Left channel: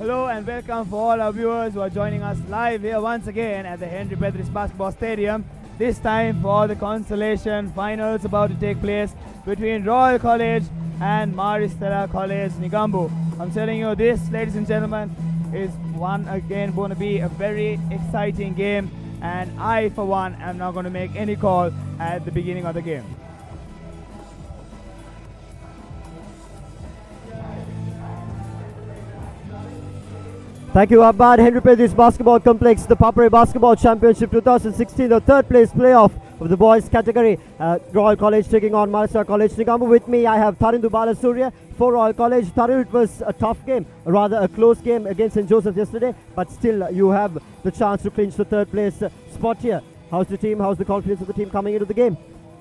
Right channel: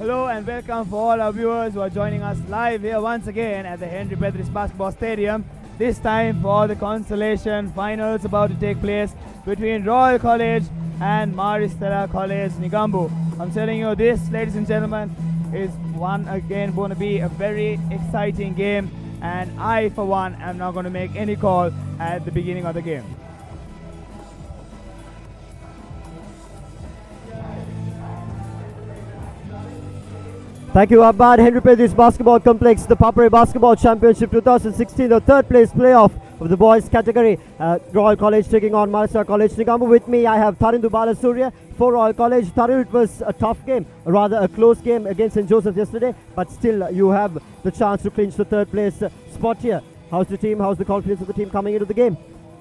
Hello and welcome for all our viewers who are joining us live here once again at the Henry Petris Basketball Stadium. This time for the consolation finals about to take place between Royal College and Stella College Nigambu. I'm telling you this, ladies and gentlemen, is one again going to be a very exciting game, and I for one am not going to make any call at the beginning of the game. Thank you, Abbad. Henry Petris Basketball Complex, the ThePapare Basketball Championship 2016, the third place playoff of the boys category. Royal College taking on Stella College Nigambu. With me, I have Tarindu Balasurya for Royal College. Tarindu, it was a tough game, rather a close game against St. Joseph yesterday, but still you have the chance to clinch the third place spot here. How's the team? How's the confidence of the team coming into the game?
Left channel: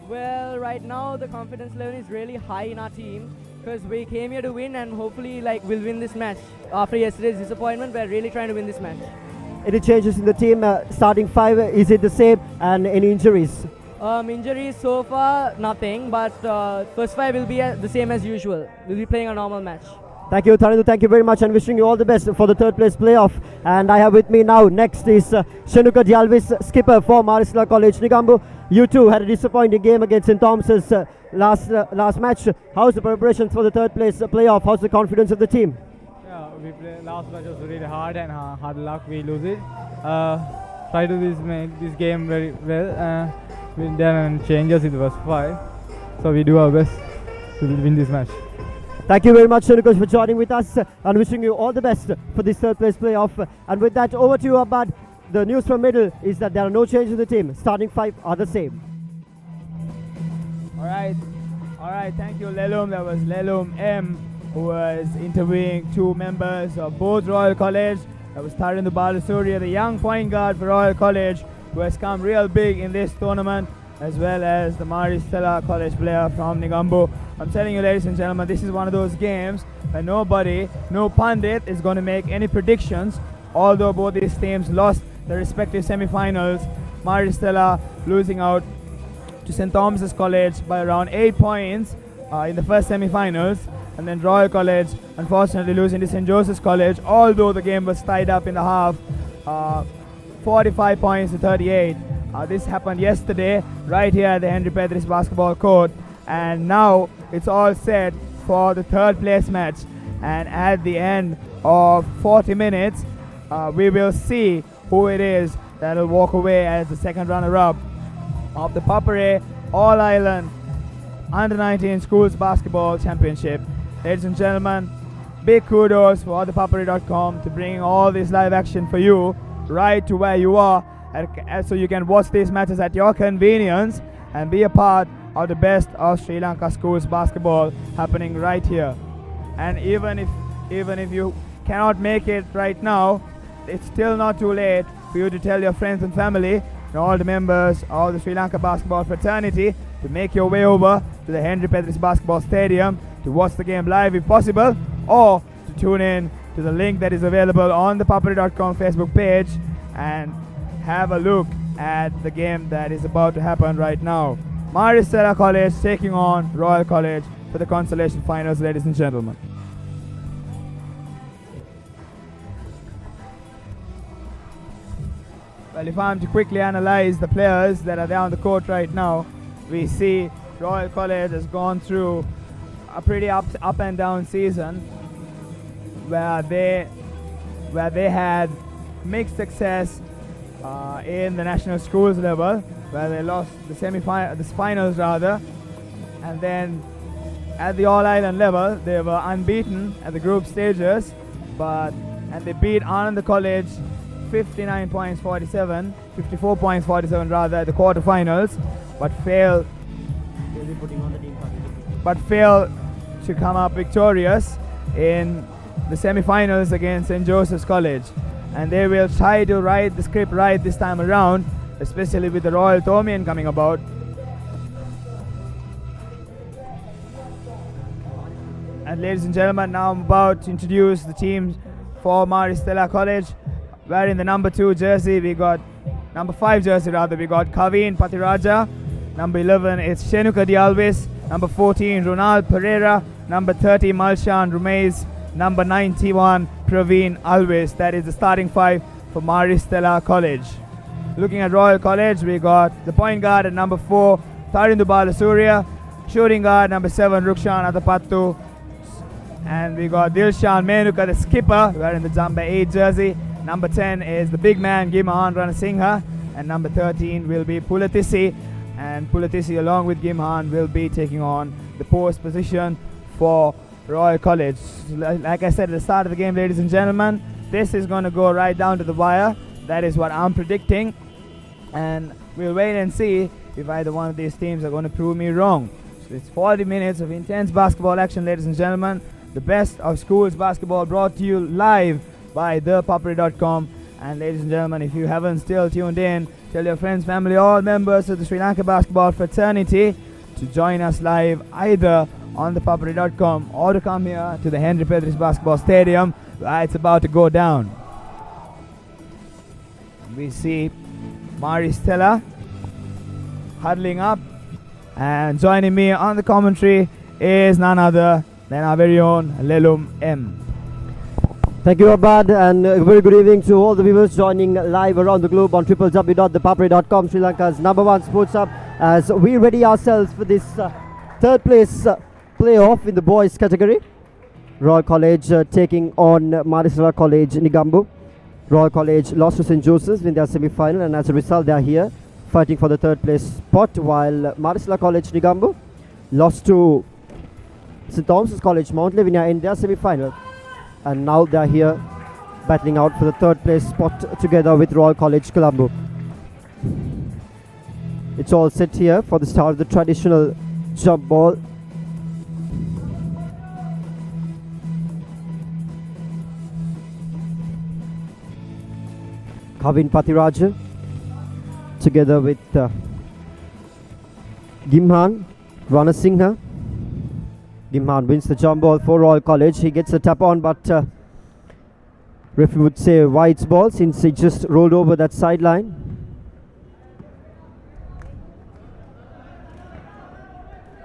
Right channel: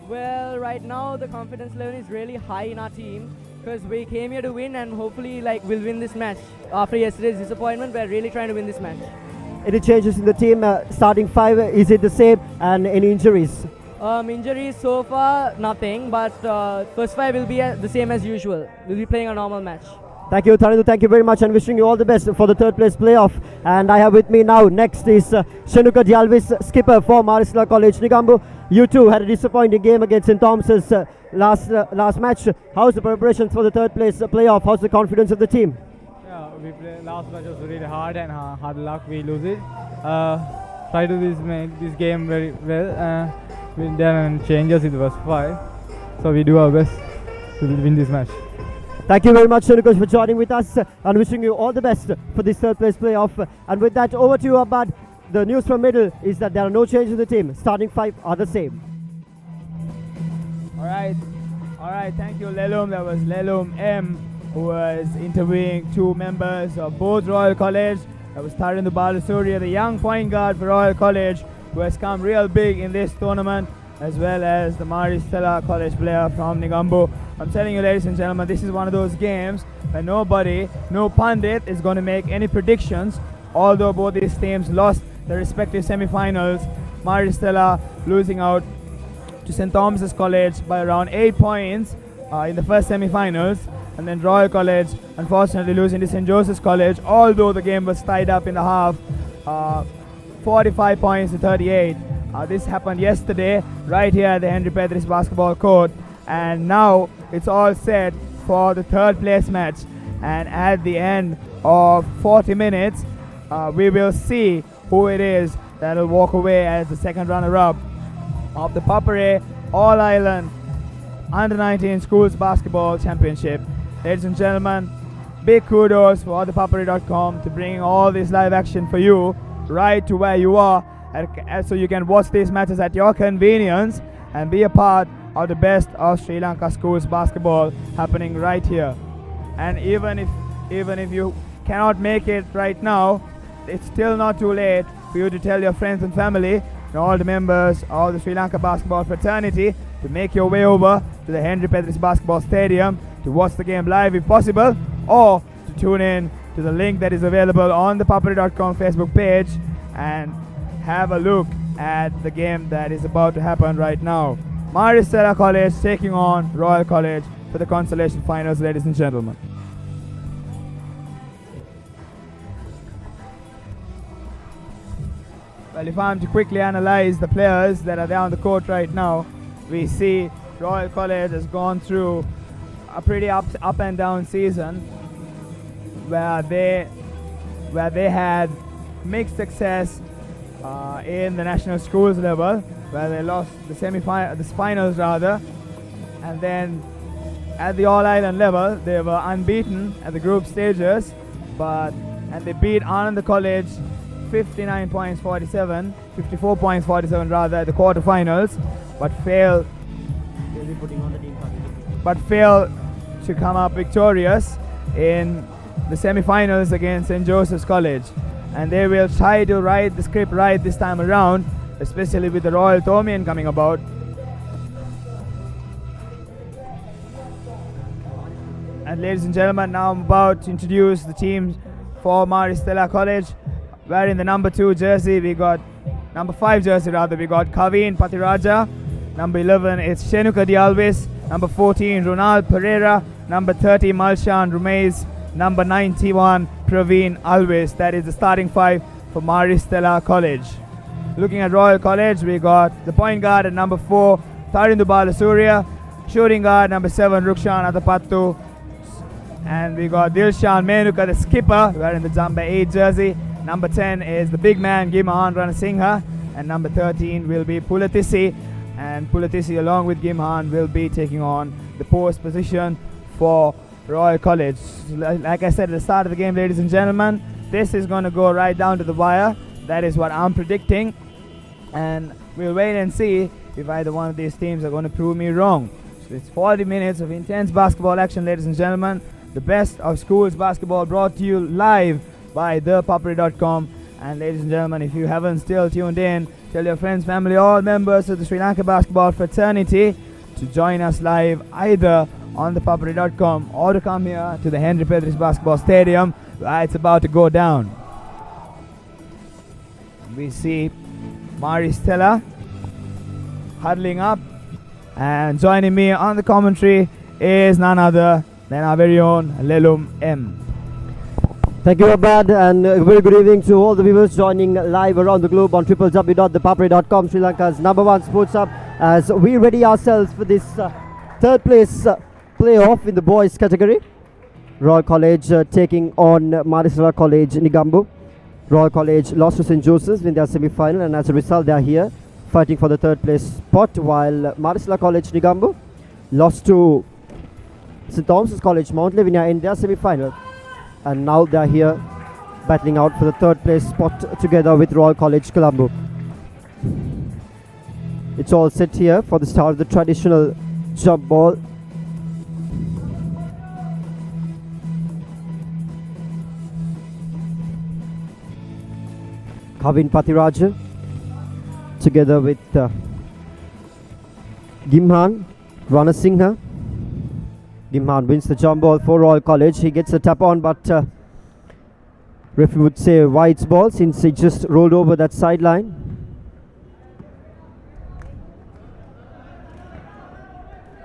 Well, right now the confidence level is really high in our team because we came here to win and hopefully we'll win this match. After yesterday's disappointment, we're really trying to win this match. Any changes in the team? Starting five, is it the same? And any injuries? Injuries so far, nothing, but first five will be the same as usual. We'll be playing a normal match. Thank you, Tarindu. Thank you very much, and wishing you all the best for the third place playoff. And I have with me now, next is Shenuka Dialvis, skipper for Stella College Nigambu. You two had a disappointing game against St. Thomas's last match. How's the preparations for the third place playoff? How's the confidence of the team? Yeah, we played last match was really hard and hard luck we lose it. Try to make this game very well. We done changes in the first five, so we do our best to win this match. Thank you very much, Shenuka, for joining with us, and wishing you all the best for this third place playoff. And with that, over to you, Abad. The news from middle is that there are no changes in the team. Starting five are the same. All right, thank you, Lelum. That was Lelum M, who was interviewing two members of both Royal College. That was Tarindu Balasurya, the young point guard for Royal College, who has come real big in this tournament, as well as the Stella College player from Nigambu. I'm telling you, ladies and gentlemen, this is one of those games where no pundit is going to make any predictions, although both these teams lost their respective semi-finals. Stella losing out to St. Thomas's College by around 8 points in the first semi-finals, and then Royal College unfortunately losing to St. Joseph's College, although the game was tied up in the half, 45 points to 38. This happened yesterday right here at the Henry Petris basketball court, and now it's all set for the third place match. And at the end of 40 minutes, we will see who it is that will walk away as the second runner-up of the ThePapare All-Island Under-19 Schools Basketball Championship. Ladies and gentlemen, big kudos for ThePapare.com to bring all this live action for you right to where you are, so you can watch these matches at your convenience and be a part of the best of Sri Lanka schools basketball happening right here. And even if you cannot make it right now, it's still not too late for you to tell your friends and family and all the members of the Sri Lanka basketball fraternity to make your way over to the Henry Petris Basketball Stadium to watch the game live if possible, or to tune in to the link that is available on the ThePapare.com Facebook page and have a look at the game that is about to happen right now. Stella College taking on Royal College for the consolation finals, ladies and gentlemen. Well, if I'm to quickly analyze the players that are there on the court right now, we see Royal College has gone through a pretty up and down season where they had mixed success in the national schools level, where they lost the finals rather, and then at the All-Island level they were unbeaten at the group stages, and they beat Ananda College 54 points 47 rather at the quarterfinals, but failed to come up victorious in the semi-finals against St. Joseph's College. And they will try to write the script right this time around, especially with the Royal Thomian coming about. And ladies and gentlemen, now I'm about to introduce the teams for Stella College. Where in the number 2 jersey we got, number 5 jersey rather, we got Kaveen Patiraja. Number 11 it's Shenuka Dialvis. Number 14 Ronald Pereira. Number 30 Malshan Rumez. Number 91 Praveen Alves. That is the starting five for Stella College. Looking at Royal College, we got the point guard at number 4, Tarindu Balasuriya. Shooting guard number 7, Rukshan Athapattu. And we got Dilshan Menuka, the skipper, wearing the number 8 jersey. Number 10 is the big man, Gimhan Ranasinghe. And number 13 will be Pulatisi. And Pulatisi, along with Gimhan, will be taking on the post position for Royal College. Like I said at the start of the game, ladies and gentlemen, this is going to go right down to the wire. That is what I'm predicting. And we'll wait and see if either one of these teams are going to prove me wrong. So it's 40 minutes of intense basketball action, ladies and gentlemen. The best of schools basketball brought to you live by ThePapare.com. And ladies and gentlemen, if you haven't still tuned in, tell your friends, family, all members of the Sri Lanka basketball fraternity to join us live either on ThePapare.com or to come here to the Henry Pedris Basketball Stadium where it's about to go down. We see Stella huddling up, and joining me on the commentary is none other than our very own Lelum M. Thank you, Abad, and a very good evening to all the viewers joining live around the globe on www.thepapare.com, Sri Lanka's #1 sports hub, as we ready ourselves for this third place playoff in the boys category. Royal College taking on Stella College Negombo. Royal College lost to St. Joseph's in their semi-final, and as a result they are here fighting for the third place spot, while Stella College Negombo lost to St. Thomas's College Mount Lavinia in their semi-final, and now they are here battling out for the third place spot together with Royal College Colombo. It's all set here for the start of the traditional jump ball. Kavin Pathiraja together with Gimhan Ranasinghe. Gimhan wins the jump ball for Royal College. He gets a tap on, but referee would say White's ball since he just rolled over that sideline.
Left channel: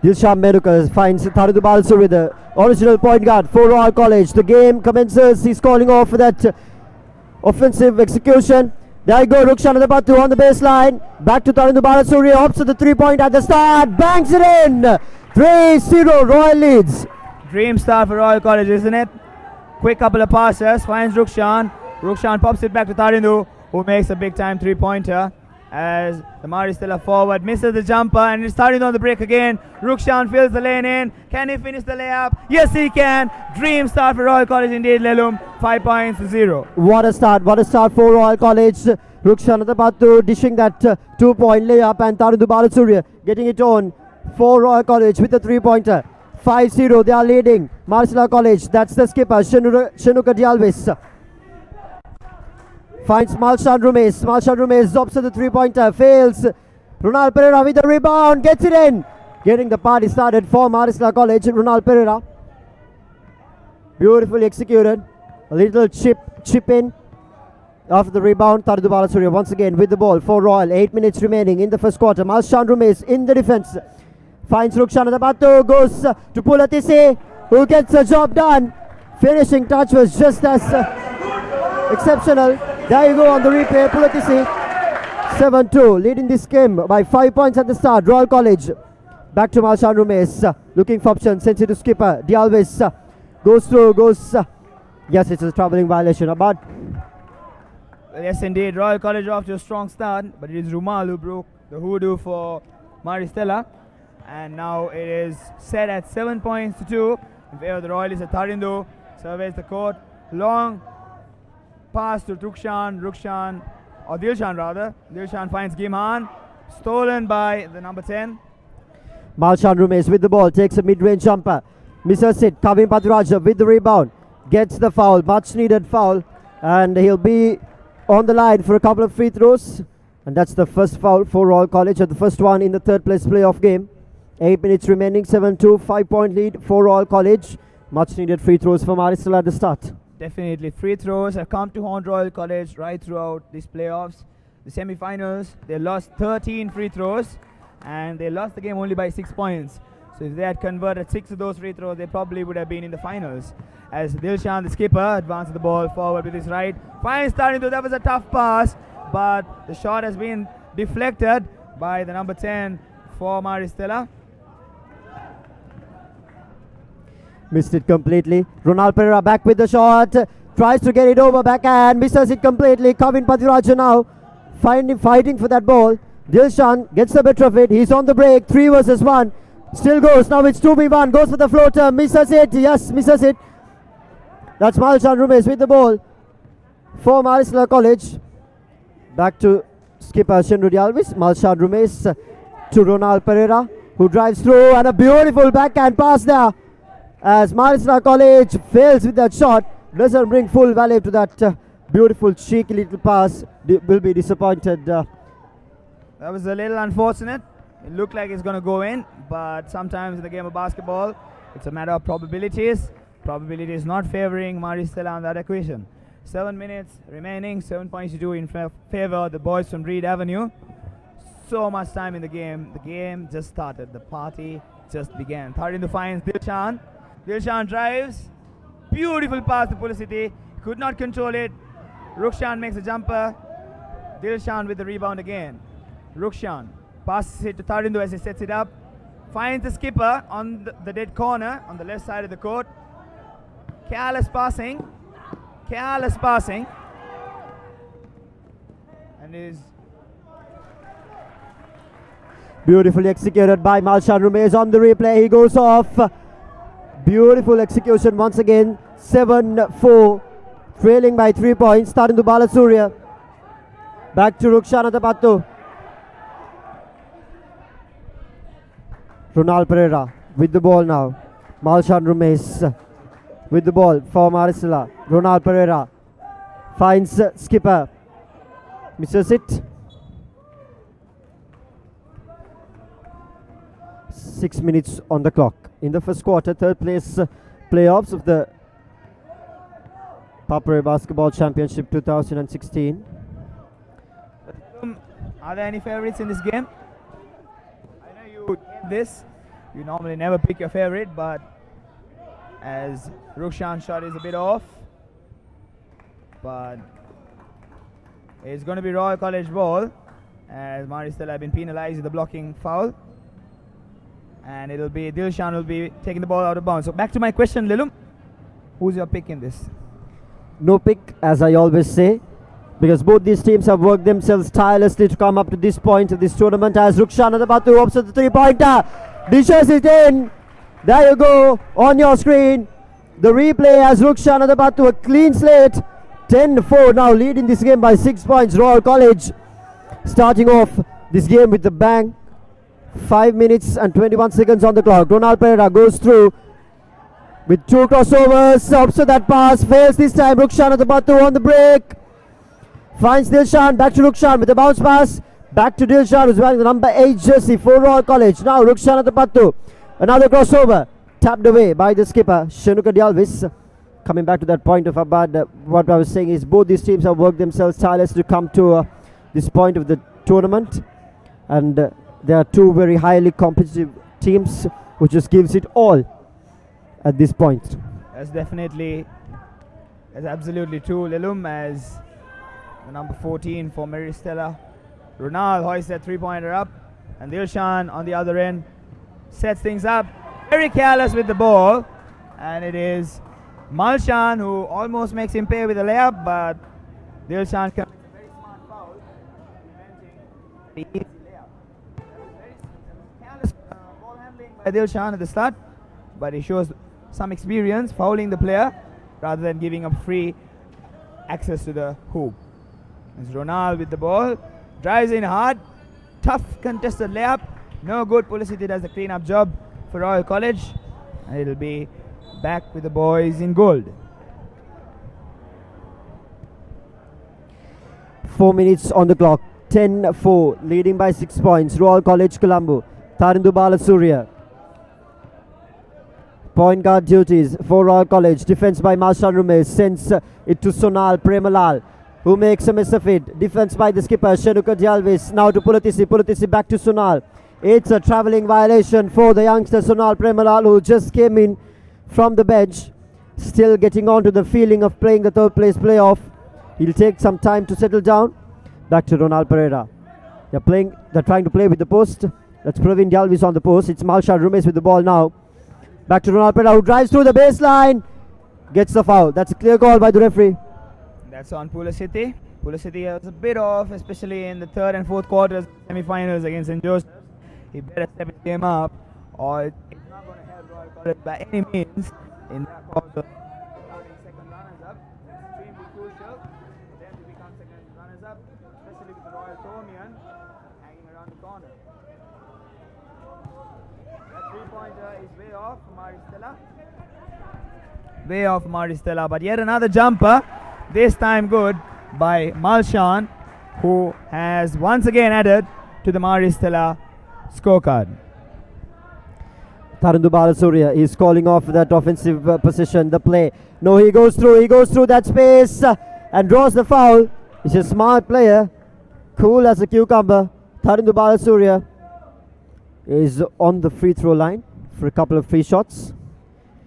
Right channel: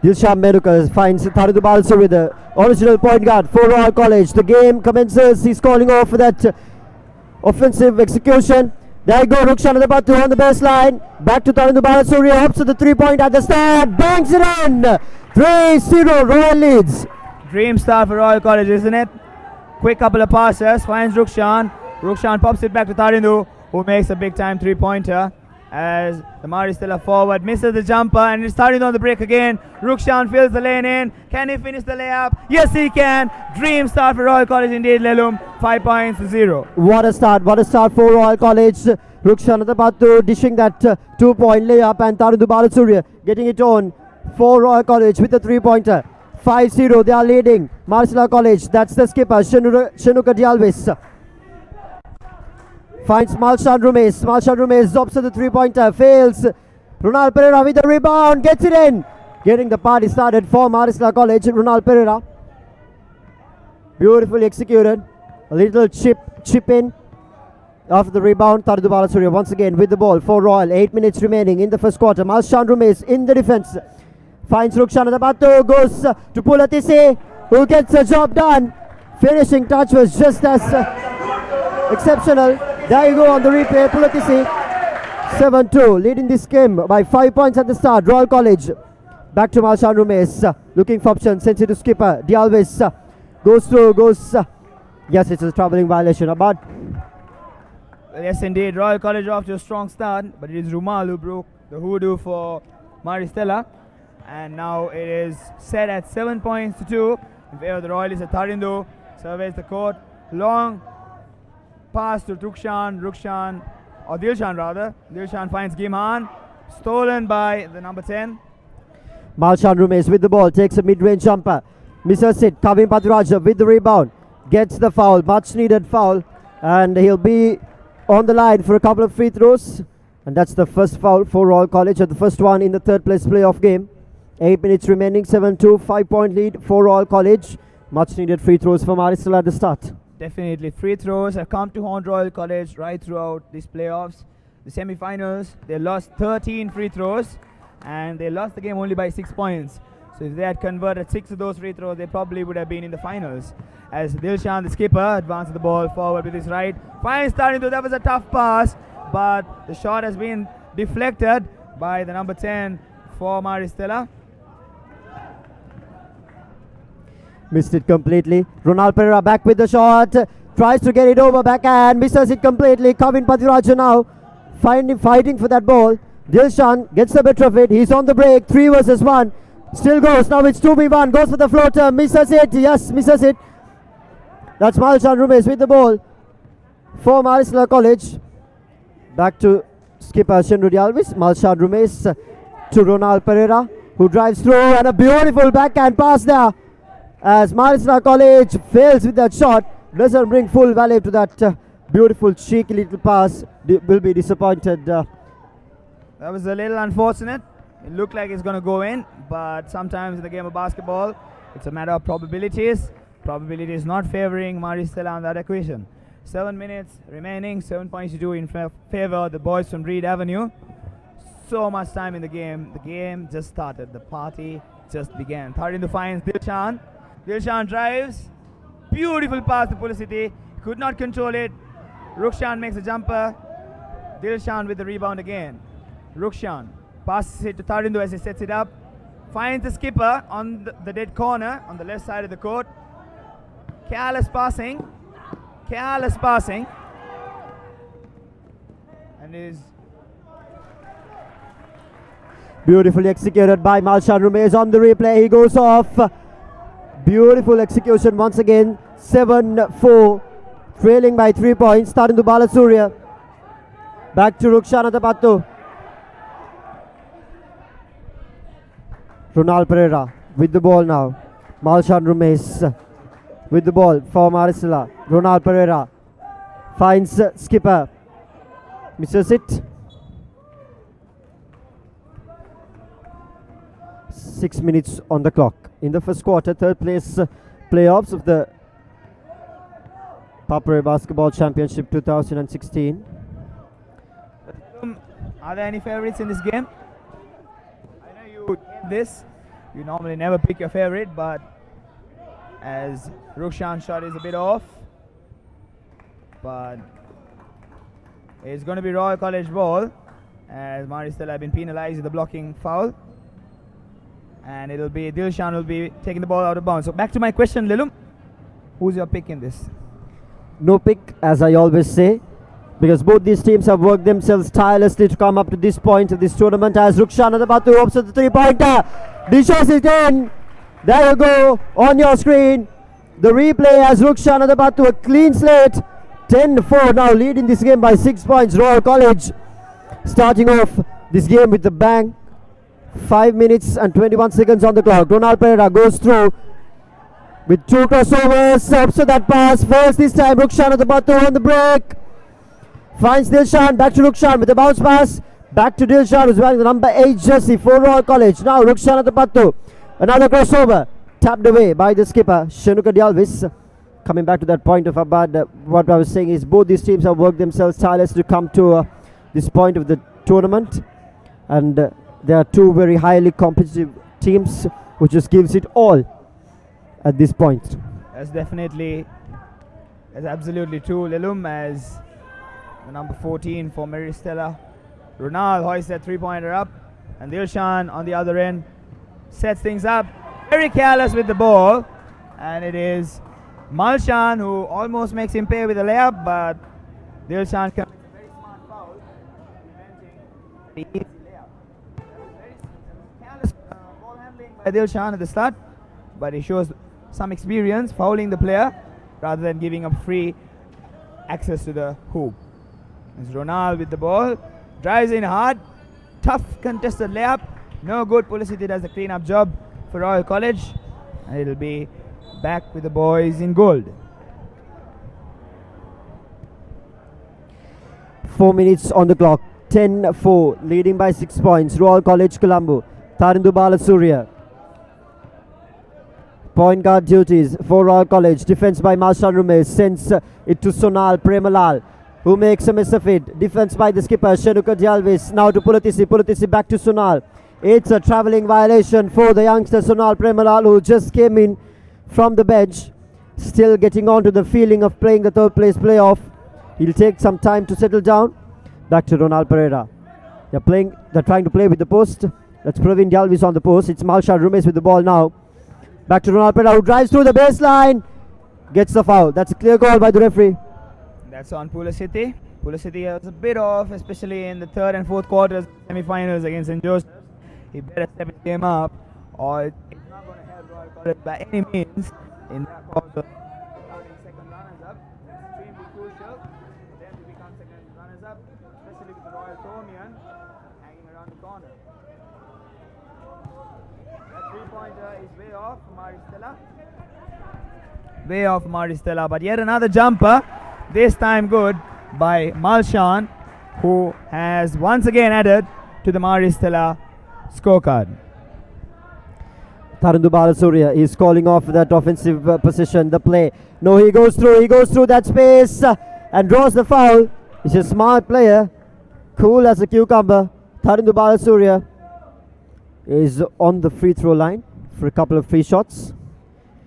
Dilshan Menuka finds Tarindu Balasuriya, the original point guard for Royal College. The game commences. He's calling off for that offensive execution. There you go, Rukshan Athapattu on the baseline. Back to Tarindu Balasuriya, opts to the 3-point at the start, bangs it in. 3-0 Royal leads. Dream start for Royal College, isn't it? Quick couple of passes, finds Rukshan. Rukshan pops it back to Tarindu, who makes a big time 3-pointer. As the Stella forward misses the jumper, and it's Tarindu on the break again. Rukshan fills the lane in. Can he finish the layup? Yes, he can. Dream start for Royal College indeed, Lelum. 5 points to 0. What a start for Royal College. Rukshan Athapattu dishing that 2-point layup, and Tarindu Balasuriya getting it on for Royal College with the 3-pointer. 5-0, they are leading. Stella College, that's the skipper, Shenuka Dialvis. Finds Malshan Rumes. Malshan Rumes drops to the 3-pointer, fails. Ronald Pereira with the rebound, gets it in. Getting the party started for Stella College, Ronald Pereira. Beautifully executed. A little chip in. After the rebound, Tarindu Balasuriya once again with the ball for Royal. 8 minutes remaining in the first quarter. Malshan Rumes in the defense. Finds Rukshan Athapattu, goes to Pulatisi, who gets the job done. Finishing touch was just as exceptional. There you go on the replay, Pulatisi. 7-2, leading this game by 5 points at the start. Royal College. Back to Malshan Rumes, looking for options, sends it to skipper. Dialvis goes through, yes, it's a travelling violation. But yes, indeed, Royal College off to a strong start, but it is Rumal who broke the hoodoo for Stella. And now it is set at 7 points to 2 in favor of the Royalists. Tarindu surveys the court. Long pass to Dilshan rather. Dilshan finds Gimhan. Stolen by the number 10. Malshan Rumes with the ball, takes a mid-range jumper. Misses it. Kavin Pathiraja with the rebound. Gets the foul, much needed foul. And he'll be on the line for a couple of free throws. And that's the first foul for Royal College, and the first one in the third place playoff game. 8 minutes remaining, 7-2, 5-point lead for Royal College. Much needed free throws from Stella at the start. Definitely, free throws have come to haunt Royal College right throughout these playoffs. The semi-finals, they lost 13 free throws, and they lost the game only by 6 points. So if they had converted 6 of those free throws, they probably would have been in the finals. As Dilshan, the skipper, advances the ball forward with his right. Fine starting to, that was a tough pass, but the shot has been deflected by the number 10 for Stella. Missed it completely. Ronald Pereira back with the shot. Tries to get it over backhand. Misses it completely. Kavin Padiraja now fighting for that ball. Dilshan gets the better of it. He's on the break. 3 versus 1. Still goes. Now it's 2v1. Goes for the floater. Misses it. Yes, misses it. That's Malshan Rumes with the ball for Maristella College. Back to skipper Shenrudi Alvis. Malshan Rumes to Ronald Pereira, who drives through, and a beautiful backhand pass there. As Maristella College fails with that shot, doesn't bring full value to that beautiful cheeky little pass. Will be disappointed. That was a little unfortunate. It looked like it's going to go in, but sometimes in the game of basketball, it's a matter of probabilities. Probability is not favoring Maristella on that equation. 7 minutes remaining, 7 points to do in favor of the boys from Reed Avenue. So much time in the game. The game just started. The party just began. Third in the finds, Dilshan. Dilshan drives. Beautiful pass to Pulicity. Could not control it. Rukshan makes a jumper. Dilshan with the rebound again. Rukshan passes it to Tharindu as he sets it up. Finds the skipper on the dead corner on the left side of the court. Careless passing. Careless passing. And is beautifully executed by Malshan Rumes on the replay. He goes off. Beautiful execution once again. 7-4. Trailing by 3 points. Starting to Balasurya. Back to Rukshan Atapattu. Ronald Pereira with the ball now. Malshan Rumes with the ball for Maristella. Ronald Pereira finds skipper. Misses it. 6 minutes on the clock. In the first quarter, third place playoffs of the ThePapare Basketball Championship 2016. Are there any favorites in this game? I know you this. You normally never pick your favorite, but as Rukshan's shot is a bit off, but it's going to be Royal College ball, as Maristella have been penalized with the blocking foul, and it'll be Dilshan will be taking the ball out of bounds. So back to my question, Lilum, who's your pick in this? No pick, as I always say, because both these teams have worked themselves tirelessly to come up to this point of this tournament. As Rukshan Atapattu opts at the 3-pointer, dishes it in. There you go on your screen. The replay has Rukshan Atapattu, a clean slate. 10-4 now, leading this game by 6 points. Royal College starting off this game with a bang. 5 minutes and 21 seconds on the clock. Ronald Pereira goes through with 2 crossovers. Opts to that pass, fails this time. Rukshan Atapattu on the break. Finds Dilshan, back to Rukshan with a bounce pass. Back to Dilshan, who's wearing the number 8 jersey for Royal College. Now Rukshan Atapattu. Another crossover. Tapped away by the skipper, Shanuka Dialvis. Coming back to that point of Abad, what I was saying is both these teams have worked themselves tirelessly to come to this point of the tournament. And there are 2 very highly competitive teams, which just gives it all at this point. That's absolutely true, Lilum, as the number 14 for Maristella. Ronald hoists that 3-pointer up, and Dilshan on the other end sets things up. Very careless with the ball, and it is Malshan who almost makes him pay with a layup, but Dilshan commits a very smart foul, preventing the easy layup. Very careless ball handling by Dilshan at the start, but he shows some experience fouling the player rather than giving up free access to the hoop. It's Ronald with the ball, drives in hard, tough contested layup, no good. Pulicity does the clean-up job for Royal College, and it'll be back with the boys in gold. 4 minutes on the clock. 10-4, leading by 6 points. Royal College Colombo. Tharindu Balasurya. Point guard duties for Royal College. Defense by Malshan Rumes. Sends it to Sonal Premalal, who makes a miss of it. Defense by the skipper Shanuka Dialvis. Now to Pulatisi. Pulatisi back to Sonal. It's a travelling violation for the youngster Sonal Premalal, who just came in from the bench, still getting on to the feeling of playing the third place playoff. He'll take some time to settle down. Back to Ronald Pereira. They're trying to play with the post. That's Praveen Dalvis on the post. It's Malshad Rumesh with the ball now. Back to Ronald Pereira, who drives through the baseline. Gets the foul. That's a clear call by the referee. That's on Pulasiti. Pulasiti was a bit off, especially in the third and fourth quarters, semi-finals against St. Joseph. He better step his game up, or it's not going to help Royal College by any means in that quarter. Starting second runners-up, extremely crucial for them to become second runners-up, especially with the Royal Tomian hanging around the corner. That three-pointer is way off for Maristella. Way off Maristella, but yet another jumper, this time good by Malshan, who has once again added to the Maristella scorecard. Tarundu Balasuriya is calling off that offensive position, the play. No, he goes through that space and draws the foul. He's a smart player, cool as a cucumber. Tarundu Balasuriya is on the free throw line for a couple of free shots.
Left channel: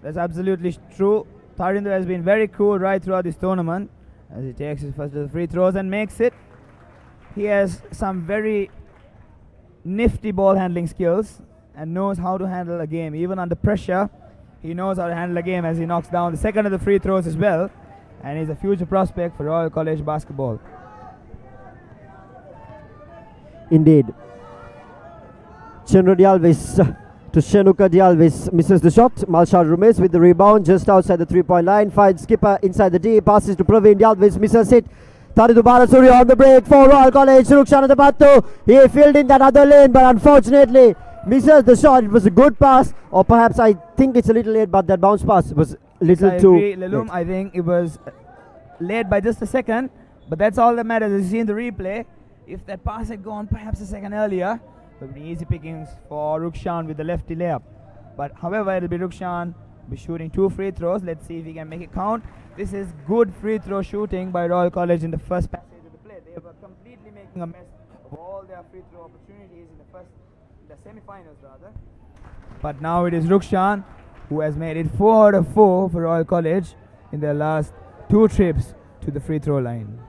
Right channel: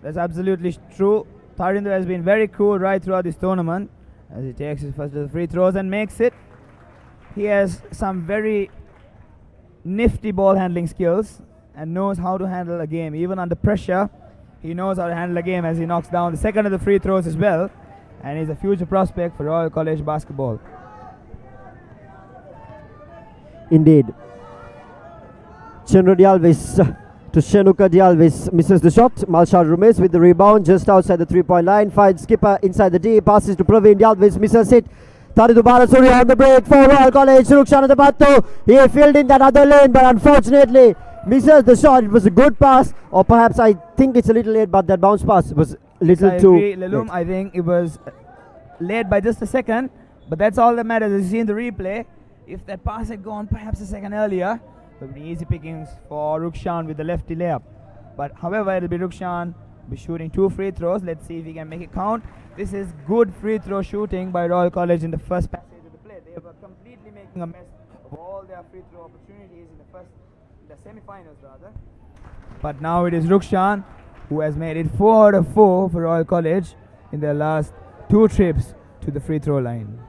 That's absolutely true. Tarindu has been very cool right throughout this tournament as he takes his first of the free throws and makes it. He has some very nifty ball handling skills and knows how to handle a game. Even under pressure, he knows how to handle a game as he knocks down the second of the free throws as well. And he's a future prospect for Royal College basketball. Indeed. Chenro Dialvis to Shenuka Dialvis, misses the shot. Malshad Rumesh with the rebound just outside the 3-point line, finds skipper inside the D, passes to Praveen Dialvis, misses it. Tarindu Balasuriya on the break for Royal College. Rukshan Adapattu, he filled in that other lane, but unfortunately misses the shot. It was a good pass, or perhaps I think it's a little late, but that bounce pass was a little I too agree, Lelum, I think it was late by just a second, but that's all that matters. As you see in the replay, if that pass had gone perhaps a second earlier, it would be easy pickings for Rukshan with the lefty layup. But however, it'll be Rukshan be shooting 2 free throws. Let's see if he can make it count. This is good free throw shooting by Royal College in the first passage of the play. They were completely making a mess of all their free throw opportunities in the semi-finals rather. But now it is Rukshan who has made it 4 out of 4 for Royal College in their last 2 trips to the free throw line.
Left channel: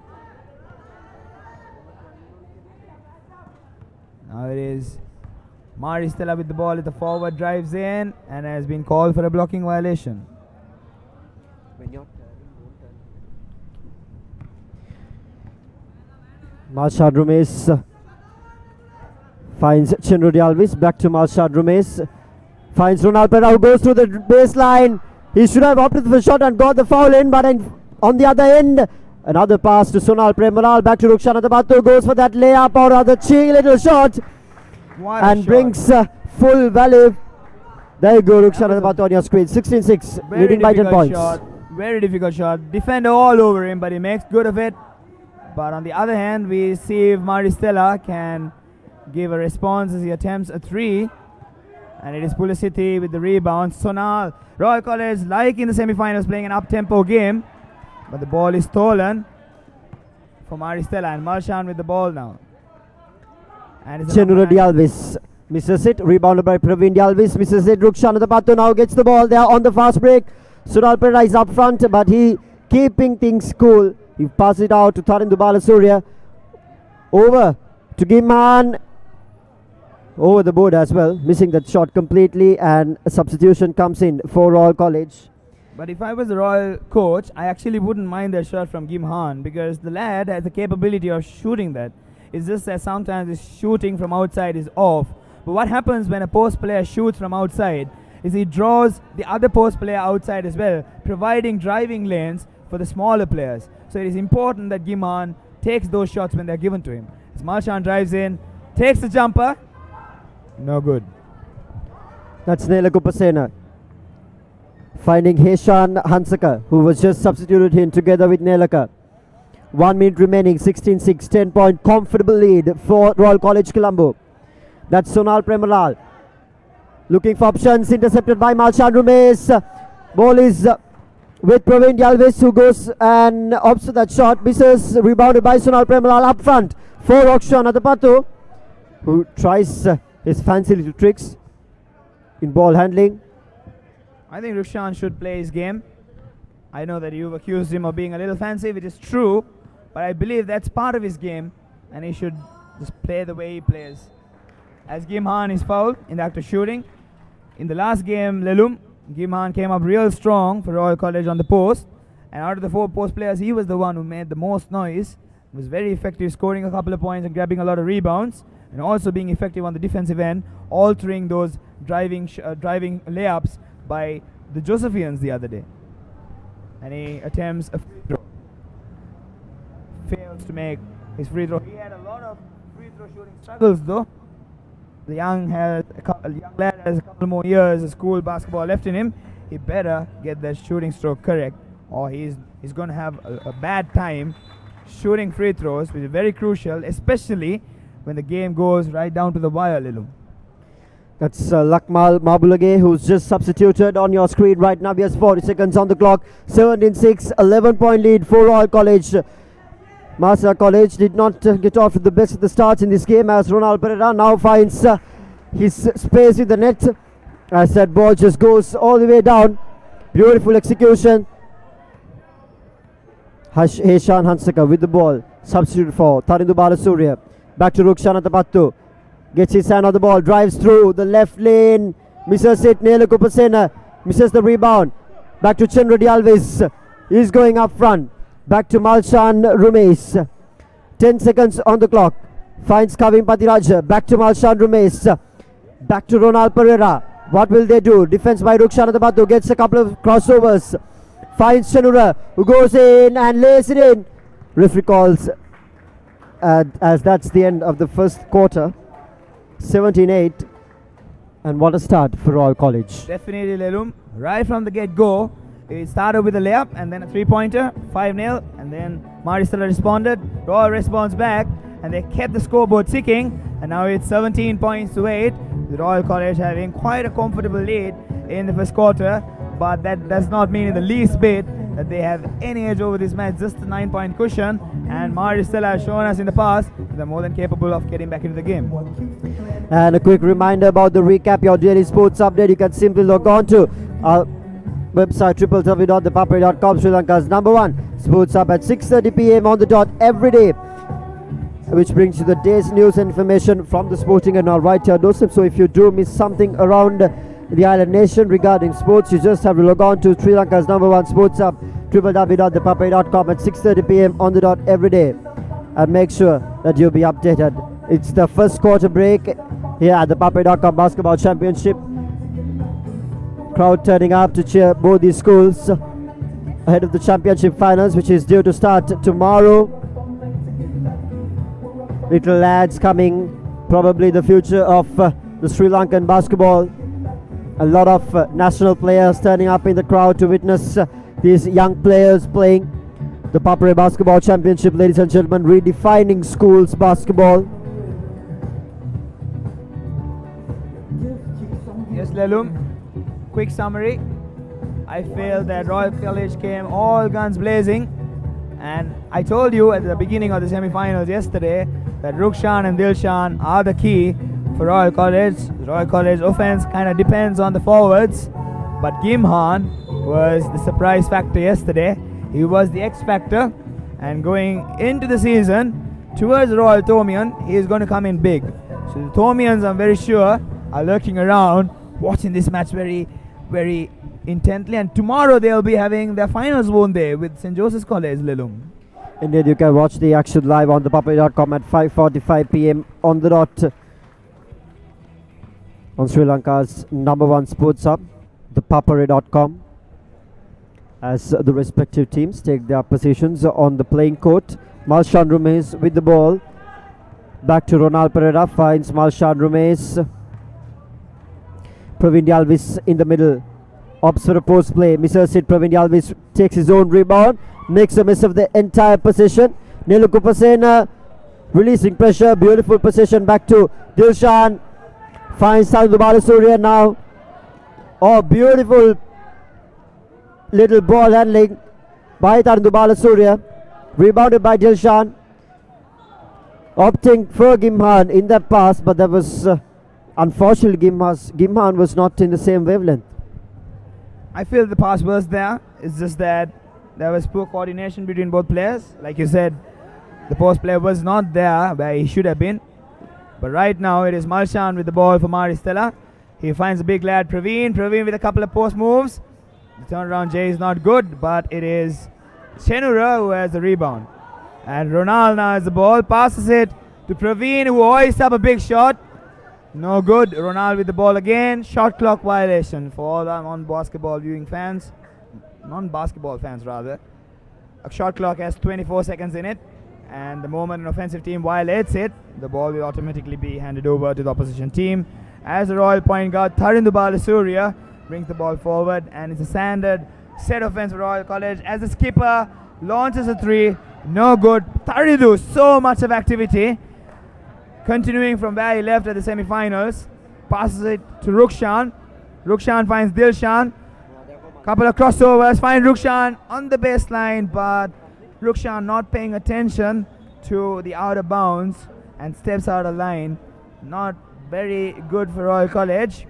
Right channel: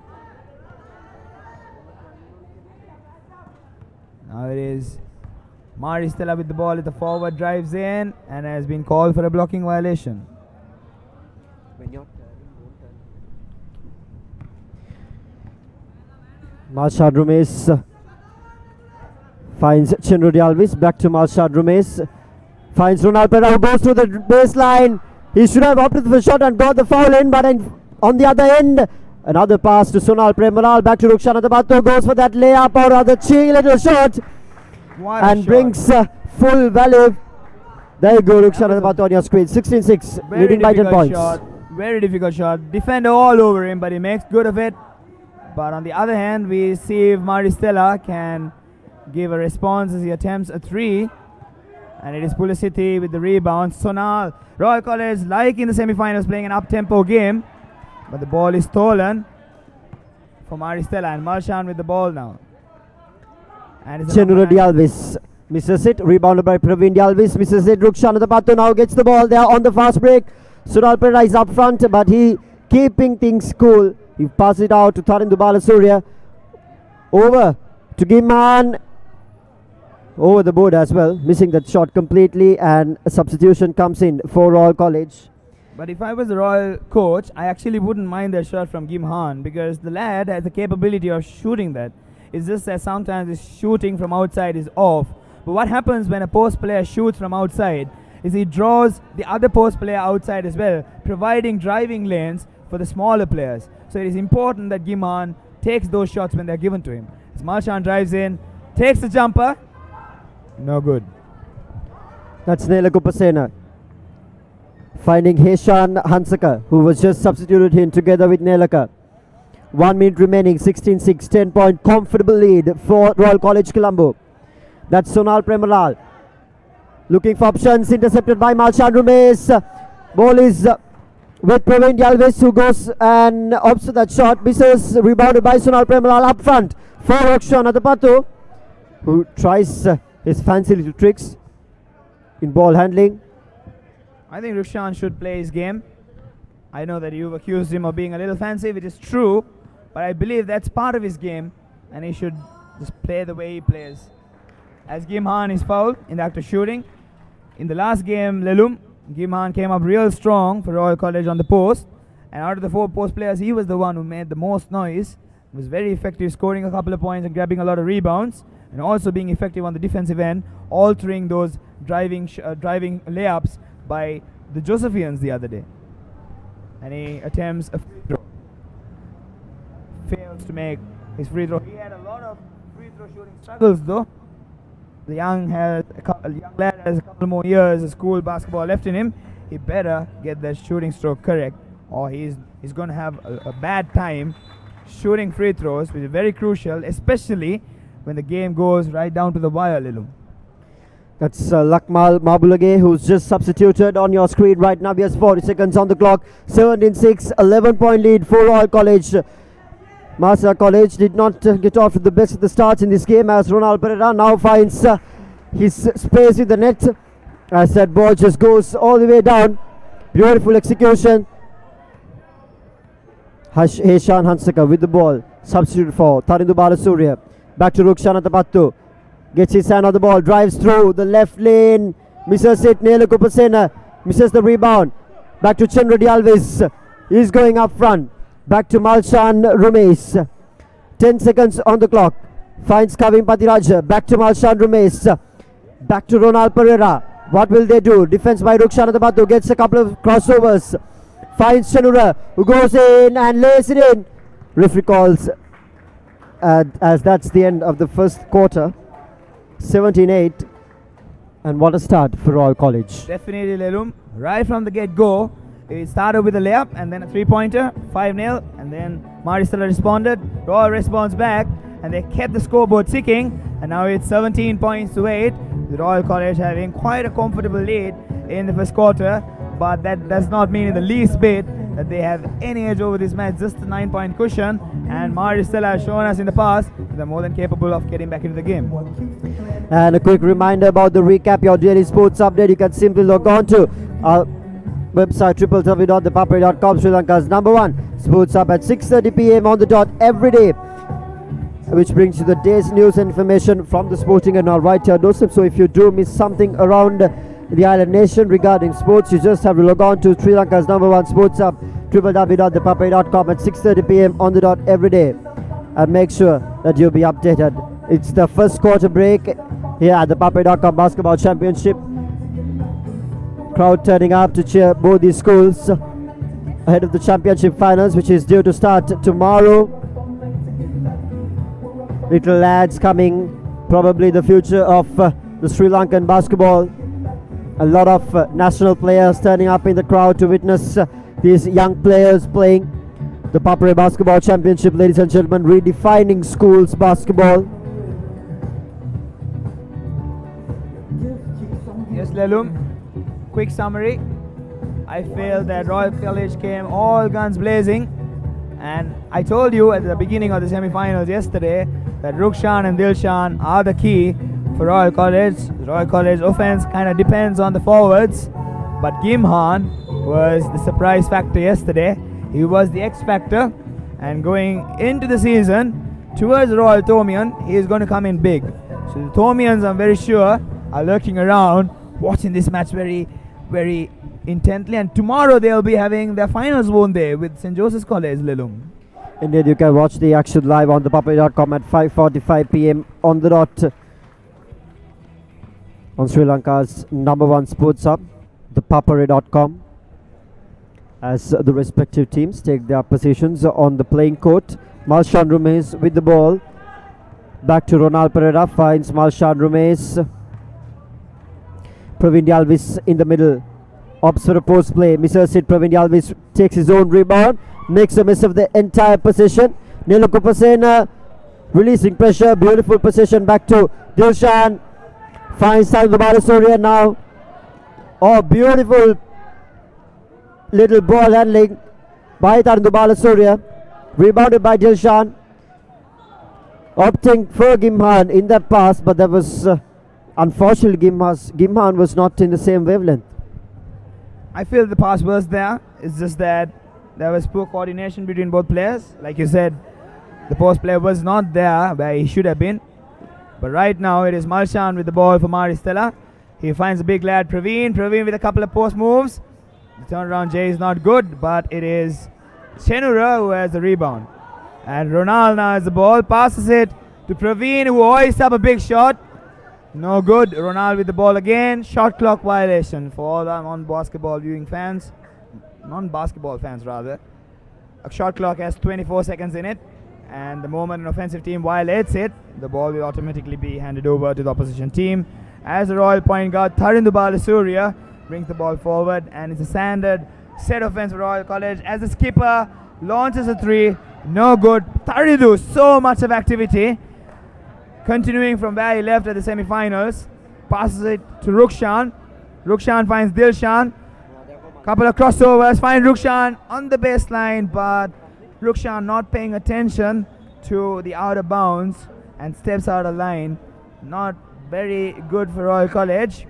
Now it is Mari Stella with the ball at the forward, drives in and has been called for a blocking violation. Malshad Rumesh finds Chenro Dialvis, back to Malshad Rumesh, finds Ronald Pereira, who goes through the baseline. He should have opted for the shot and got the foul in, but on the other end, another pass to Sonal Premalal, back to Rukshan Adapattu, goes for that layup or rather cheeky little shot and brings full value. There you go, Rukshan Adapattu on your screen. 16-6, leading by 10 points. Shot, very difficult shot. Defender all over him, but he makes good of it. But on the other hand, we see if Maristella can give a response as he attempts a 3. And it is Pulasiti with the rebound. Sonal, Royal College, like in the semi-finals, playing an up-tempo game. But the ball is stolen for Maristella, and Malshan with the ball now. And Chenro Dialvis misses it, rebounded by Praveen Dialvis, misses it. Rukshan Adapattu now gets the ball there on the fast break. Sonal Pereira is up front, but he keeping things cool. He passes it out to Tarindu Balasuriya. Over to Gimhan. Over the board as well, missing that shot completely, and a substitution comes in for Royal College. But if I was the Royal coach, I actually wouldn't mind that shot from Gimhan, because the lad has the capability of shooting that. It's just that sometimes his shooting from outside is off. But what happens when a post player shoots from outside is he draws the other post player outside as well, providing driving lanes for the smaller players. So it is important that Gimhan takes those shots when they're given to him. As Malshan drives in, takes the jumper, no good. That's Nela Kupasena finding Heshan Hansaka, who was just substituted in together with Nelaka. 1 minute remaining, 16-6, 10-point comfortable lead for Royal College Colombo. That's Sonal Premalal looking for options, intercepted by Malshan Rumesh. Ball is with Praveen Dialvis, who goes and opts for that shot, misses, rebounded by Sonal Premalal up front for Rukshan Adapattu, who tries his fancy little tricks in ball handling. I think Rukshan should play his game. I know that you've accused him of being a little fancy, which is true, but I believe that's part of his game, and he should just play the way he plays. As Gimhan is fouled in the act of shooting. In the last game, Lelum, Gimhan came up real strong for Royal College on the post, and out of the 4 post players, he was the one who made the most noise. Was very effective, scoring a couple of points and grabbing a lot of rebounds, and also being effective on the defensive end, altering those driving layups by the Josephians the other day. And he attempts a free throw. Fails to make his free throw. He had a lot of free throw shooting struggles though. The young lad has a couple more years of school basketball left in him. He better get that shooting stroke correct, or he's going to have a bad time shooting free throws, which is very crucial, especially when the game goes right down to the wire, Lilu. That's Lakmal Mabulage, who's just substituted on your screen right now. He has 40 seconds on the clock. 17-6, 11-point lead for Royal College. Marsa College did not get off to the best of the starts in this game, as Ronald Pereira now finds his space in the net. As that ball just goes all the way down. Beautiful execution. Heshan Hansaka with the ball. Substitute for Tarindu Balasuriya. Back to Rukshan Atapattu. Gets his hand on the ball. Drives through the left lane. Misses it. Nela Kupasena misses the rebound. Back to Chenradi Alves. He's going up front. Back to Malshan Rumesh. 10 seconds on the clock. Finds Kavim Patiraja. Back to Malshan Rumesh. Back to Ronald Pereira. What will they do? Defense by Rukshan Atapattu. Gets a couple of crossovers. Finds Chanura, who goes in and lays it in. Referee calls as that's the end of the first quarter. 17-8. And what a start for Royal College. Definitely, Lelum. Right from the get-go, it started with a layup and then a three-pointer, 5-0, and then Stella responded. Royal responds back, and they kept the scoreboard ticking, and now it's 17 points to 8. The Royal College having quite a comfortable lead in the first quarter, but that does not mean in the least bit that they have any edge over this match. Just a 9-point cushion, and Stella has shown us in the past they're more than capable of getting back into the game. And a quick reminder about the recap, your daily sports update. You can simply log on to our website www.thepapare.com, Sri Lanka's #1 sports hub at 6:30 p.m. on the dot every day, which brings you the day's news and information from the sporting and all right here doorstep. So if you do miss something around the island nation regarding sports, you just have to log on to Sri Lanka's #1 sports hub, www.thepapare.com at 6:30 p.m. on the dot every day, and make sure that you'll be updated. It's the first quarter break here at the ThePapare.com Basketball Championship. Crowd turning up to cheer both these schools ahead of the championship finals, which is due to start tomorrow. Little lads coming, probably the future of the Sri Lankan basketball. A lot of national players turning up in the crowd to witness these young players playing the ThePapare Basketball Championship, ladies and gentlemen, redefining schools basketball. Yes, Lelum. Quick summary. I feel that Royal College came all guns blazing, and I told you at the beginning of the semi-finals yesterday that Rukshan and Dilshan are the key for Royal College. The Royal College offense kind of depends on the forwards, but Gimhan was the surprise factor yesterday. He was the X factor, and going into the season towards Royal Thomian, he is going to come in big. So the Thomians, I'm very sure, are lurking around watching this match very, very intently, and tomorrow they'll be having their finals, won't they, with St. Joseph's College, Lelum. Indeed, you can watch the action live on thepapare.com at 5:45 p.m. on the dot on Sri Lanka's #1 sports hub, thepapare.com, as the respective teams take their positions on the playing court. Malshan Rumesh with the ball. Back to Ronald Pereira, finds Malshan Rumesh. Praveen Alvis in the middle, opts for a post play, misses it. Praveen Alvis takes his own rebound, makes a miss of the entire possession. Nelukupasena releasing pressure, beautiful possession back to Dilshan, finds Tarindu Balasuriya now. Oh, beautiful little ball handling by Tarindu Balasuriya, rebounded by Dilshan, opting for Gimhan in that pass, but that was Unfortunately, Gimhan was not in the same wavelength. I feel the pass was there. It's just that there was poor coordination between both players. Like you said, the post player was not there where he should have been. But right now it is Malshan with the ball for Stella. He finds the big lad Praveen. Praveen with a couple of post moves. The turnaround J is not good, but it is Chenura who has the rebound. And Ronald now has the ball, passes it to Praveen, who hoists up a big shot. No good. Ronald with the ball again. Shot clock violation for all the non-basketball viewing fans. Non-basketball fans rather. A shot clock has 24 seconds in it, and the moment an offensive team violates it, the ball will automatically be handed over to the opposition team. As the Royal point guard Tharindu Balasuriya brings the ball forward, and it's a standard set offense for Royal College as the skipper launches a three. No good. Tharindu, so much of activity. Continuing from where he left at the semi-finals, passes it to Rukshan. Rukshan finds Dilshan. Couple of crossovers, find Rukshan on the baseline, but Rukshan not paying attention to the out of bounds and steps out of line. Not very good for Royal College,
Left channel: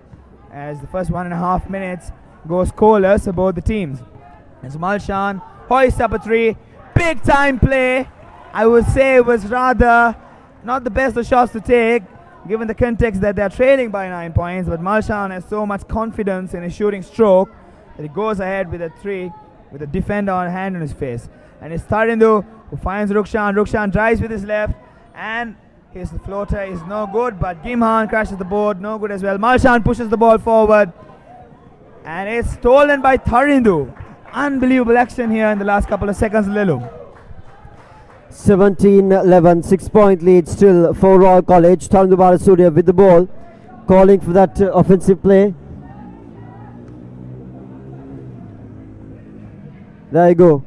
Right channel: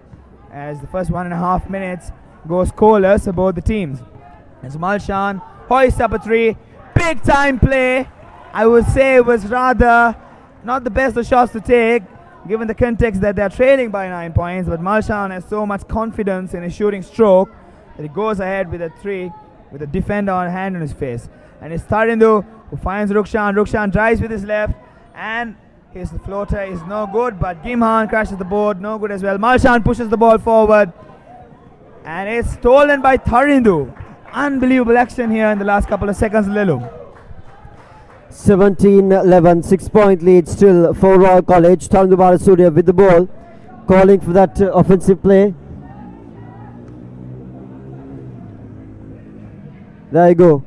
as the first 1.5 minutes goes scoreless for both the teams. As Malshan hoists up a three, big time play. I would say it was rather not the best of shots to take, given the context that they're trailing by 9 points, but Malshan has so much confidence in his shooting stroke that he goes ahead with a three with a defender on hand on his face. And it's Tharindu who finds Rukshan. Rukshan drives with his left, and his floater is no good, but Gimhan crashes the board, no good as well. Malshan pushes the ball forward, and it's stolen by Tharindu. Unbelievable action here in the last couple of seconds, Lilu. 17-11, 6-point lead still for Royal College. Tharindu Balasuriya with the ball, calling for that offensive play. There you go.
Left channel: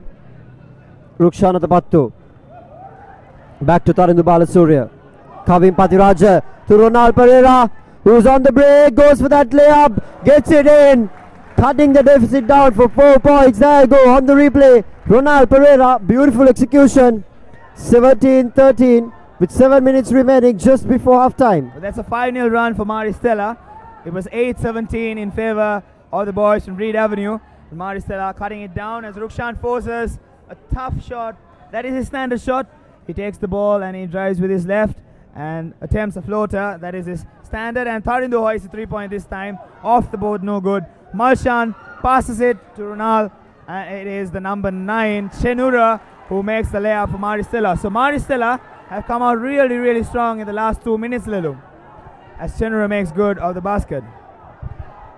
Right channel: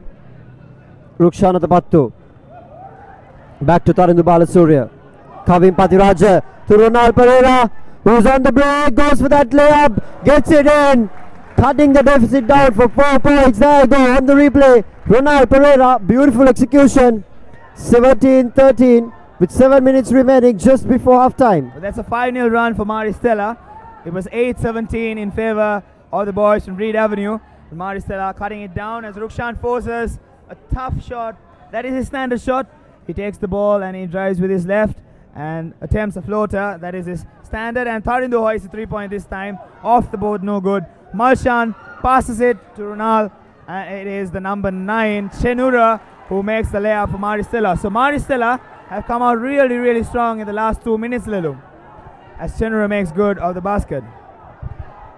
Rukshan at the Battu. Back to Tharindu Balasuriya. Kavim Patiraja to Ronald Pereira, who's on the break, goes for that layup, gets it in, cutting the deficit down for 4 points. There you go on the replay. Ronald Pereira, beautiful execution. 17-13 with 7 minutes remaining just before half time. Well, that's a 5-0 run for Stella. It was 8-17 in favor of the boys from Reed Avenue. Stella cutting it down as Rukshan forces a tough shot. That is his standard shot. He takes the ball and he drives with his left and attempts a floater. That is his standard, and Tharindu hoists a 3-point this time. Off the board, no good. Malshan passes it to Ronald, and it is the number 9, Chenura, who makes the layup for Stella. So Stella have come out really strong in the last 2 minutes, Lilu, as Chenura makes good of the basket.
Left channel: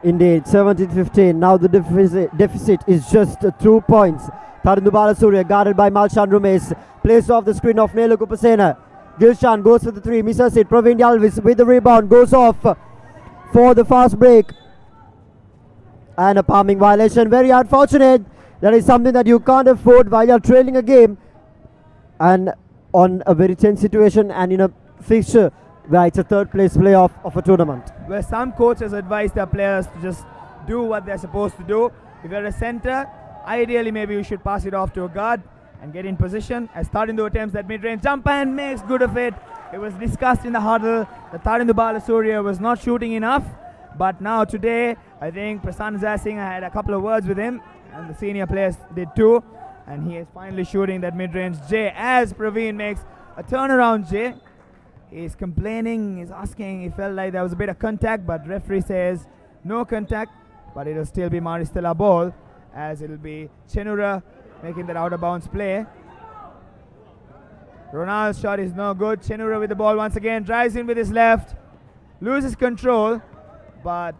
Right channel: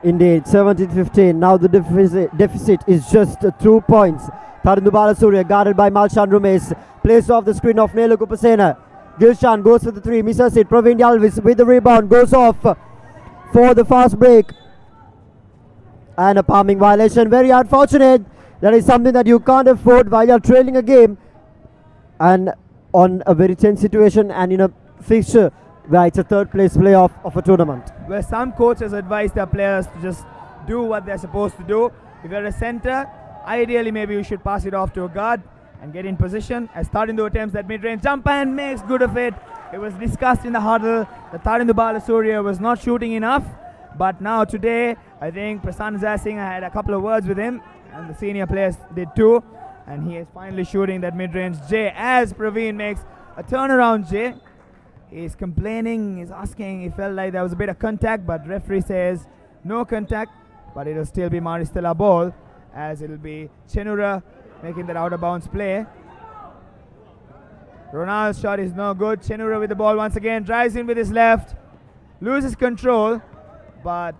Indeed, 17-15. Now the deficit is just 2 points. Tharindu Balasuriya guarded by Malshan Rumes. Plays off the screen of Nelu Kupasena. Gilshan goes for the three, misses it. Praveen Yalvis with the rebound, goes off for the fast break. And a palming violation. Very unfortunate. That is something that you can't afford while you're trailing a game. And on a very tense situation and in a fixture where it's a third place playoff of a tournament. Where some coaches advise their players to just do what they're supposed to do. If you're a center, ideally maybe you should pass it off to a guard and get in position. As Tharindu attempts that mid-range jumper and makes good of it. It was discussed in the huddle that Tharindu Balasuriya was not shooting enough. But now today, I think Prasanna Zasingh, I had a couple of words with him, and the senior players did too. And he is finally shooting that mid-range J as Praveen makes a turnaround J. He's complaining, he's asking, he felt like there was a bit of contact, but referee says no contact, but it will still be Stella ball, as it will be Chenura making that out of bounds play. Ronald's shot is no good. Chenura with the ball once again, drives in with his left, loses control, but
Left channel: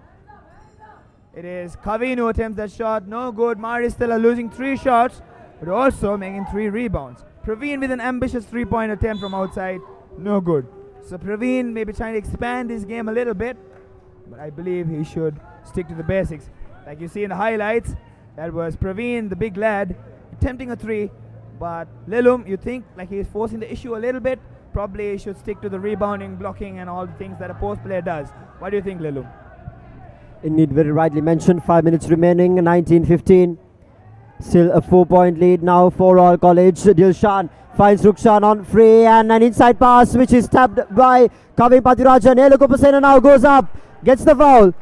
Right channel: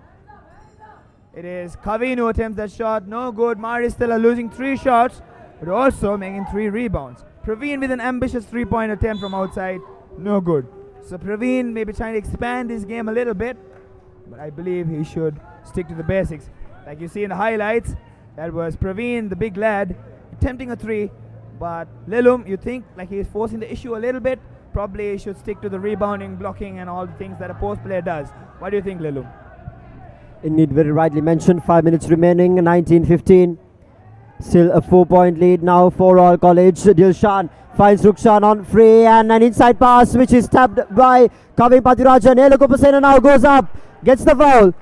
it is Kavin who attempts that shot, no good. Stella losing 3 shots, but also making 3 rebounds. Praveen with an ambitious 3-point attempt from outside, no good. So Praveen may be trying to expand his game a little bit, but I believe he should stick to the basics. Like you see in the highlights, that was Praveen, the big lad, attempting a 3, but Lelum, you think like he's forcing the issue a little bit, probably he should stick to the rebounding, blocking and all the things that a post player does. What do you think, Lelum? Indeed, very rightly mentioned. 5 minutes remaining, 19-15. Still a 4-point lead now for Royal College. Dilshan finds Rukshan on free and an inside pass which is tapped by Kavin Pathirajan. Elukupasena now goes up, gets the foul.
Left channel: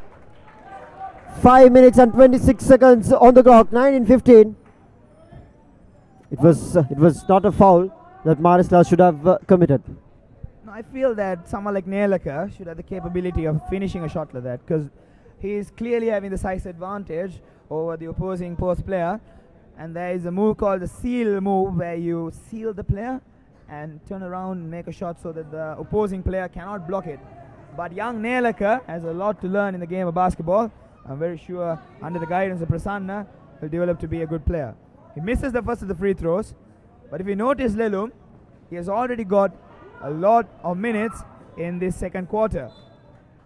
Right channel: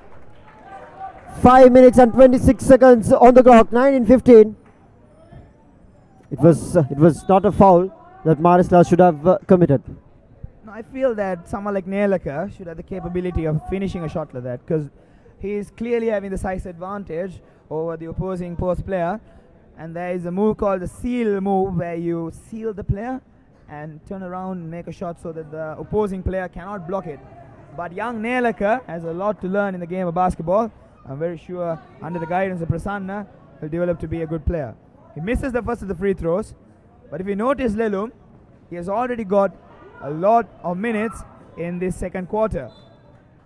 5 minutes and 26 seconds on the clock, 9-15. It was not a foul that Marisla should have committed. No, I feel that someone like Nelaka should have the capability of finishing a shot like that, because he is clearly having the size advantage over the opposing post player. And there is a move called the seal move, where you seal the player and turn around and make a shot so that the opposing player cannot block it. But young Nelaka has a lot to learn in the game of basketball. I'm very sure under the guidance of Prasanna, he'll develop to be a good player. He misses the first of the free throws, but if you notice Lelum, he has already got a lot of minutes in this second quarter.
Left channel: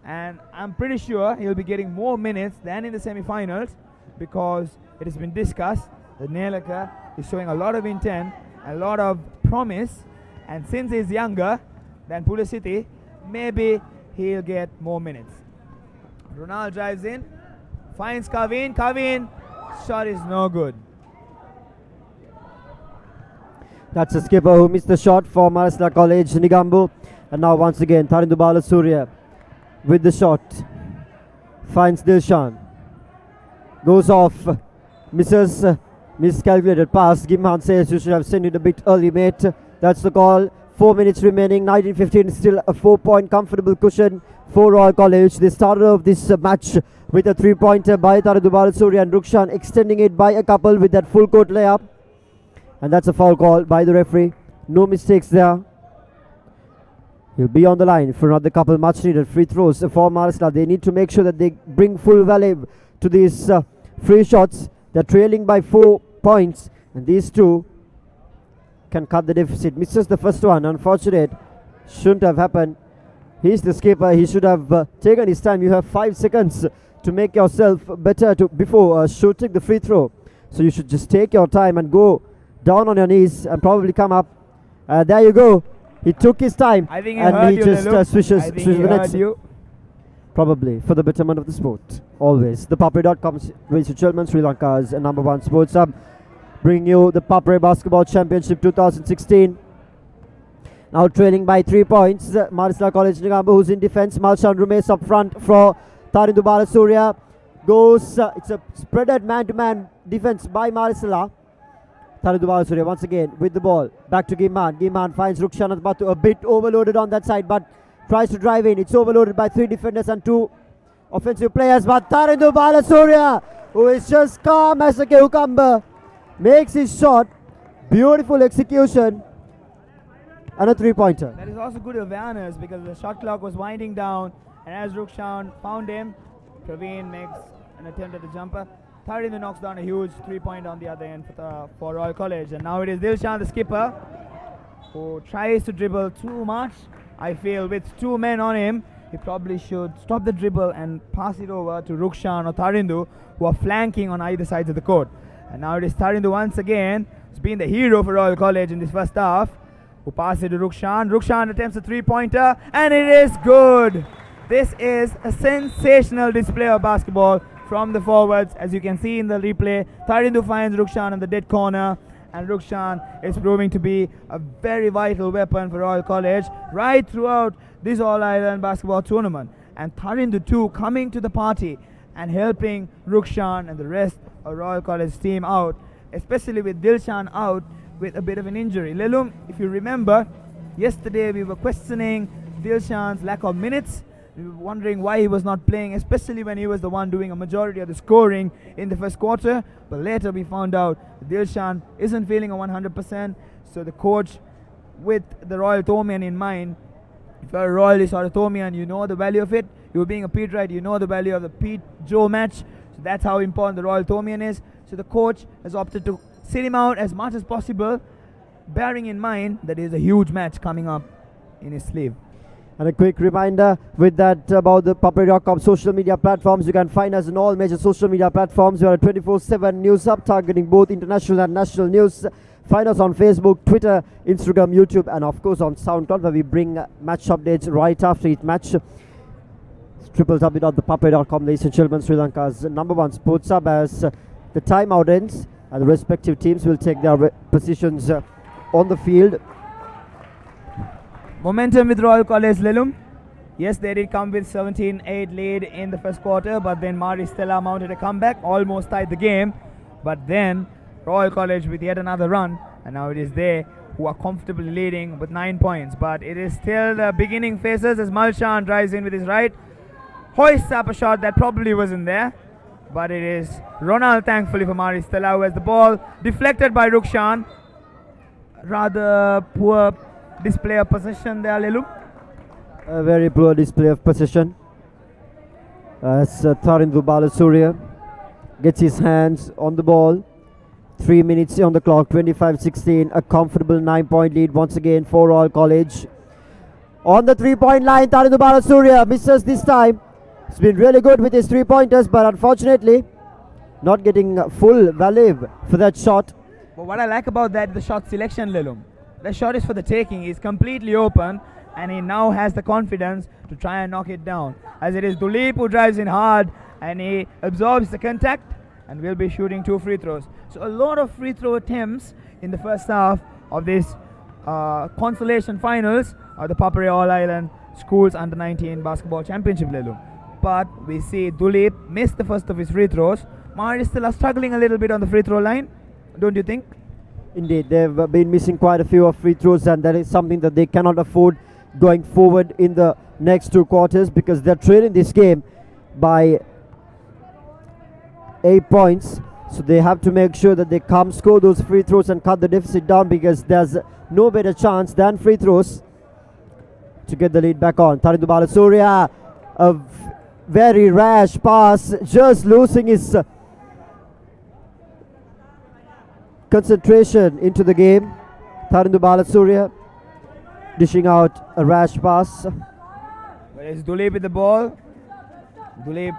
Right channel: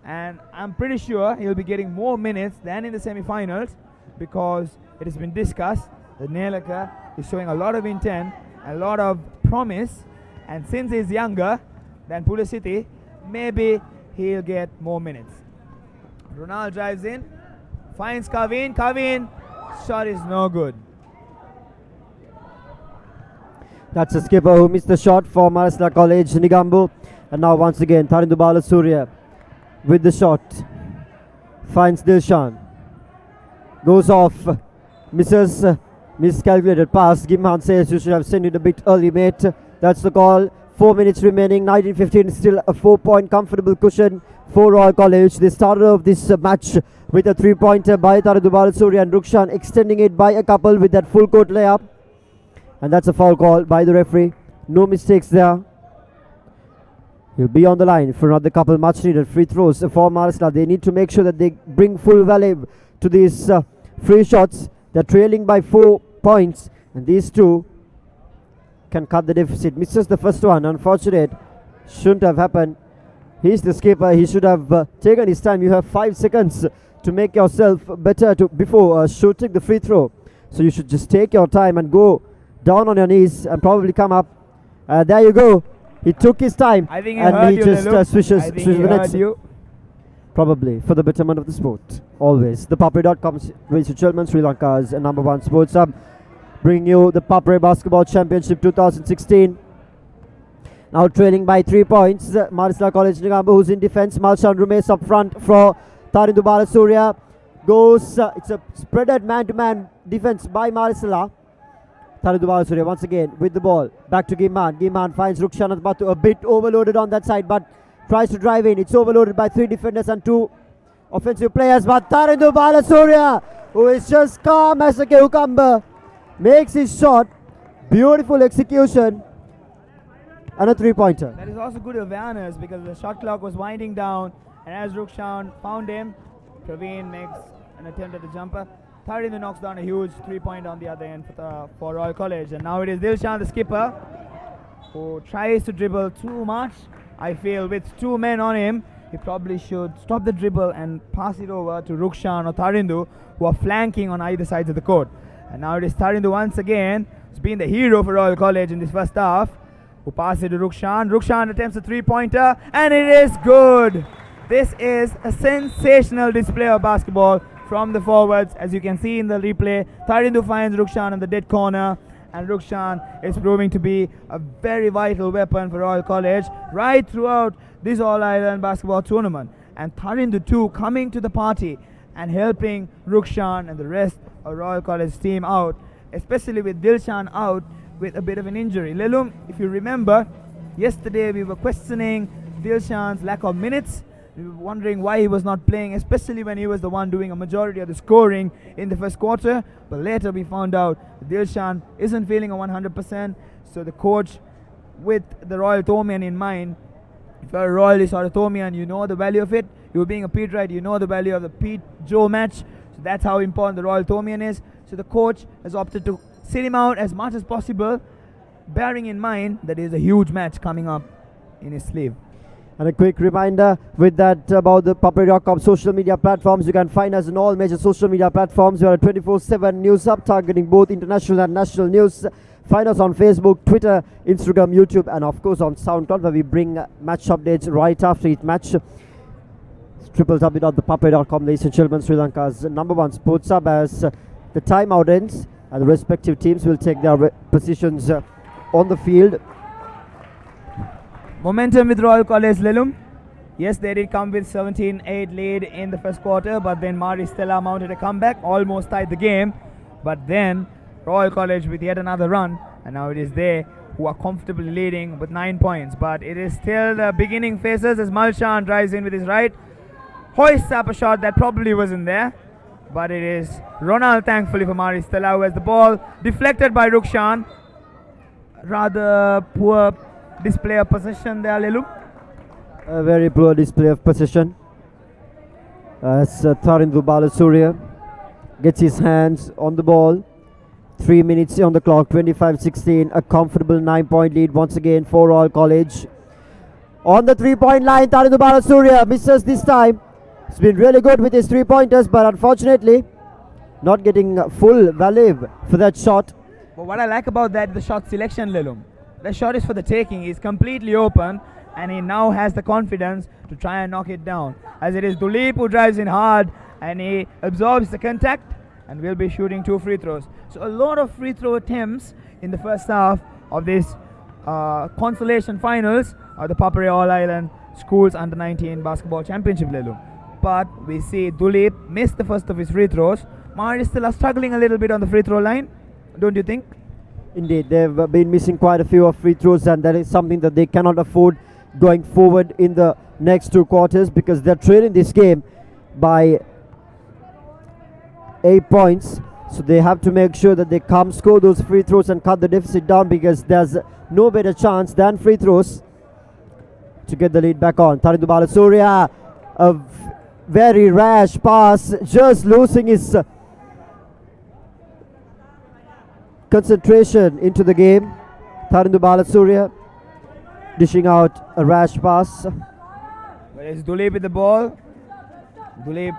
And I'm pretty sure he'll be getting more minutes than in the semi-finals, because it has been discussed that Nelaka is showing a lot of intent, a lot of promise, and since he's younger than Pulisiti, maybe he'll get more minutes. Ronald drives in, finds Kavin. Kavin, shot is no good. That's a skipper who missed the shot for Marisla College, Nigambu. And now once again, Tarindu Balasurya with the shot. Finds Dilshan. Goes off. Misses. Miscalculated pass. Gimhan says you should have sent it a bit early, mate. That's the call. 4 minutes remaining. 19-15. Still a 4-point comfortable cushion for Royal College. They started off this match with a 3-pointer by Tarindu Balasurya, and Rukshan extending it by a couple with that full court layup. And that's a foul call by the referee. No mistakes there. He'll be on the line for another couple much needed free throws for Marisla. They need to make sure that they bring full value to these free shots. They're trailing by 4 points, and these two can cut the deficit. Misses the first one. Unfortunate. Shouldn't have happened. He's the skipper. He should have taken his time. You have 5 seconds to make yourself better before shooting the free throw. So you should just take your time and go down on your knees and probably come up. There you go. He took his time. I think and he just swishes the nets. You. Probably for the betterment of the sport. Always. ThePapare.com with Children Sri Lanka's #1 sports hub. Bring you the Papare Basketball Championship 2016. Now trailing by 3 points. Marisla College Nigambu, who's in defense. Malshan Rumes up front for Tarindu Balasurya. Goes. It's a spreaded man-to-man defense by Marisla. Tarindu Balasurya once again with the ball. Back to Gimhan. Gimhan finds Rukshan Batu, a bit overloaded on that side, but tries to drive in. It's overloaded by 3 defenders and 2 offensive players. But Tarindu Balasurya, who is just calm as a cucumber, makes his shot. Beautiful execution. And a 3-pointer. That is also good awareness, because the shot clock was winding down, and as Rukshan found him, Praveen makes an attempt at the jumper. Tarindu knocks down a huge 3-point on the other end for Royal College. And now it is Dilshan, the skipper, who tries to dribble too much. I feel with 2 men on him, he probably should stop the dribble and pass it over to Rukshan or Tarindu, who are flanking on either sides of the court. And now it is Tarindu once again, who's been the hero for Royal College in this first half, who passes it to Rukshan. Rukshan attempts a 3-pointer, and it is good. This is a sensational display of basketball from the forwards, as you can see in the replay. Tarindu finds Rukshan in the dead corner, and Rukshan is proving to be a very vital weapon for Royal College right throughout this All-Ireland basketball tournament. And Tarindu too coming to the party and helping Rukshan and the rest of Royal College team out, especially with Dilshan out with a bit of an injury. Lelum, if you remember, yesterday we were questioning Dilshan's lack of minutes. We were wondering why he was not playing, especially when he was the one doing a majority of the scoring in the first quarter. But later we found out Dilshan isn't feeling a 100%. So the coach, with the Royal Thomian in mind, if you're a Royalist or a Thomian, you know the value of it. You being a Pete Wright, you know the value of the Pete Joe match. So that's how important the Royal Thomian is. So the coach has opted to sit him out as much as possible, bearing in mind that there's a huge match coming up in his sleeve. And a quick reminder with that about the Papare.com social media platforms. You can find us on all major social media platforms. We are a 24/7 news hub targeting both international and national news. Find us on Facebook, Twitter, Instagram, YouTube, and of course on SoundCloud, where we bring match updates right after each match. www.thepapare.com, ladies and gentlemen, Sri Lanka's #1 sports hub. As the timeout ends, and the respective teams will take their positions on the field. Momentum with Royal College, Lelum. Yes, they did come with 17-8 lead in the first quarter, but then Stella mounted a comeback, almost tied the game. But then Royal College with yet another run, and now it is they who are comfortably leading with 9 points. But it is still the beginning phases as Malshan drives in with his right, hoists up a shot that probably wasn't there. But it is Ronald, thankfully for Stella, who has the ball deflected by Rukshan. Rather poor display of possession there, Lelum. A very poor display of possession as Tarindu Balasuriya gets his hands on the ball. 3 minutes on the clock, 25-16, a comfortable 9-point lead once again for Royal College. On the 3-point line, Tarindu Balasuriya misses this time. He's been really good with his 3-pointers, but unfortunately not getting full value for that shot. But what I like about that, the shot selection, Lelum. The shot is for the taking. He's completely open, and he now has the confidence to try and knock it down. As it is Duleep who drives in hard, and he absorbs the contact and will be shooting 2 free throws. So a lot of free throw attempts in the first half of this consolation finals of the ThePapare All Island Schools Under-19 Basketball Championship, Lelum. But we see Duleep miss the first of his free throws. Is still struggling a little bit on the free throw line, don't you think? Indeed, they've been missing quite a few of free throws, and that is something that they cannot afford going forward in the next 2 quarters, because they're trailing this game by 8 points. So they have to make sure that they come score those free throws and cut the deficit down, because there's no better chance than free throws to get the lead back on. Tarindu Balasuriya, a very rash pass, just losing his concentration into the game. Tarindu Balasuriya dishing out a rash pass. Well, it's Duleep with the ball. Duleep.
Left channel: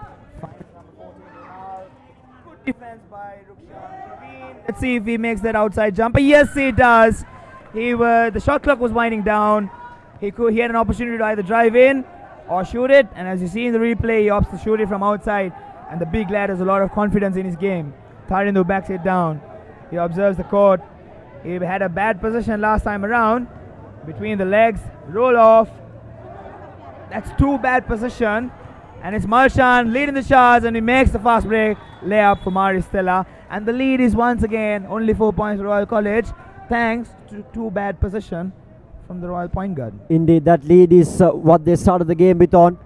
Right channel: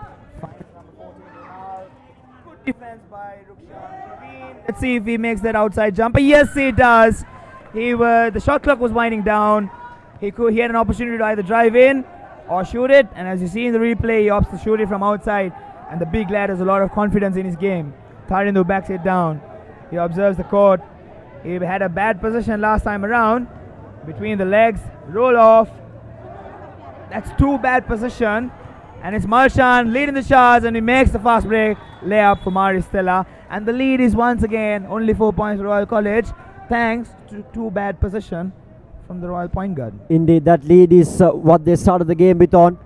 Good defense by Rukshan. Let's see if he makes that outside jumper. Yes, he does. The shot clock was winding down. He had an opportunity to either drive in or shoot it, and as you see in the replay, he opts to shoot it from outside, and the big lad has a lot of confidence in his game. Tarindu backs it down. He observes the court. He had a bad position last time around. Between the legs, roll off. That's 2 bad position. And it's Malshan leading the charge, and he makes the fast break layup for Stella. And the lead is once again only 4 points for Royal College, thanks to 2 bad position from the Royal point guard. Indeed, that lead is what they started the game with on.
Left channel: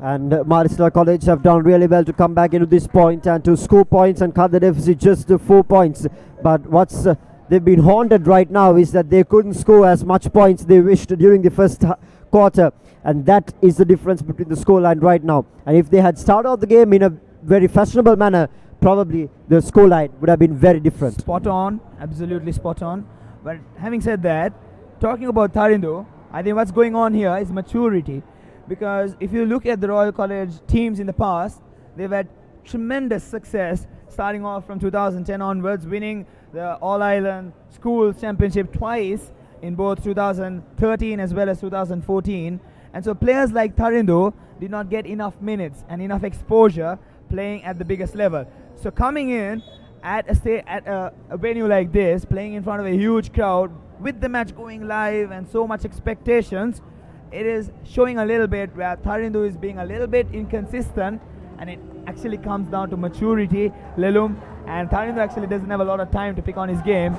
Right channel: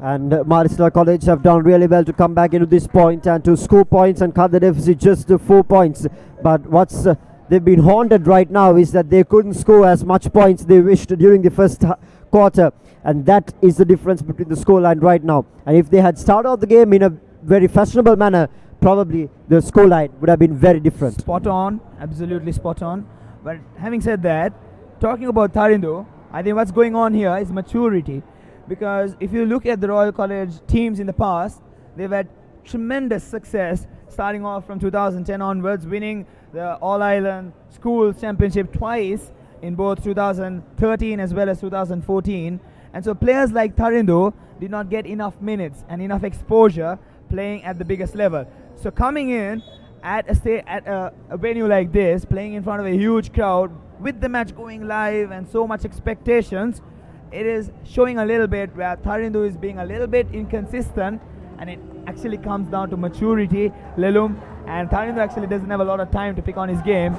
And Stella College have done really well to come back into this point and to score points and cut the deficit just to 4 points. But what's they've been haunted right now is that they couldn't score as much points they wished during the first quarter, and that is the difference between the scoreline right now. And if they had started out the game in a very fashionable manner, probably the scoreline would have been very different. Spot on, absolutely spot on. But having said that, talking about Tarindu, I think what's going on here is maturity. Because if you look at the Royal College teams in the past, they've had tremendous success starting off from 2010 onwards, winning the All Island Schools Championship twice in both 2013 as well as 2014. And so players like Tarindu did not get enough minutes and enough exposure playing at the biggest level. So coming in at a venue like this, playing in front of a huge crowd, with the match going live and so much expectations, it is showing a little bit where Tarindu is being a little bit inconsistent, and it actually comes down to maturity, Lelum. And Tarindu actually doesn't have a lot of time to pick on his game,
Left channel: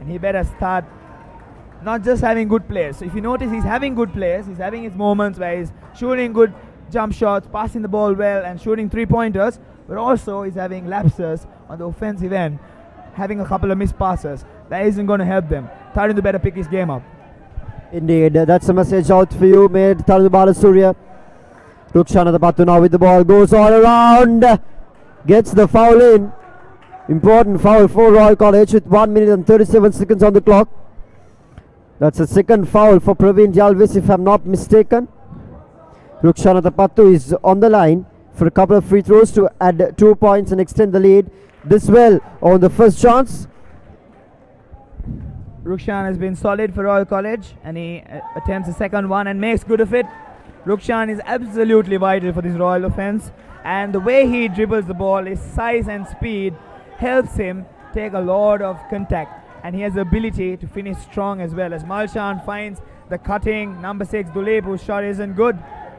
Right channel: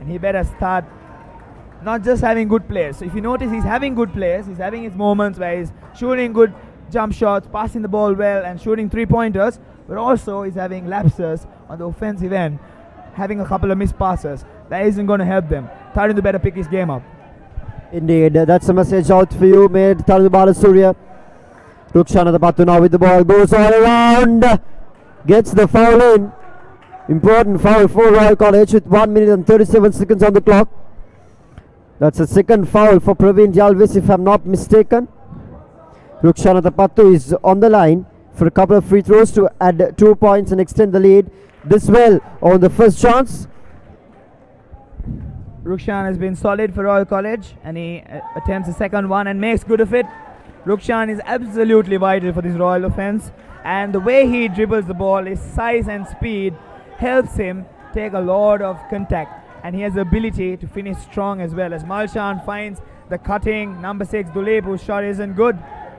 and he better start not just having good plays. So if you notice, he's having good plays, he's having his moments where he's shooting good jump shots, passing the ball well, and shooting 3-pointers, but also he's having lapses on the offensive end, having a couple of missed passes. That isn't going to help them. Tarindu better pick his game up. Indeed, that's a message out for you, mate. Tarindu Balasuriya. Rukshan Adapattu now with the ball, goes all around, gets the foul in. Important foul for Royal College with 1 minute and 37 seconds on the clock. That's a second foul for Praveen Jalvis, if I'm not mistaken. Rukshan Adapattu is on the line for a couple of free throws to add 2 points and extend the lead. This well on the first chance. Rukshan has been solid for Royal College, and he attempts the second one and makes good of it. Rukshan is absolutely vital for this Royal offense, and the way he dribbles the ball, his size and speed helps him take a lot of contact, and he has the ability to finish strong as well. As Malshan finds the cutting number 6 Dulip, whose shot isn't good,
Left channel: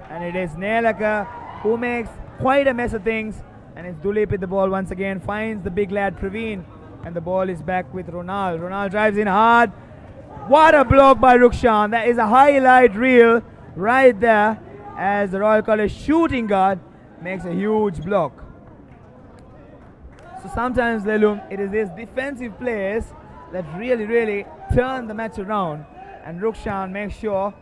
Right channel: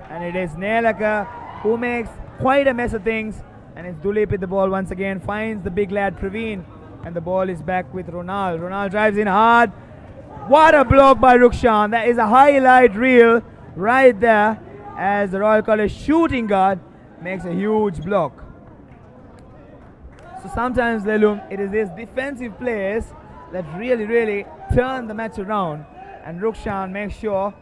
and it is Nelaka who makes quite a mess of things, and it's Dulip with the ball once again, finds the big lad Praveen, and the ball is back with Ronald. Ronald drives in hard. What a block by Rukshan. That is a highlight reel right there, as the Royal College shooting guard makes a huge block. So sometimes, Lelum, it is these defensive players that really turn the match around, and Rukshan makes sure,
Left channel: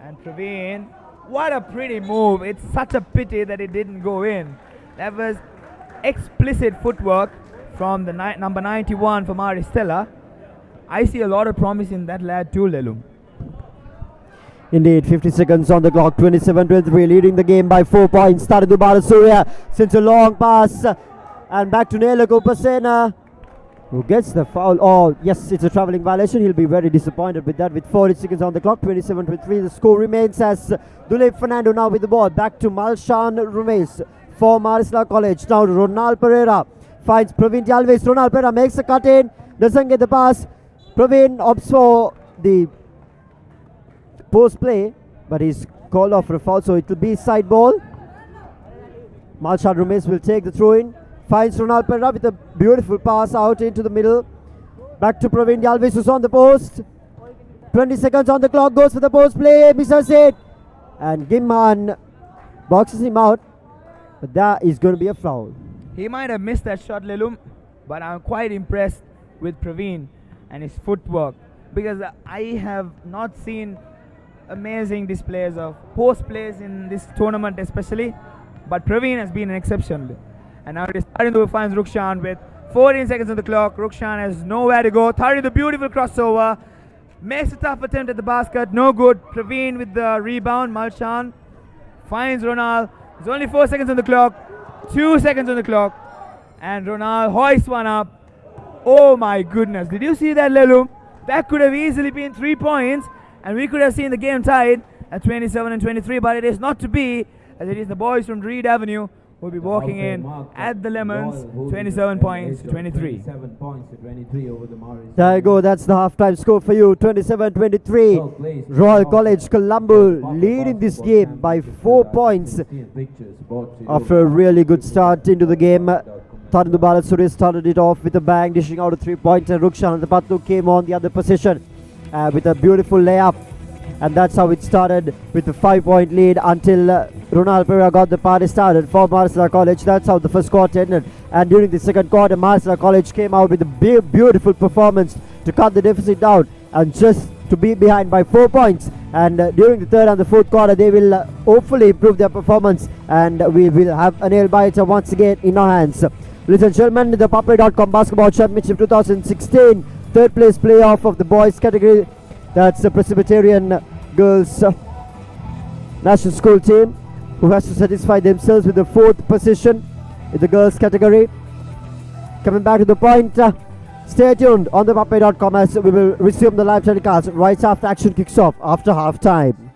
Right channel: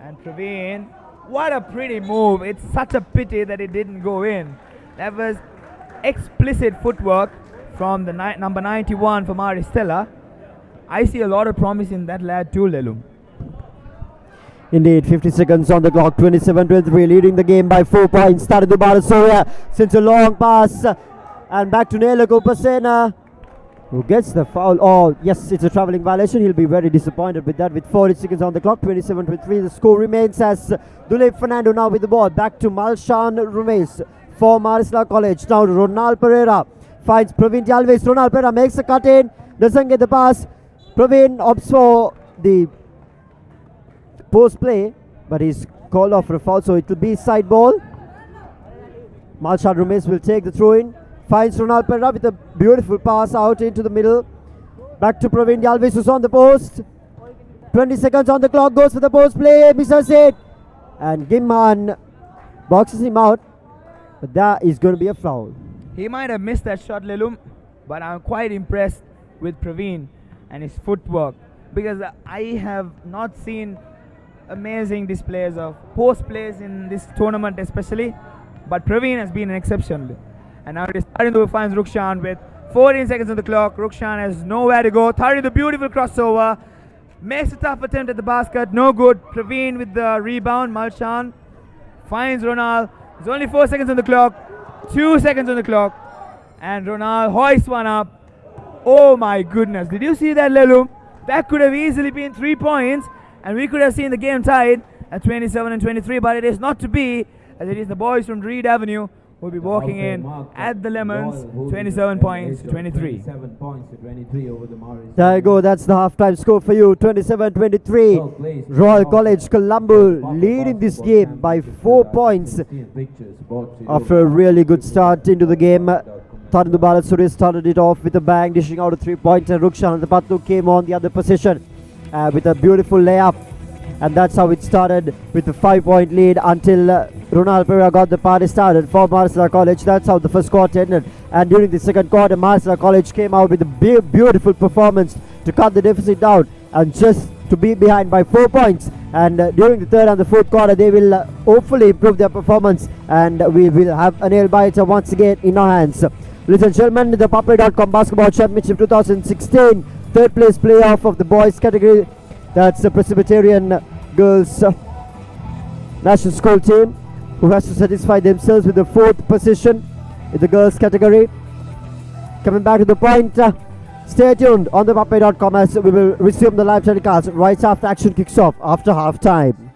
and Praveen, what a pretty move. It's such a pity that it didn't go in. That was explicit footwork from the number 91 for Stella. I see a lot of promise in that lad too, Lelum. Indeed, 50 seconds on the clock, 27-23, leading the game by 4 points. Started to Balasuriya, since a long pass, and back to Nelaka Upasena, who gets the foul. Oh, yes, it's a travelling violation. He'll be very disappointed with that. With 40 seconds on the clock, 27-23, the score remains as Dulip Fernando now with the ball. Back to Malshan Rumesh for Marisla College. Now Ronald Pereira finds Praveen Alves. Ronald Pereira makes a cut in, doesn't get the pass. Praveen opts for the post play, but he's called off for a foul, so it will be side ball. Malshan Rumesh will take the throw in. Finds Ronald Pereira with a beautiful pass out into the middle. Back to Praveen Alves, who's on the post. 20 seconds on the clock, goes for the post play, misses it, and Gimman boxes him out, but that is going to be a foul. He might have missed that shot, Lelum, but I'm quite impressed with Praveen and his footwork, because I have not seen amazing displays of post plays in this tournament especially, but Praveen has been an exception. And now it is Tarindu finds Rukshan with 14 seconds on the clock. Rukshan has nowhere to go. Tarindu, beautiful crossover, makes a tough attempt at the basket, no good. Praveen with the rebound. Malshan finds Ronald. There's only 4 seconds on the clock, 2 seconds on the clock, and Ronald hoists one up. Oh my goodness, did you see that, Lelum? That could have easily been 3 points, and we could have seen the game tied at 27-23, but it is not to be, as it is the boys from Reed Avenue will be walking in at the Lemons, 27 points to 23. 27 points to 23 over the Morris. There you go, that's the halftime score for you, 27-23. Royal College Colombo leading this game by 4 points after a really good start into the game. Tarindu Balasuri started it off with a bang, dishing out a 3-pointer. Rukshan Patlu came on the other position with a beautiful layup. And that's how it started, with a 5-point lead until Ronald Pereira got the party started for Marisla College. That's how the first quarter ended. And during the second quarter, Marisla College came out with a beautiful performance to cut the deficit down and just to be behind by 4 points. And during the third and the fourth quarter, they will hopefully improve their performance, and we will have a nail biter once again in our hands. Ladies and gentlemen, the ThePapare.com Basketball Championship 2016 third place playoff of the boys category. That's the Presbyterian girls national school team, who has to satisfy themselves with the 4th position in the girls category. Coming back to the point, stay tuned on ThePapare.com as we will resume the live telecast right after action kicks off after half time.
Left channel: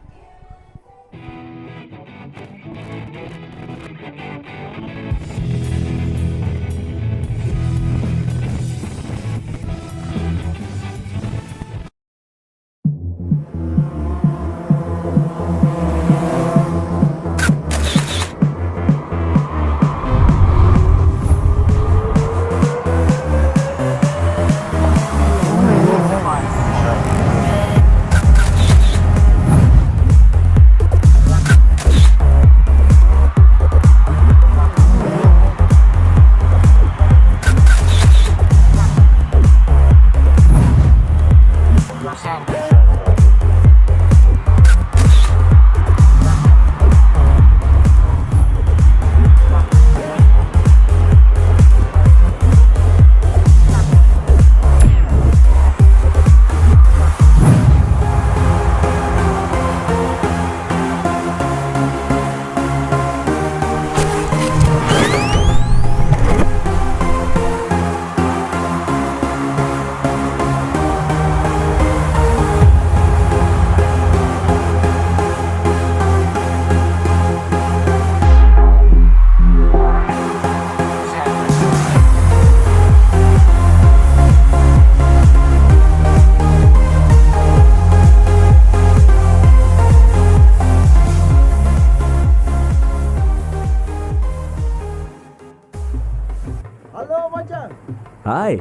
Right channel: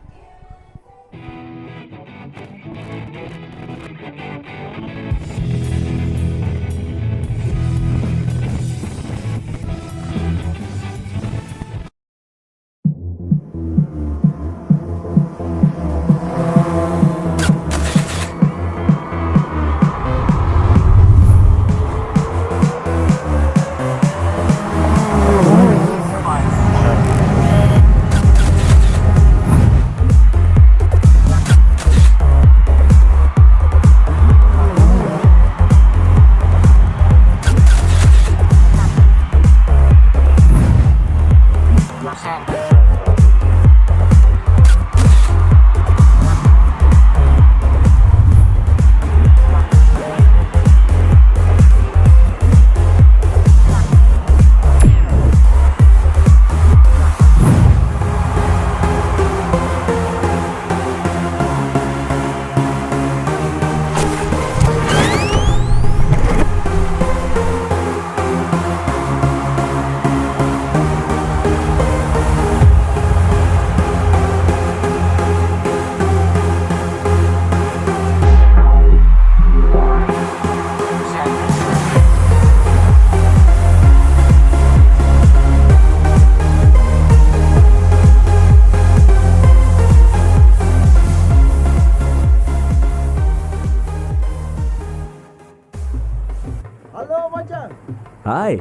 Hi.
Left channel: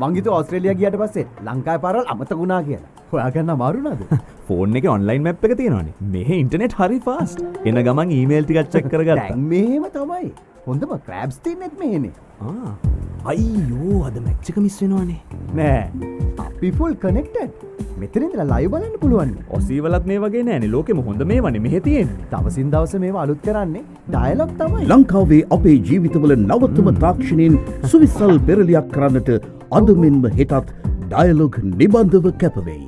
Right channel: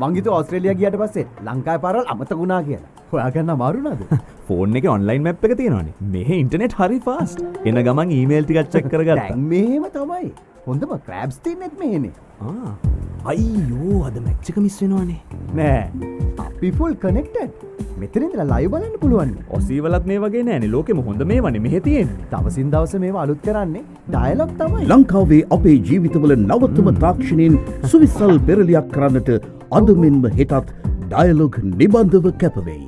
මං හිතුවා ඕස්ට්‍රේලියා ගියට පස්සේ ලංකාවේ පාරවල් අමතක වුණා කියලා. හොයාගන්න අමාරු නේද? ෆෝන් එකේ ඔන්ලයින් මැප් එක තියෙනවනේ. මෙහෙ ඉන්ටර්නෙට් හරි ෆාස්ට්. එන ගමන් ඊමේල් ටිකක් චෙක් කරගත්තා. දැන් මෙහෙම තමයි. හොඳම ක්‍රැබ්ස් තින්නෙත් මෙහෙනේ. අයියෝ අද මැච් එක මිස් වෙනවනේ. නෑ. අපි ෆුල් කනෙක්ටඩ්. මෙතන ඉඳලා ලයිව් බලන්න පුළුවන්. ඔසී වලත් මේ වගේ නෑනේ. ලෝකෙම හොඳ මේවනේ මෙහෙ තියෙන්නේ. දවසින් දවස මේවා අලුත් කරන්නේ ඩයලොග් තමයි. ලංකාවේ අපේ ජීවිතවල නවතම තාක්ෂණයෙන් සුවිසල් පෙරලියක් කරන්නට අද මෙන්ම හෙටත් ඩයලොග් නිබන්ධව කැපවෙයි.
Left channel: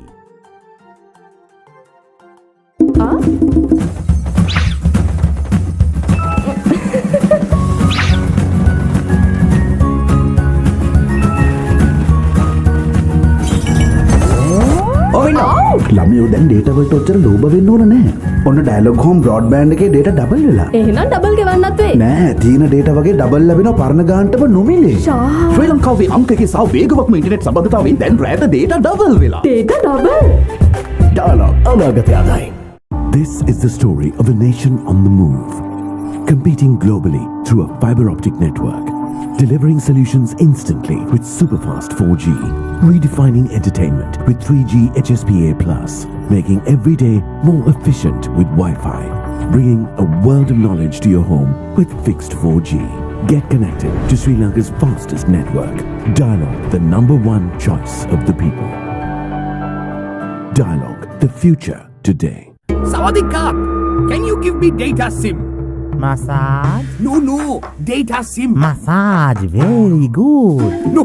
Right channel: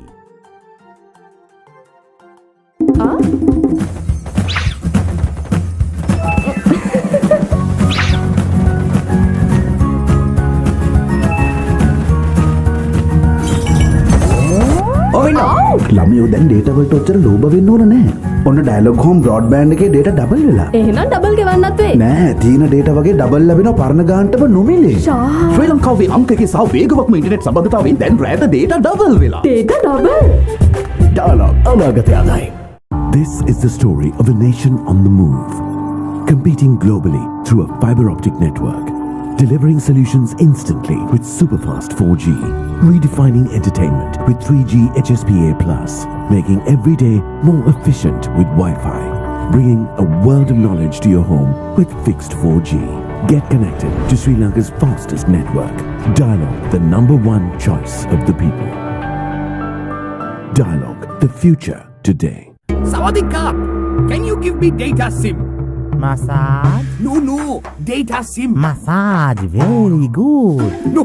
ළමයෝ දැන් ඩේටාවලට ඔච්චර ලෝභ වෙන්න ඕන නැහැ. ඔන්න ඩයලොග් හෝම් බ්‍රෝඩ්බෑන්ඩ් එකේ ඩේටා ඩබල් වෙලා. එහෙනම් ඩබල් ගෙවන්නත් වෙයි. නෑ, තියෙන ඩේටා වගේ ඩබල් ලැබෙනවා පරණ ගානටම නොමිලේ. ශ්‍රී ලංකාවේ අංක එකේ සහ වේගවත්ම ඉන්ටර්නෙට් සම්බන්ධතාවයෙන් දැන් රෑට ඩේටා ඩබල් වෙලා. Data double. ඩයලොග් අනාගතය අදයි. This is the story of a nation on the move, competing globally through a fiber optic network, delivering solutions instantly with superfast 4G, redefining entertainment with 3G HSPA+, making every day more efficient with Wi-Fi, bringing a world of knowledge to your home with fixed 4G. Get connected to Sri Lanka's fastest network. Dialog, the #1 choice of the people. Dialog, the future today. Sawadika, can you give me data SIM? Massage? No, data SIM. Massage, very good. No,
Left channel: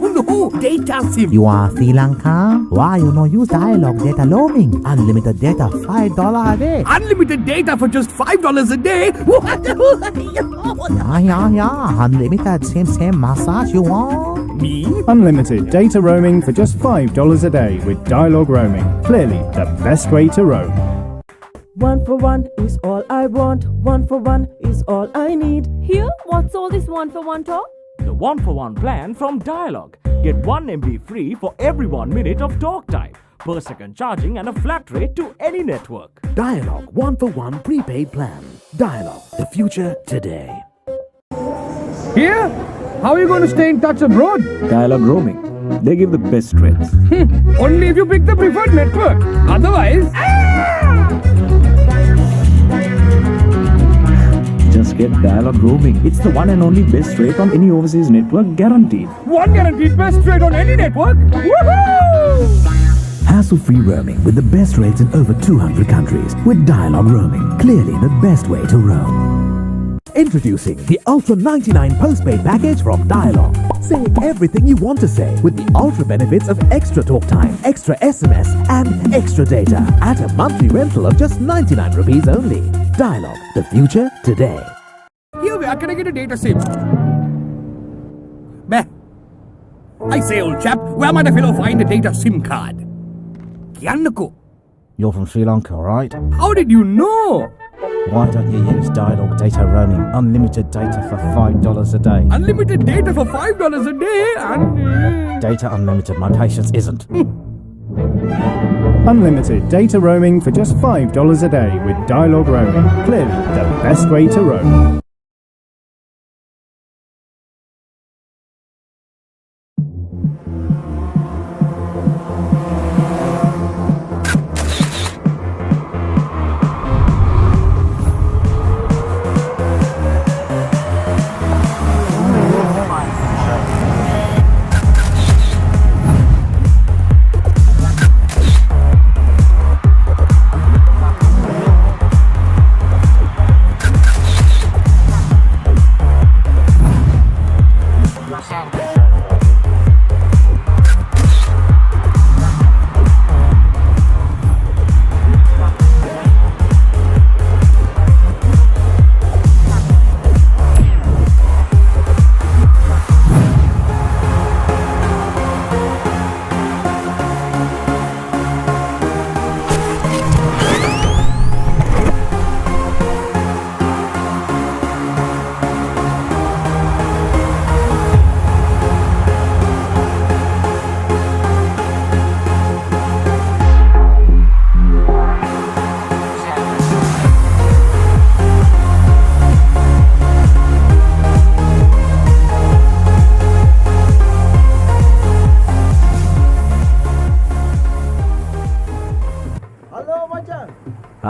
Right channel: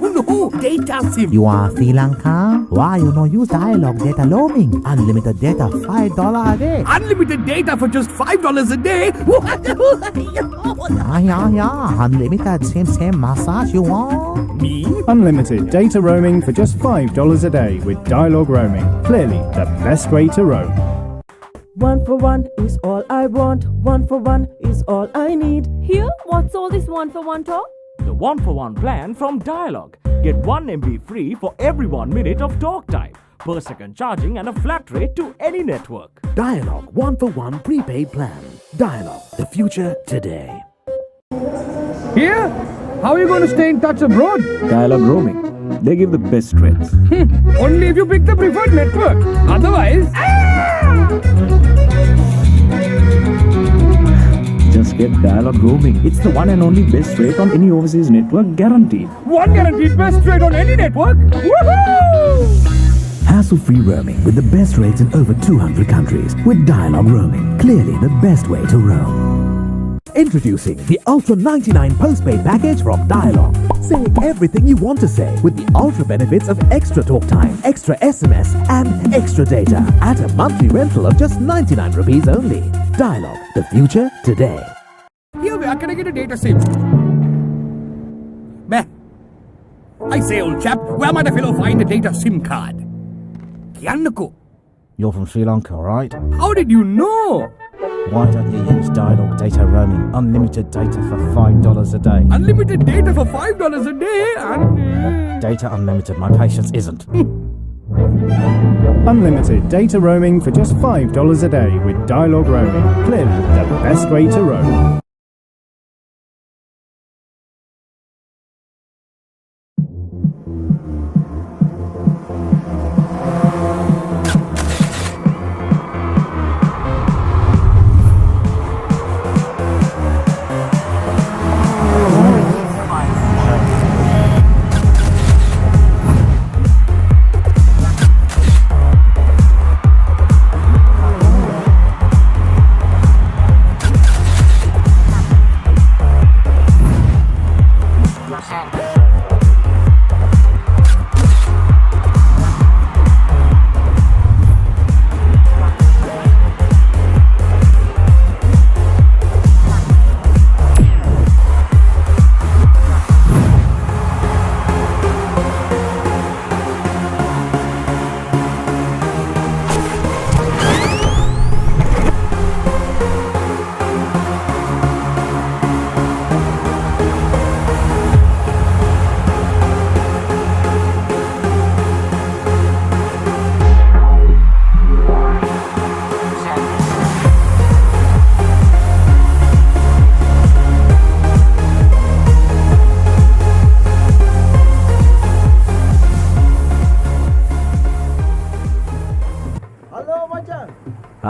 data SIM. You are Sri Lanka? Why you no use dialogue data roaming? Unlimited data, $5 a day. Unlimited data for just $5 a day? Yeah. Unlimited same massage you want? Me? Unlimited data roaming for just $5 a day with dialogue roaming. Clearly the best way to roam. 1 for 1 is all I want. 1 for 1 is all I need. Here, what's all this 1 for 1 talk? The 1 for 1 plan from Dialog. Get 1 MB free for every 1 minute of talk time, per second charging and a flat rate to any network. Dialog 1 for 1 prepaid plan. Dialog, the future today. Here? How are you going to stay in touch abroad? Dialog roaming. They give the best rates. Only if you pick the preferred network. Otherwise... Just get Dialog roaming. It's the one and only best rate on any overseas network, guaranteed. One guaranteed best rate on any network? Woohoo! Hassle-free roaming with the best rates in over 200 countries with Dialog roaming. Clearly the best way to roam. Introducing the Ultra 99 postpaid package from Dialog. Say everything you want to say with the ultra benefits of extra talk time, extra SMS and extra data at a monthly rental of just 99 rupees only. Dialog, the future today. Here, where can I get a data SIM? Bah. I say, old chap, where might a fellow find a data SIM card? Kiannako. You're from Sri Lanka, right? How did you know? Why don't you use dialogue data roaming? Unlimited data for $5 a day. Unlimited data for $5 a day and... Data unlimited, my patience isn't. Unlimited data roaming for just $5 a day with dialogue roaming. Clearly the best way to roam.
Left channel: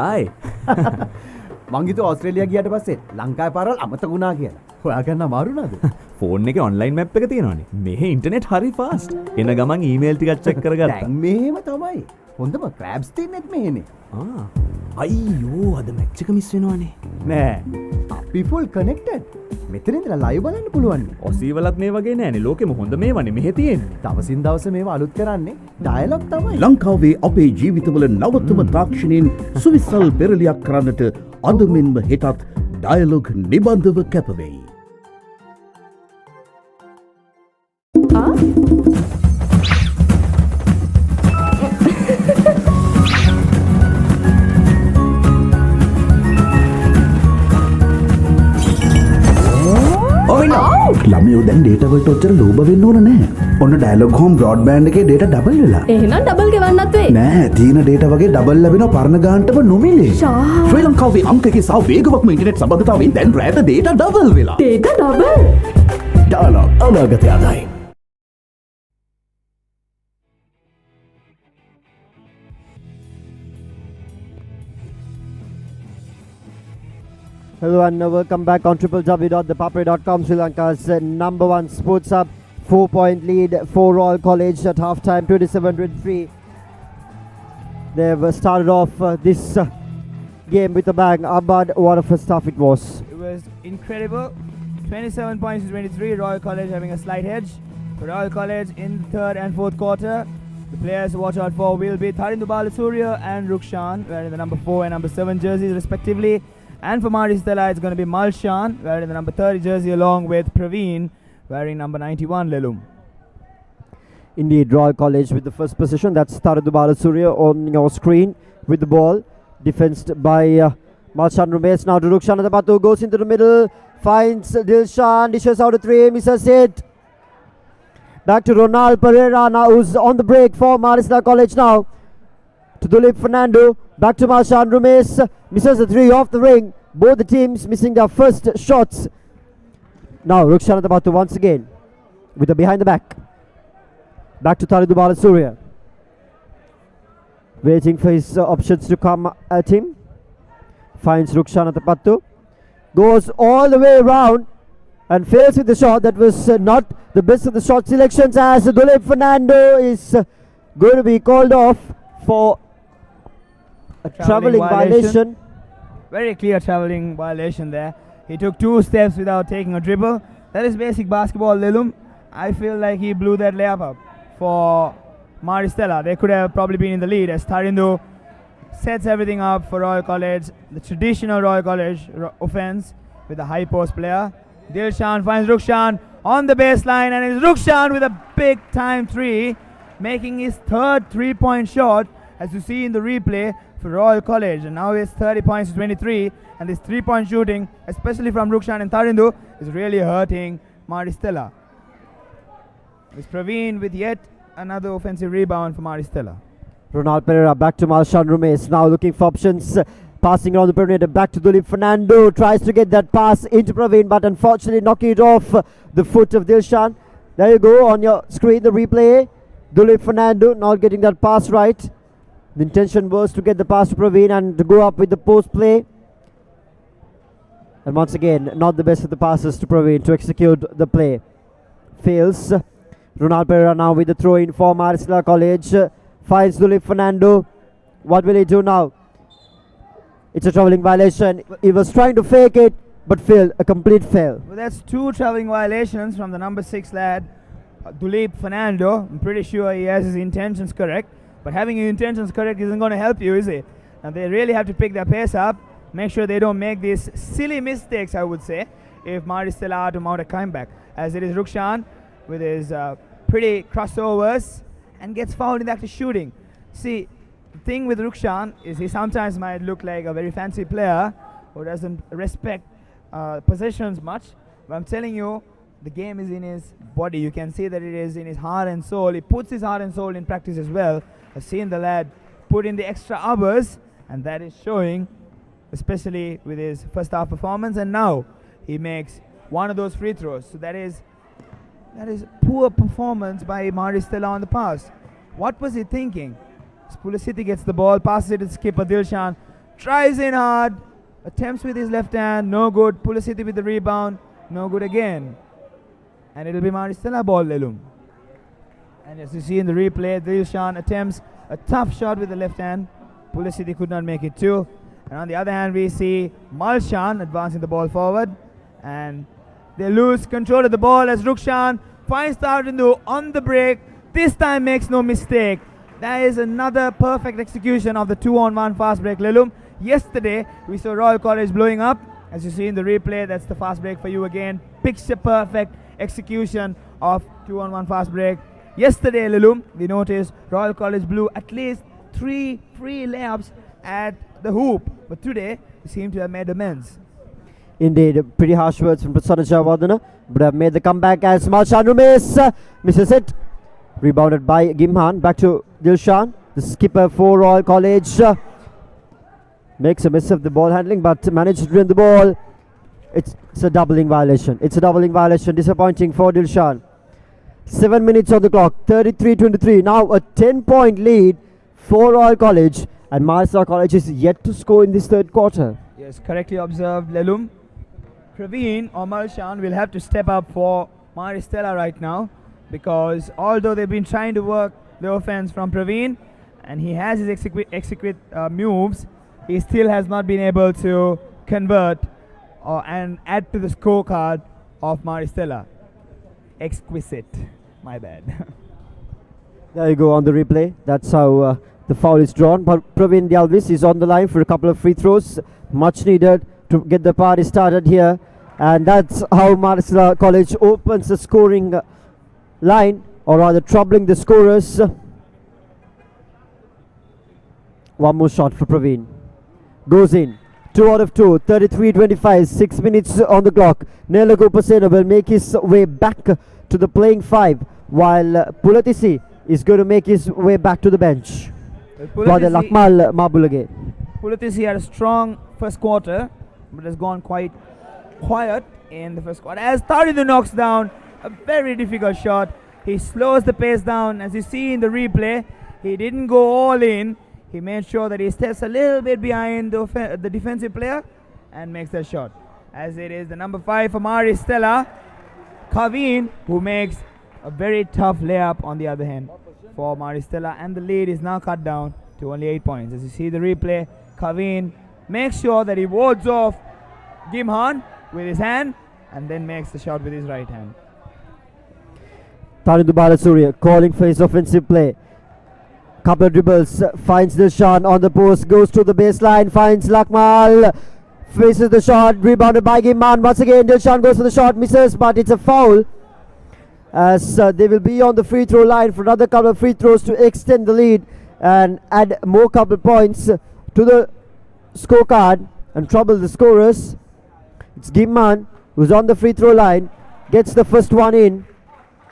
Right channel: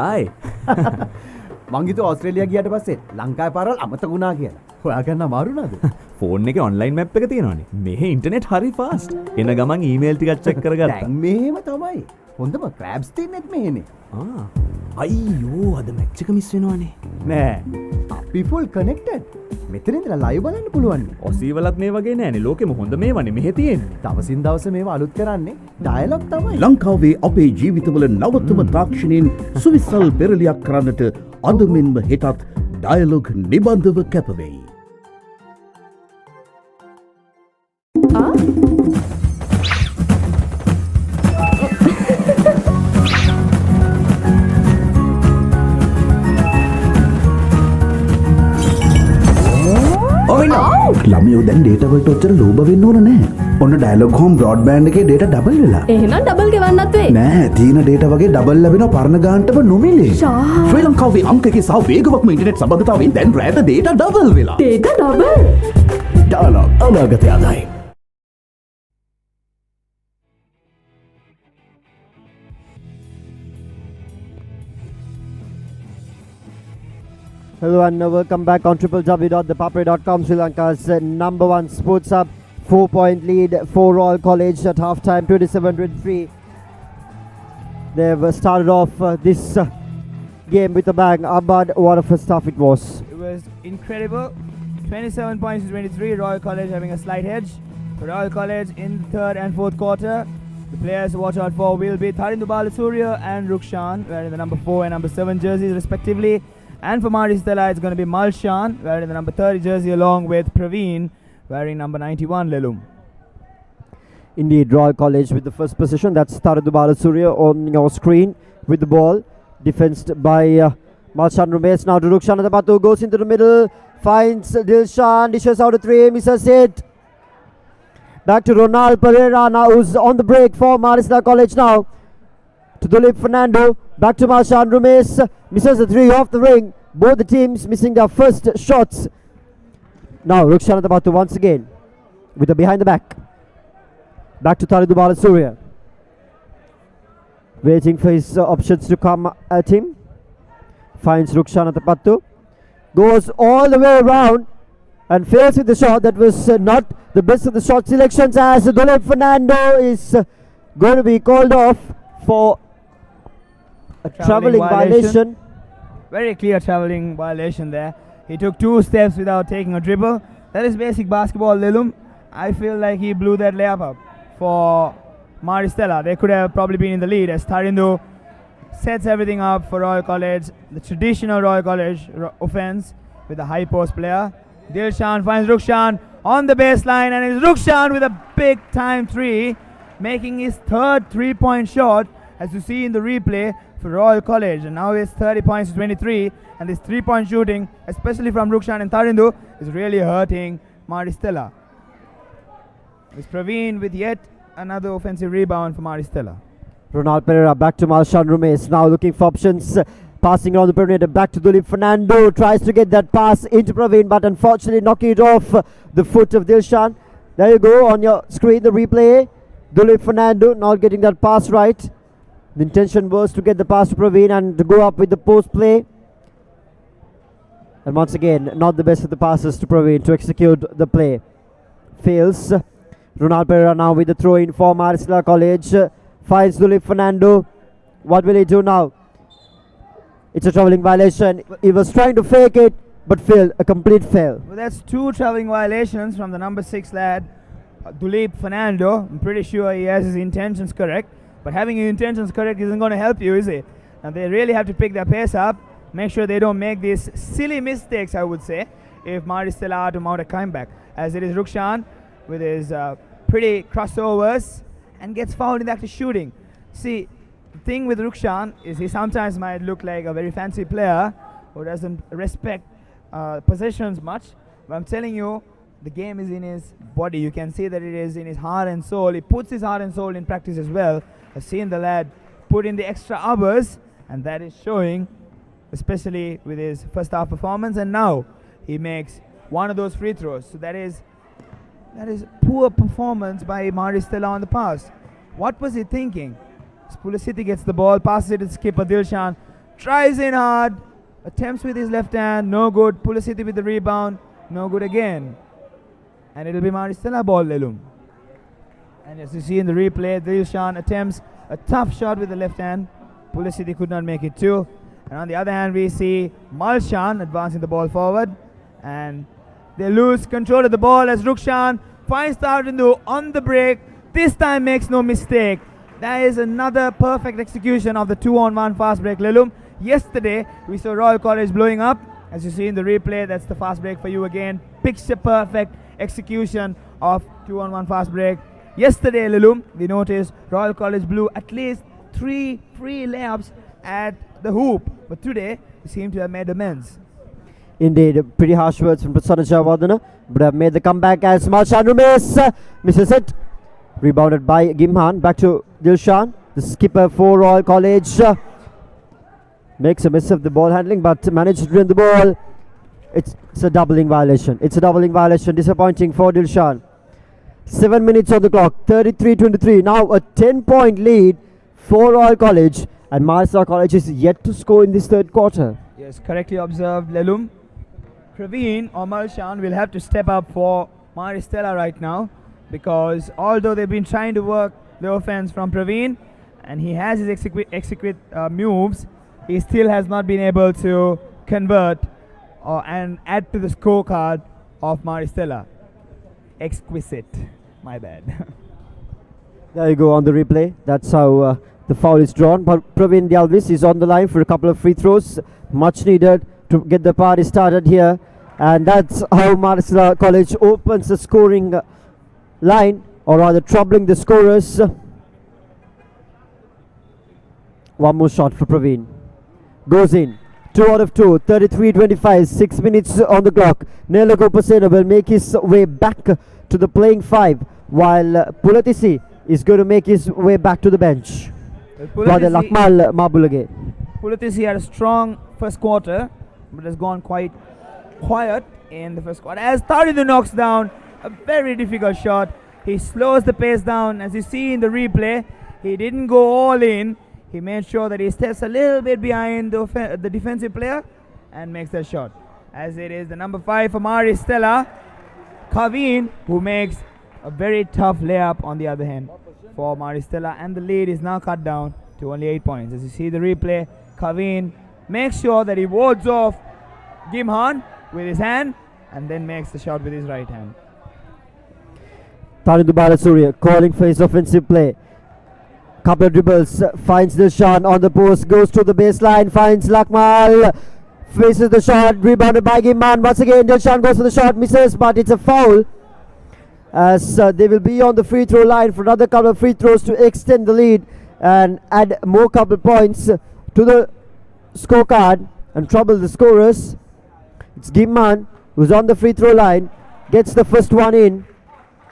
Hi. මංගිත Australia ගියට පස්සේ ලංකාවේ පාරවල් අමතක වුණා කියලා. හොයාගන්න අමාරු නේද? Phone එකේ ඔන්ලයින් මැප් එක තියෙනවනේ. මෙහෙ ඉන්ටර්නෙට් හරි ෆාස්ට්. එන ගමන් ඊමේල් ටිකක් චෙක් කරගත්තා. දැන් මෙහෙම තමයි. හොඳම ක්‍රැබ්ස් තින්නෙත් මෙහෙනේ. අයියෝ අද මැච් එක මිස් වෙනවනේ. නෑ. අපි ෆුල් කනෙක්ටඩ්. මෙතන ඉඳලා ලයිව් බලන්න පුළුවන්. ඔසී වලත් මේ වගේ නෑනේ. ලෝකෙම හොඳ මේවනේ මෙහෙ තියෙන්නේ. දවසින් දවස මේව අලුත් කරන්නේ ඩයලොග් තමයි. ලංකාවේ අපේ ජීවිතවල නවතම තාක්ෂණයෙන් සුවිසල් පෙරලියක් කරන්නට අද මෙන්ම හෙටත් ඩයලොග් නිබන්ධව කැපවෙයි. ළමයෝ දැන් ඩේටා වලට ඔච්චර ලෝභ වෙන්න ඕන නැහැ. ඔන්න ඩයලොග් හෝම් බ්‍රෝඩ්බෑන්ඩ් එකේ ඩේටා ඩබල් වෙලා. එහෙනම් ඩබල් ගෙවන්නත් වෙයි. නෑ, තියෙන ඩේටා වගේ ඩබල් ලැබෙනවා පරණ ගානටම නොමිලේ. ශ්‍රී ලංකාවේ අංක එකේ සහ වේගවත්ම ඉන්ටර්නෙට් සම්බන්ධතාවයෙන් දැන් රැට ඩේටා ඩබල් වෙලා. Data double. ඩයලොග් අනාගතය අදයි. Hello and welcome back on www.thepapare.com, Sri Lanka's number one sports hub. 4-point lead for Royal College at halftime, 27-3. They've started off this game with a bang. Abad, what a first half it was. It was incredible. 27 points to 23. Royal College having a slight edge. For Royal College in the third and fourth quarter, the players to watch out for will be Tharindu Balasuriya and Rukshan, wearing the number 4 and number 7 jerseys respectively. And for Mari Stella, it's going to be Malshan, wearing the number 30 jersey, along with Praveen, wearing number 91 Lelum. Indeed, Royal College with the first position. That's Tharindu Balasuriya on your screen with the ball. Defensed by Malshan Rumesh. Now to Rukshan at the Batu, goes into the middle, finds Dilshan, dishes out a 3, misses it. Back to Ronald Pereira now, who's on the break for Marista College now. To Dulip Fernando, back to Malshan Rumesh, misses the 3 off the ring. Both the teams missing their first shots. Now Rukshan at the Batu once again with the behind the back. Back to Tharindu Balasuriya. Waiting for his options to come at him. Finds Rukshan at the Batu. Goes all the way around and fails with the shot. That was not the best of the shot selections, as Dulip Fernando is going to be called off for a travelling violation. Very clear travelling violation there. He took 2 steps without taking a dribble. That is basic basketball, Lilum. I feel like he blew that layup up for Mari Stella. They could have probably been in the lead, as Tharindu sets everything up for Royal College. The traditional Royal College offense with a high post player. Dilshan finds Rukshan on the baseline, and it's Rukshan with a big time 3, making his third 3-point shot, as you see in the replay, for Royal College. And now it's 30 points to 23, and this 3-point shooting, especially from Rukshan and Tharindu, is really hurting Mari Stella. It's Praveen with yet another offensive rebound for Mari Stella. Ronald Pereira back to Malshan Rumesh, now looking for options, passing around the perimeter, back to Dulip Fernando, tries to get that pass into Praveen, but unfortunately knocking it off the foot of Dilshan. There you go on your screen, the replay. Dulip Fernando not getting that pass right. The intention was to get the pass to Praveen and to go up with the post play. And once again, not the best of the passes to Praveen to execute the play. Fails. Ronald Pereira now with the throw in for Marista College. Finds Dulip Fernando. What will he do now? It's a travelling violation. He was trying to fake it, but failed. A complete fail. Well, that's 2 travelling violations from the number 6 lad, Dulip Fernando. I'm pretty sure he has his intentions correct. But having your intentions correct isn't going to help you, is it? And they really have to pick their pace up, make sure they don't make these silly mistakes, I would say, if Mari Stella are to mount a comeback. As it is Rukshan with his pretty crossovers and gets fouled in the act of shooting. See, the thing with Rukshan is he sometimes might look like a very fancy player who doesn't respect possessions much. But I'm telling you, the game is in his body. You can see that it is in his heart and soul. He puts his heart and soul in practice as well. I've seen the lad put in the extra hours, and that is showing, especially with his first half performance. And now he makes one of those free throws. So that is poor performance by Mari Stella on the pass. What was he thinking? Pulasiti gets the ball, passes it to skipper Dilshan. tries in hard, attempts with his left hand, no good. Pulasiti with the rebound, no good again. And it'll be Maristella ball, Lelum. And as you see in the replay, Dilshan attempts a tough shot with the left hand. Pulasiti could not make it too. And on the other hand, we see Malshan advancing the ball forward. And they lose control of the ball as Rukshan finds Tarindu on the break. This time makes no mistake. That is another perfect execution of the 2-on-1 fast break, Lelum. Yesterday, we saw Royal College blowing up. As you see in the replay, that's the fast break for you again. Picture perfect execution of 2-on-1 fast break. Yesterday, Lelum, we noticed Royal College blew at least 3 free layups at the hoop. But today, we seem to have made amends. Indeed, pretty harsh words from Prasanna Javadana, but have made the comeback as Malshan Rumes misses it. Rebounded by Gimhan. Back to Dilshan, the skipper for Royal College. Makes a miss of the ball handling, but manages to win the ball. It's a doubling violation. It's a doubling violation. Disappointing for Dilshan. 7 minutes on the clock. 33-23. Now a 10-point lead for Royal College, and Maristella College is yet to score in this third quarter. Yes, correctly observed, Lelum. Praveen or Malshan will have to step up for Maristella right now, because although they've been trying to work the offense from Praveen and he has his execute moves, he still has not been able to convert and add to the scorecard of Maristella. Exquisite. My bad. There you go on the replay. That's how the foul is drawn. But Praveen Dialvis is on the line for a couple of free throws. Much needed to get the party started here. And that's how Maristella College opens the scoring line, or rather troubling the scorers. One more shot for Praveen. Goes in. 2 out of 2. 33-25. 6 minutes on the clock. Nela Gopasena will make his way back to the playing 5, while Pulatisi is going to make his way back to the bench. Rather Lakmal Mabulage. Pulatisi had a strong first quarter, but has gone quite quiet in the first quarter. As Tarindu knocks down a very difficult shot, he slows the pace down. As you see in the replay, he didn't go all in. He made sure that he steps a little bit behind the defensive player and makes that shot. As it is the number 5 for Maristella, Kaveen, who makes a very tough layup on the other hand for Maristella, and the lead is now cut down to only 8 points. As you see the replay, Kaveen makes sure that he wards off Gimhan with his hand and then makes the shot with his right hand. Tarindu Balasuriya calling for his offensive play. Couple of dribbles, finds Dilshan on the post, goes to the baseline, finds Lakmal, faces the shot, rebounded by Gimhan. Once again, Dilshan goes for the shot, misses, but it's a foul. As they will be on the free throw line for another couple of free throws to extend the lead and add more couple points to the scorecard and trouble the scorers. It's Gimhan who's on the free throw line, gets the first one in.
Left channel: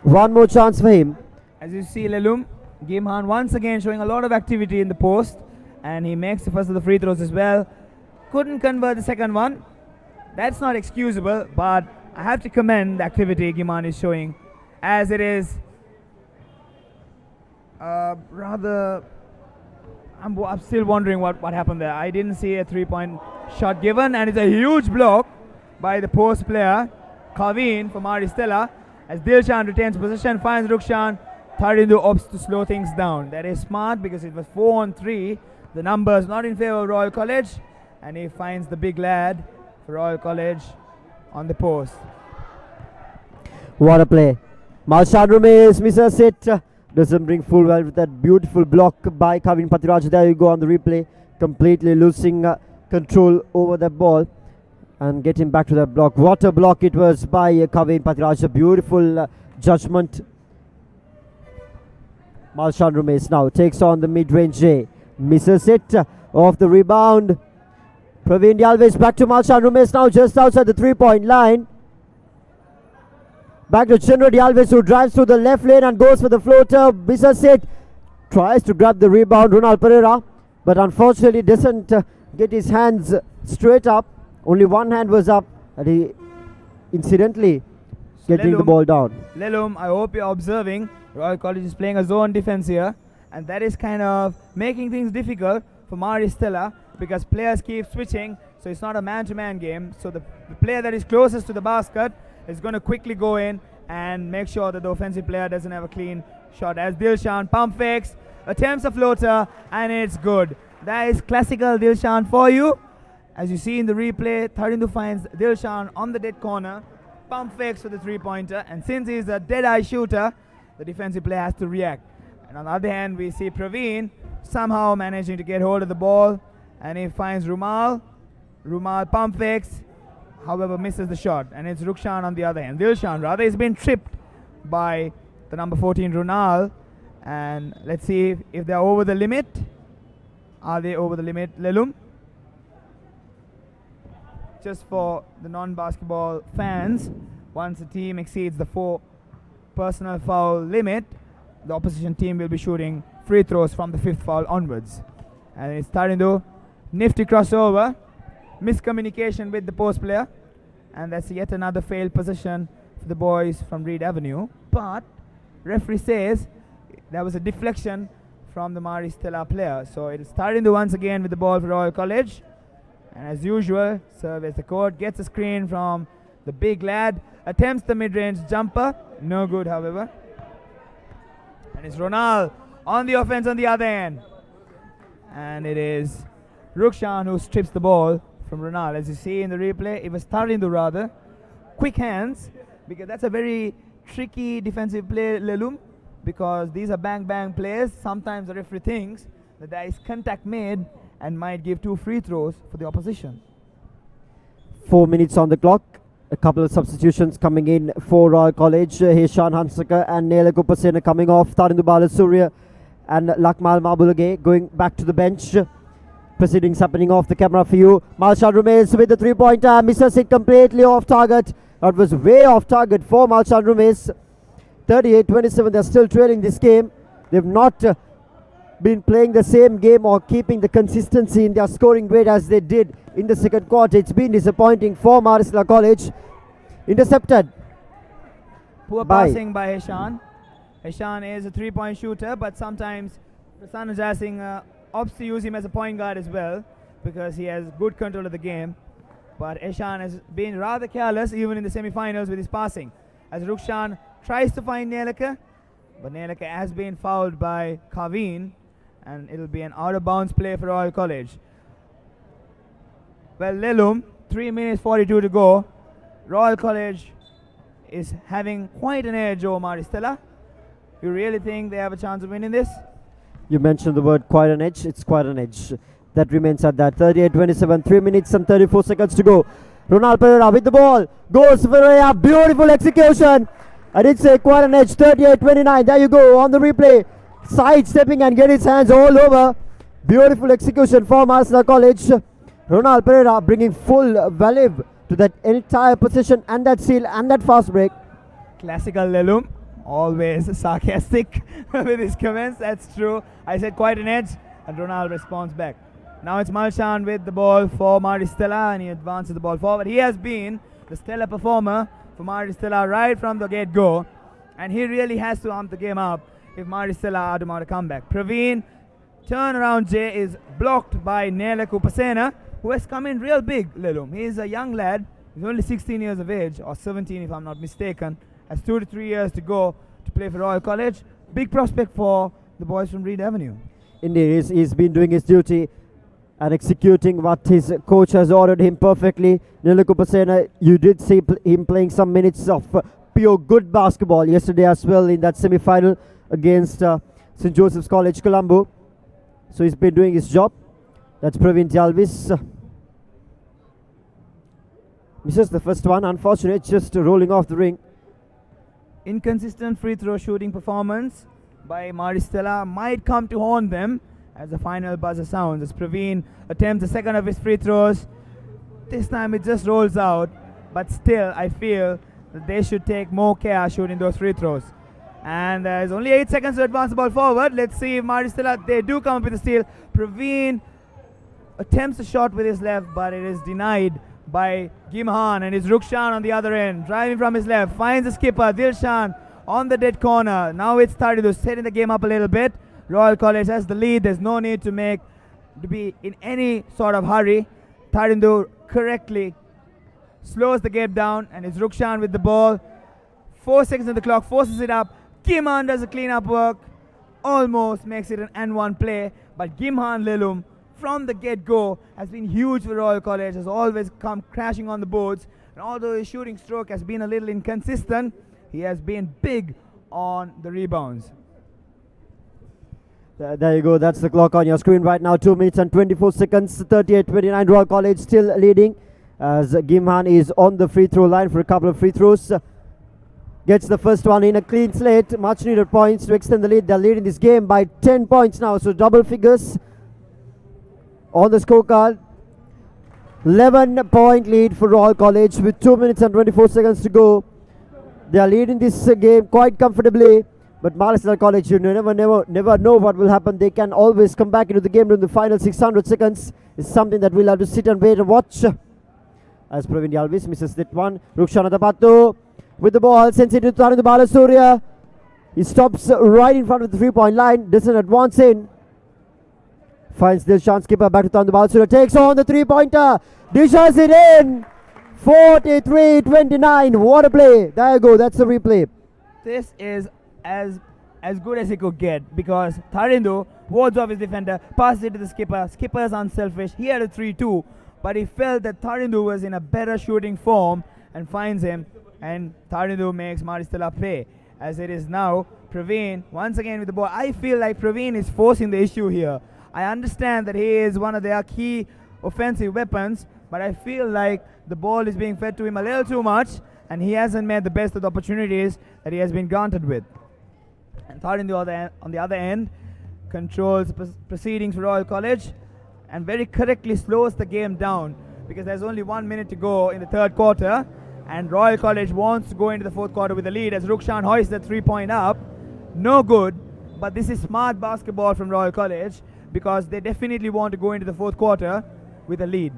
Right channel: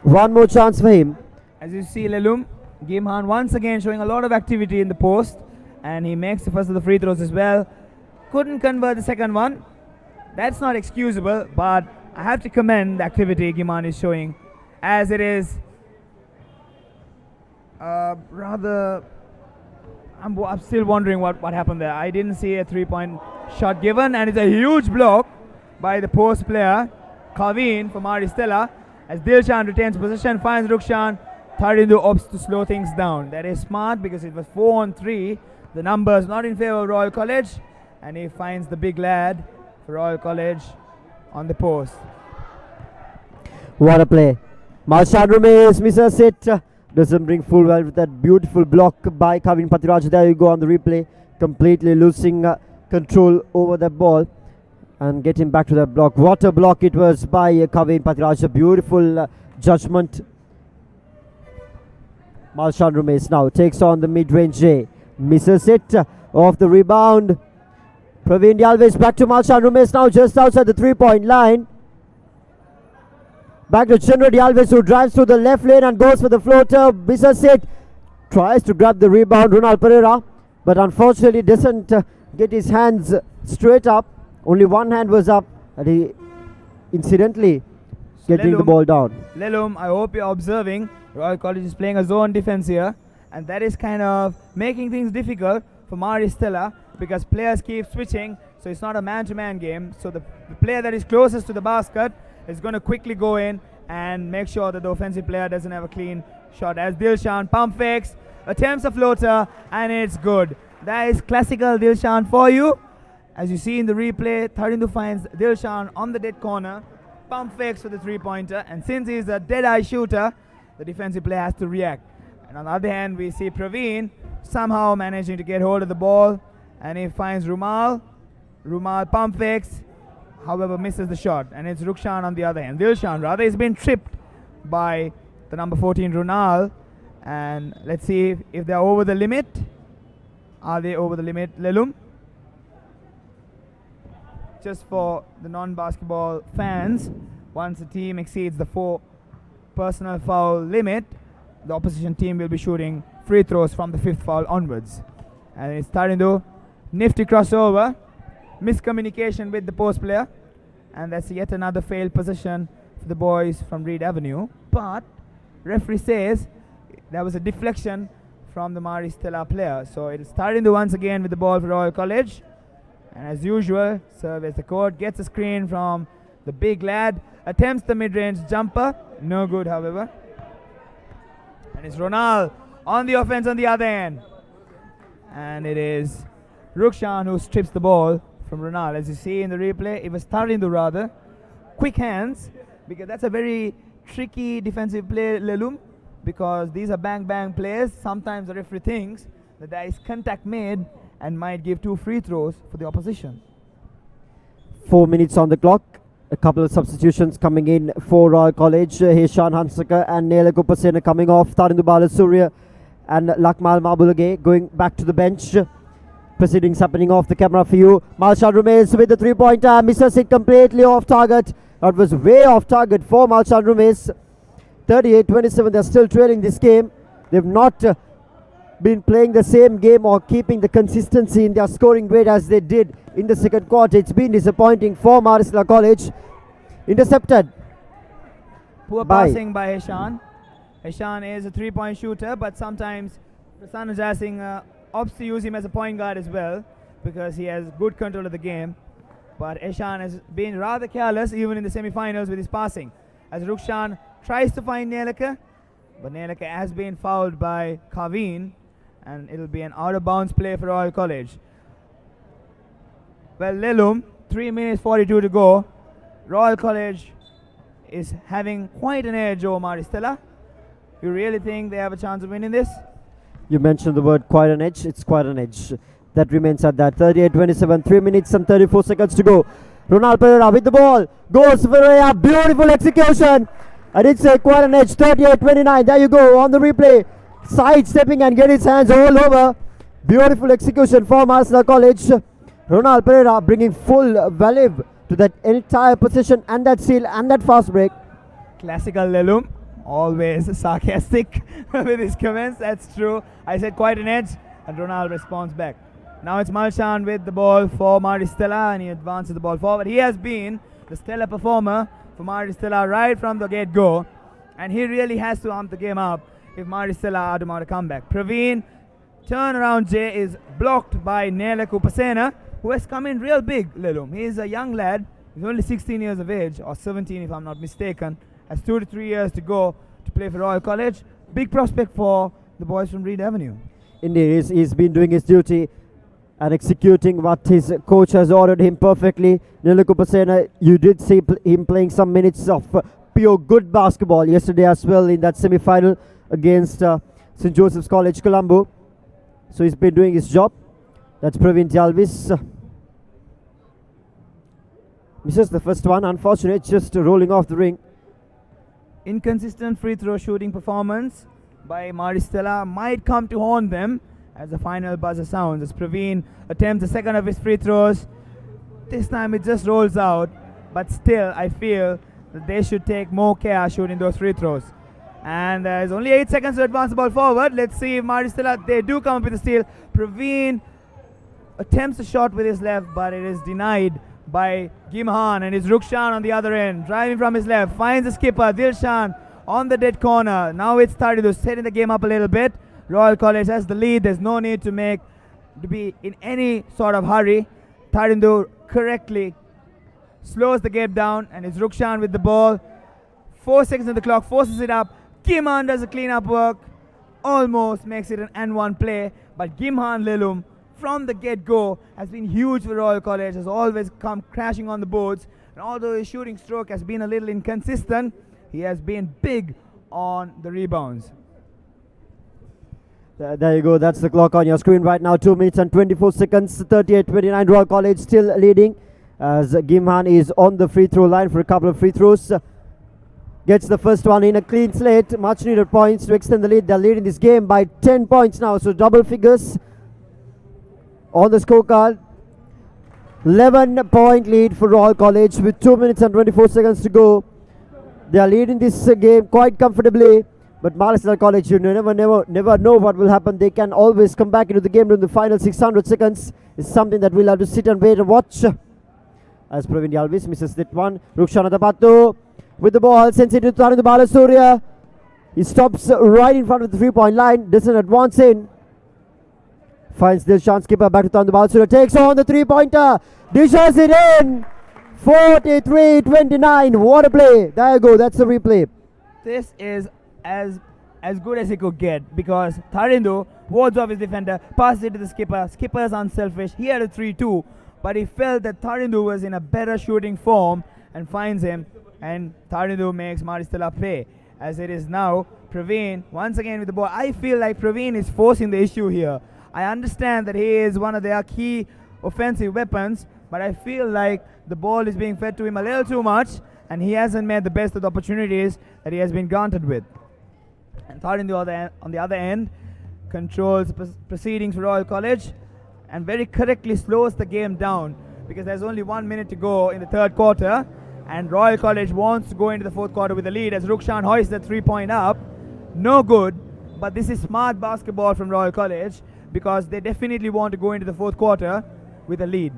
One more chance for him. As you see, Lelum, Gimhan once again showing a lot of activity in the post, and he makes the first of the free throws as well. Couldn't convert the second one. That's not excusable, but I have to commend the activity Gimhan is showing, as it is rather... I'm still wondering what happened there. I didn't see a 3-point shot given, and it's a huge block by the post player, Kaveen for Maristella, as Dilshan retains possession, finds Rukshan. Tarindu opts to slow things down. That is smart, because it was 4-on-3. The numbers not in favor of Royal College, and he finds the big lad for Royal College on the post. What a play. Malshan Rumes misses it. Doesn't bring full well with that beautiful block by Kavin Patiraj. There you go on the replay. Completely losing control over that ball and getting back to that block. What a block it was by Kavin Patiraj. A beautiful judgment. Malshan Rumes now takes on the mid-range J. Misses it off the rebound. Praveen Dialvis back to Malshan Rumes now just outside the 3-point line. Back to Chandra Dialvis, who drives through the left lane and goes for the floater. Misses it. Tries to grab the rebound, Ronald Pereira, but unfortunately doesn't get his hands straight up. Only one hand was up, and he incidentally getting the ball down. Lelum, I hope you're observing. Royal College is playing a zone defense here, and that is kind of making things difficult for Maristella, because players keep switching, so it's not a man-to-man game. So the player that is closest to the basket is going to quickly go in and make sure that the offensive player doesn't have a clean shot. As Dilshan pump fakes, attempts a floater, and it's good. That is classical Dilshan for you. As you see in the replay, Tharindu finds Dilshan on the dead corner, pump fakes for the three-pointer, and since he's a dead-eye shooter, the defensive player has to react. And on the other hand, we see Praveen somehow managing to get hold of the ball, and he finds Rumal. Rumal pump fakes, however misses the shot, and it's Rukshan on the other hand. Dilshan rather has been tripped by the number 14 Runal, and let's see if they're over the limit. Are they over the limit, Lelum? Just for the non-basketball fans, once a team exceeds the 4 personal foul limit, the opposition team will be shooting free throws from the 5th foul onwards. And it's starting to nifty crossover, miscommunication with the post player, and that's yet another failed possession for the boys from Reed Avenue. But referee says there was a deflection from the Mari Stella player. So it is starting to once again with the ball for Royal College. And as usual, surveys the court, gets a screen from the big lad, attempts the mid-range jumper, no good however. And it's Ronald on the offense on the other end. And it is Rukshan who strips the ball from Ronald. As you see in the replay, it was Tarindu rather. Quick hands, because that's a very tricky defensive play, Lelum, because these are bang-bang plays. Sometimes the referee thinks that there is contact made and might give 2 free throws for the opposition. 4 minutes on the clock. A couple of substitutions coming in for Royal College. Hishan Hansaka and Nela Kupasena coming off. Tarindu Balasuriya and Lakmal Mabulage going back to the bench. Proceedings happening off the camera for you. Malshan Rumes with the 3-pointer. Misses it completely off target. That was way off target for Malshan Rumes. 38-27. They're still trailing this game. They've not been playing the same game or keeping the consistency in their scoring rate as they did in the second quarter. It's been disappointing for Marisla College. Intercepted. Poor passing by Hishan. Hishan is a 3-point shooter, but sometimes Prasanna Jasing opts to use him as a point guard as well, because he has good control of the game. But Hishan has been rather careless even in the semi-finals with his passing. As Rukshan tries to find Nelaka, but Nelaka has been fouled by Kaveen, and it'll be an out-of-bounds play for Royal College. Well, Lelum, 3 minutes 42 to go. Royal College is having quite an edge over Maristella. You really think they have a chance of winning this? You mentioned the word quite an edge. It's quite an edge. That remains at that. 38-27, 3 minutes and 34 seconds to go. Ronald Pereira with the ball. Goes Pereira. Beautiful execution. I did say quite an edge. 38-29. There you go on the replay. Sidestepping and get his hands all over. Beautiful execution for Marisla College. Ronald Pereira bringing full value to that entire position and that seal and that fast break. Classical Lelum, always sarcastic with his comments. That's true. I said quite an edge, and Ronald responds back. Now it's Malshan with the ball for Maristella, and he advances the ball forward. He has been the stellar performer for Maristella right from the get-go, and he really has to amp the game up if Maristella are to mount a comeback. Praveen, turnaround J is blocked by Nela Kupasena, who has come in real big, Lelum. He is a young lad. He's only 16 years of age, or 17 if I'm not mistaken. Has 2 to 3 years to go to play for Royal College. Big prospect for the boys from Reed Avenue. Indeed, he's been doing his duty and executing what his coach has ordered him perfectly. Nela Kupasena, you did see him playing some minutes of pure good basketball yesterday as well in that semi-final against St. Joseph's College, Colombo. So he's been doing his job. That's Praveen Jalvis. Misses the first one. Unfortunate, just rolling off the ring. Inconsistent free throw shooting performance by Maristella might come to haunt them as the final buzzer sounds. As Praveen attempts the second of his free throws. This time it just rolls out. But still, I feel that they should take more care shooting those free throws. And there's only 8 seconds to advance the ball forward. Let's see if Maristella, they do come up with a steal. Praveen attempts a shot with his left, but it is denied by Gimhan, and it's Rukshan on the other end, driving from his left, finds the skipper, Dilshan on the dead corner. Now it's starting to setting the game up a little bit. Royal College has the lead. There's no need to make to be in any sort of hurry. Tarindu correctly slows the game down, and it's Rukshan with the ball. 4 seconds on the clock, forces it up. Gimhan does the clean-up work, almost makes it an N1 play, but Gimhan Lelum from the get-go has been huge for Royal College, has always come crashing on the boards, and although his shooting stroke has been a little inconsistent, he has been big on the rebounds. There you go, that's the clock on your screen right now. 2 minutes and 24 seconds, 38-29. Royal College still leading as Gimhan is on the free throw line for a couple of free throws. Gets the first one in, a clean slate, much needed points to extend the lead. They're leading this game by 10 points now, so double figures on the scorecard. 11-point lead for Royal College with 2 minutes and 24 seconds to go. They are leading this game quite comfortably, but Maristella College, you never know what will happen. They can always come back into the game in the final 600 seconds. It's something that we'll have to sit and wait and watch. As Praveen Yalvis misses that one. Rukshan Adapattu with the ball, sends it to Tarindu Balasuriya. He stops right in front of the 3-point line, doesn't advance in. Finds Dilshan's skipper back to Tarindu Balasuriya, takes on the 3-pointer, dishes it in. 43-29, what a play. There you go, that's the replay. This is as good as he could get, because Tarindu wards off his defender, passes it to the skipper. Skipper is unselfish. He had a 3-2, but he felt that Tarindu was in a better shooting form and finds him, and Tarindu makes Maristella pay. As it is now, Praveen once again with the ball. I feel like Praveen is forcing the issue here. I understand that he is one of their key offensive weapons, but I feel like the ball is being fed to him a little too much, and he hasn't made the best of the opportunities that he has been granted with. And Tarindu on the other end controls proceedings for Royal College and very correctly slows the game down, because there's only 1 minute to go in the third quarter, and Royal College wants to go into the fourth quarter with a lead as Rukshan hoists the 3-point up. No good, but this is smart basketball from Royal College, because they definitely want to go into the fourth quarter with a lead.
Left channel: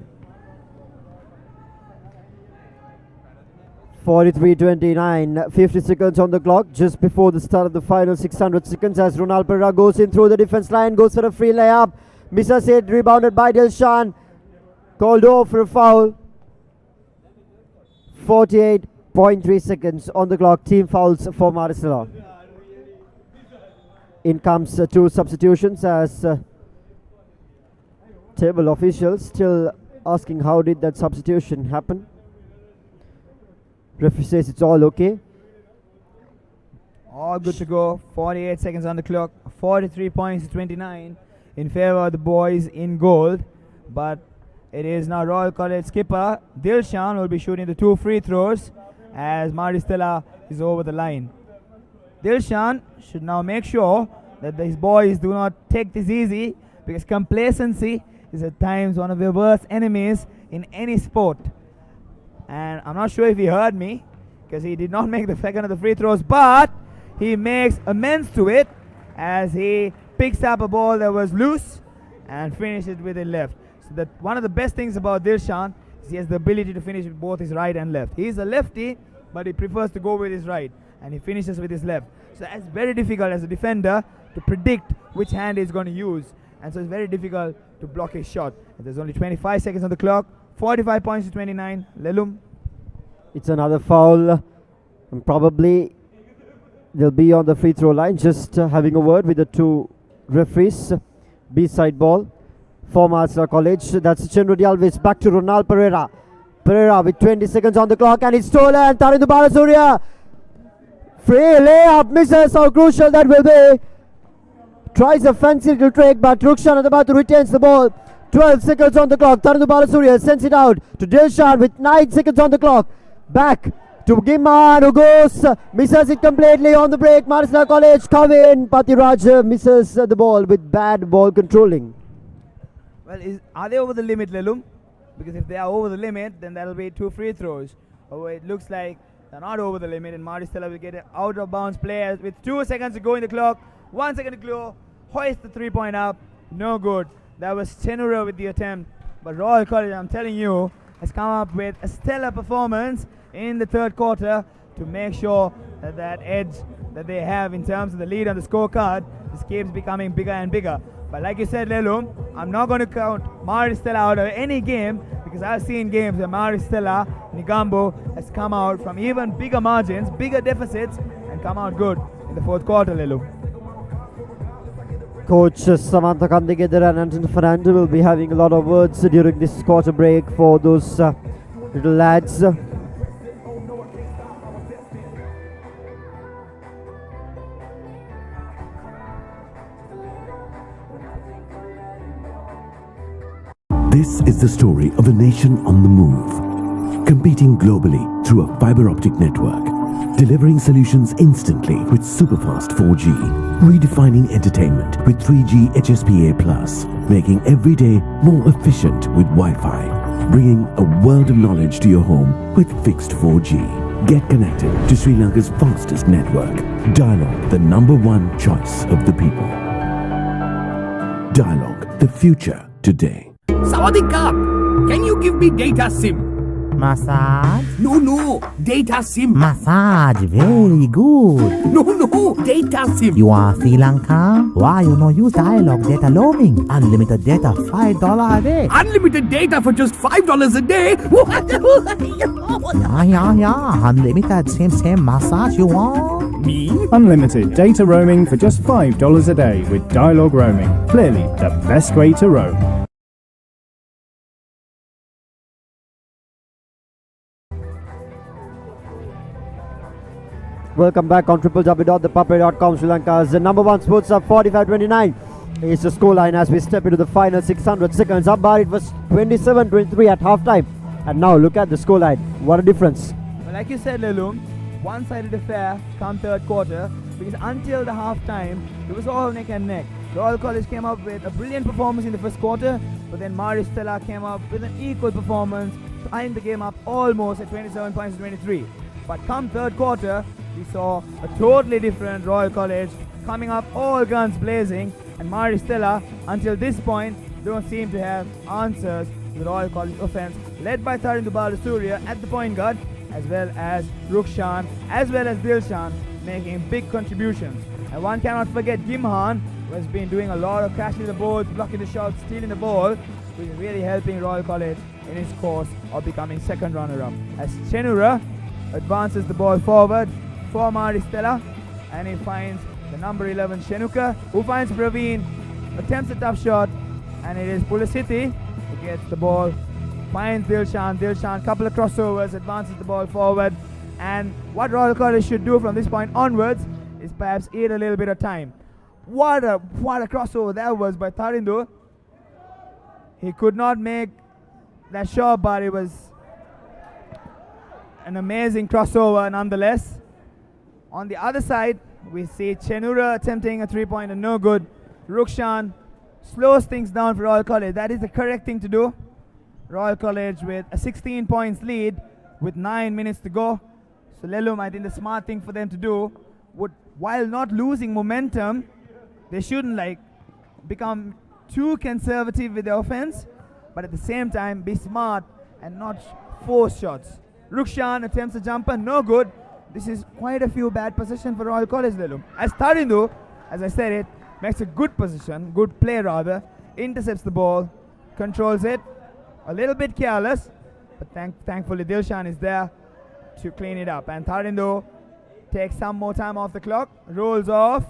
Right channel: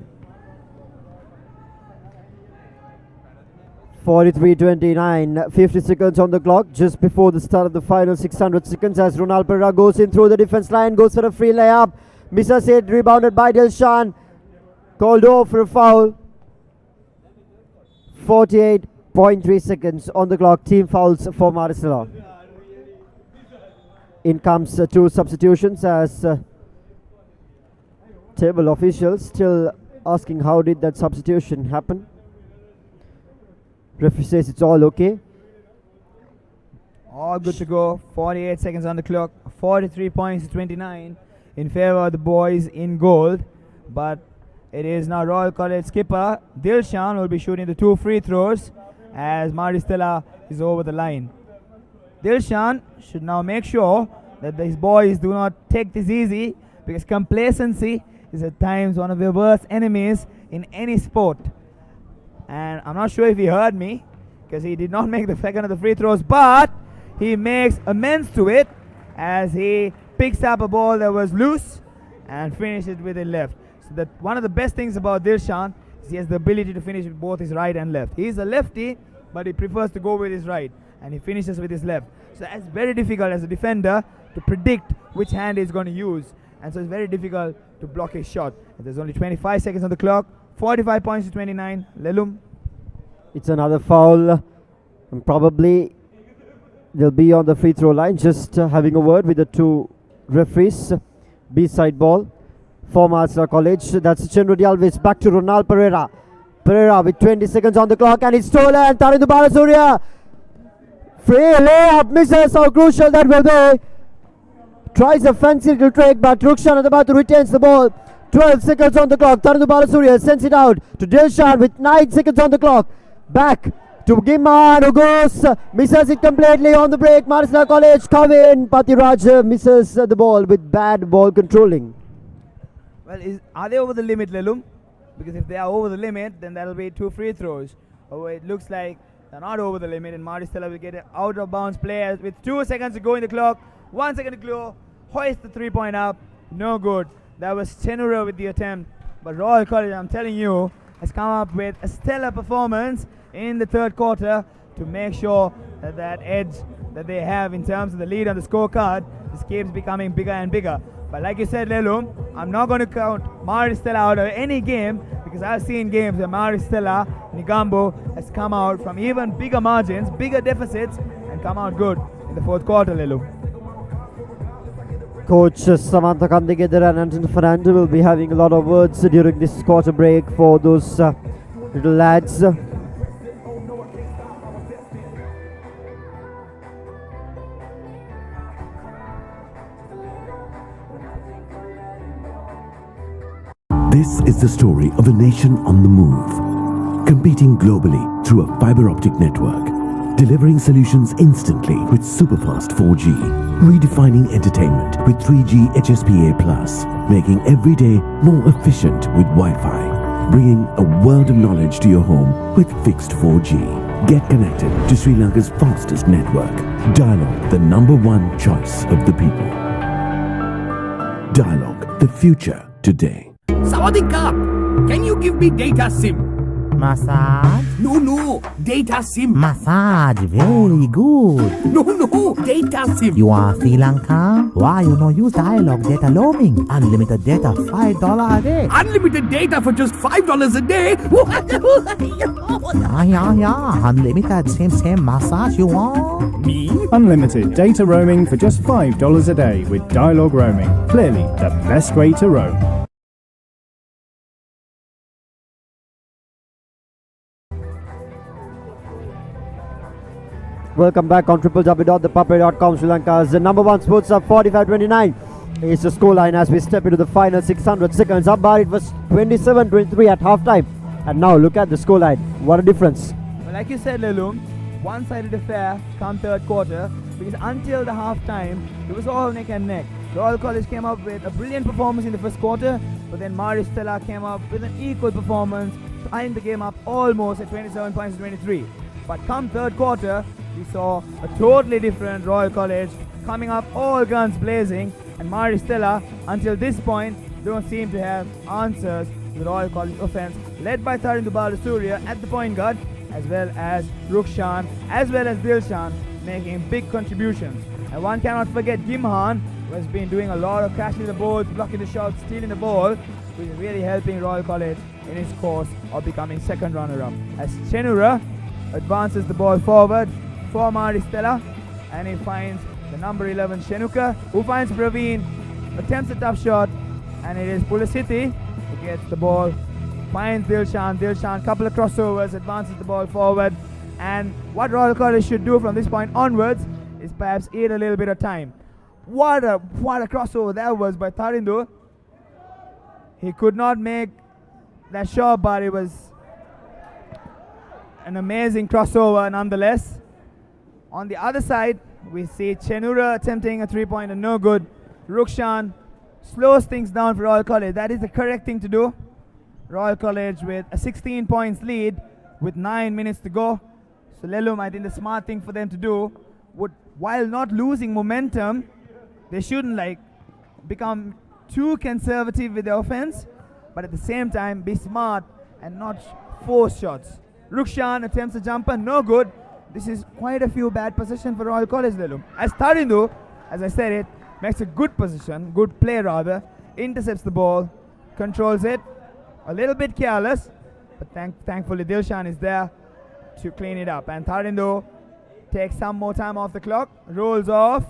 43-29, 50 seconds on the clock, just before the start of the final 600 seconds, as Ronald Pereira goes in through the defense line, goes for a free layup, misses it, rebounded by Dilshan, called off for a foul. 48.3 seconds on the clock, team fouls for Maristella. In comes two substitutions, as table officials still asking how did that substitution happen. Referee says it's all okay. All good to go. 48 seconds on the clock. 43 points to 29 in favor of the boys in gold. But it is now Royal College skipper Dilshan will be shooting the 2 free throws as Maristella is over the line. Dilshan should now make sure that his boys do not take this easy, because complacency is at times one of the worst enemies in any sport. And I'm not sure if he heard me, because he did not make the second of the free throws, but he makes amends to it as he picks up a ball that was loose and finishes with it left. So that one of the best things about Dilshan is he has the ability to finish with both his right and left. He's a lefty, but he prefers to go with his right, and he finishes with his left. So it's very difficult as a defender to predict which hand he's going to use, and so it's very difficult to block his shot. And there's only 25 seconds on the clock. 45 points to 29. Lelum. It's another foul, and probably they'll be on the free throw line. Just having a word with the two referees. B-side ball for Maristella College. That's Chenru Alves. Back to Ronald Pereira. Pereira with 20 seconds on the clock, and it's stolen. Tarindu Balasuriya. Free layup, misses. How crucial that will be. Tries a fancy little trick, but Rukshan Adapattu retains the ball. 12 seconds on the clock. Tarindu Balasuriya sends it out to Dilshan with 9 seconds on the clock. Back to Gimhan, who goes, misses it completely on the break. Maristella College come in. Patiraj misses the ball with bad ball controlling. Well, are they over the limit, Lelum? Because if they are over the limit, then that'll be 2 free throws. Oh, it looks like they're not over the limit, and Maristella will get an out of bounds play with 2 seconds to go in the clock. 1 second to go. Hoist the 3-point up. No good. That was Chenura with the attempt. But Royal College, I'm telling you, has come up with a stellar performance in the third quarter to make sure that that edge that they have in terms of the lead on the scorecard just keeps becoming bigger and bigger. But like you said, Lelum, I'm not going to count Maristella out of any game because I've seen games where Maristella, Nigambo has come out from even bigger margins, bigger deficits, and come out good in the fourth quarter, Lelum. Coach Samantha Kandigedara and Anton Fernando will be having a lot of words during this quarter break for those little lads. This is the story of a nation on the move, competing globally through a fiber optic network, delivering solutions instantly with superfast 4G, redefining entertainment with 3G HSPA+, making every day more efficient with Wi-Fi, bringing a world of knowledge to your home with fixed 4G. Get connected to Sri Lanka's fastest network. Dialog, the #1 choice of the people. Dialog, the future today. Sawadika, can you give me data SIM? Massage? No, data SIM. Massage, very good. No, data SIM. You are Sri Lanka? Why you no use Dialog data roaming? Unlimited data, $5 a day. Unlimited data for just $5 a day? Yeah. Unlimited, same massage you want? Me? Unlimited data roaming for just $5 a day with Dialog roaming. Clearly the best way to roam. Welcome back on www.thepapare.com. Sri Lanka's #1 sports up 45-29 is the scoreline as we step into the final 600 seconds. Up bar, it was 27-23 at halftime, and now look at the scoreline. What a difference! Well, like you said, Lelum, one-sided affair come third quarter because until the halftime it was all neck and neck. Royal College came up with a brilliant performance in the first quarter, but then Maristella came up with an equal performance, tying the game up almost at 27 points to 23. But come third quarter, we saw a totally different Royal College coming up all guns blazing, and Maristella until this point don't seem to have answers to the Royal College offense, led by Tharindu Balasuriya at the point guard, as well as Rukshan, as well as Dilshan, making big contributions. And one cannot forget Gimhan, who has been doing a lot of crashing the boards, blocking the shots, stealing the ball, which is really helping Royal College in his course of becoming second runner-up. As Chenura advances the ball forward for Maristella, and he finds the number 11 Shenuka, who finds Praveen, attempts a tough shot, and it is Pulasiti who gets the ball, finds Dilshan, couple of crossovers, advances the ball forward, and what Royal College should do from this point onwards is perhaps eat a little bit of time. What a crossover that was by Tharindu. He could not make that shot, but it was an amazing crossover nonetheless. On the other side, we see Chenura attempting a three-pointer, no good. Rukshan slows things down for Royal College. That is the correct thing to do. Royal College with a 16 points lead with 9 minutes to go. So Lelum, I think the smart thing for them to do would, while not losing momentum, they shouldn't become too conservative with their offense, but at the same time be smart and not force shots. Rukshan attempts a jumper, no good. This is quite a few bad possessions for Royal College, Lelum. As Tharindu, as I said it, makes a good position, good play rather, intercepts the ball, controls it, a little bit careless, but thankfully Dilshan is there to clean it up. And Tharindu takes some more time off the clock, rolls off,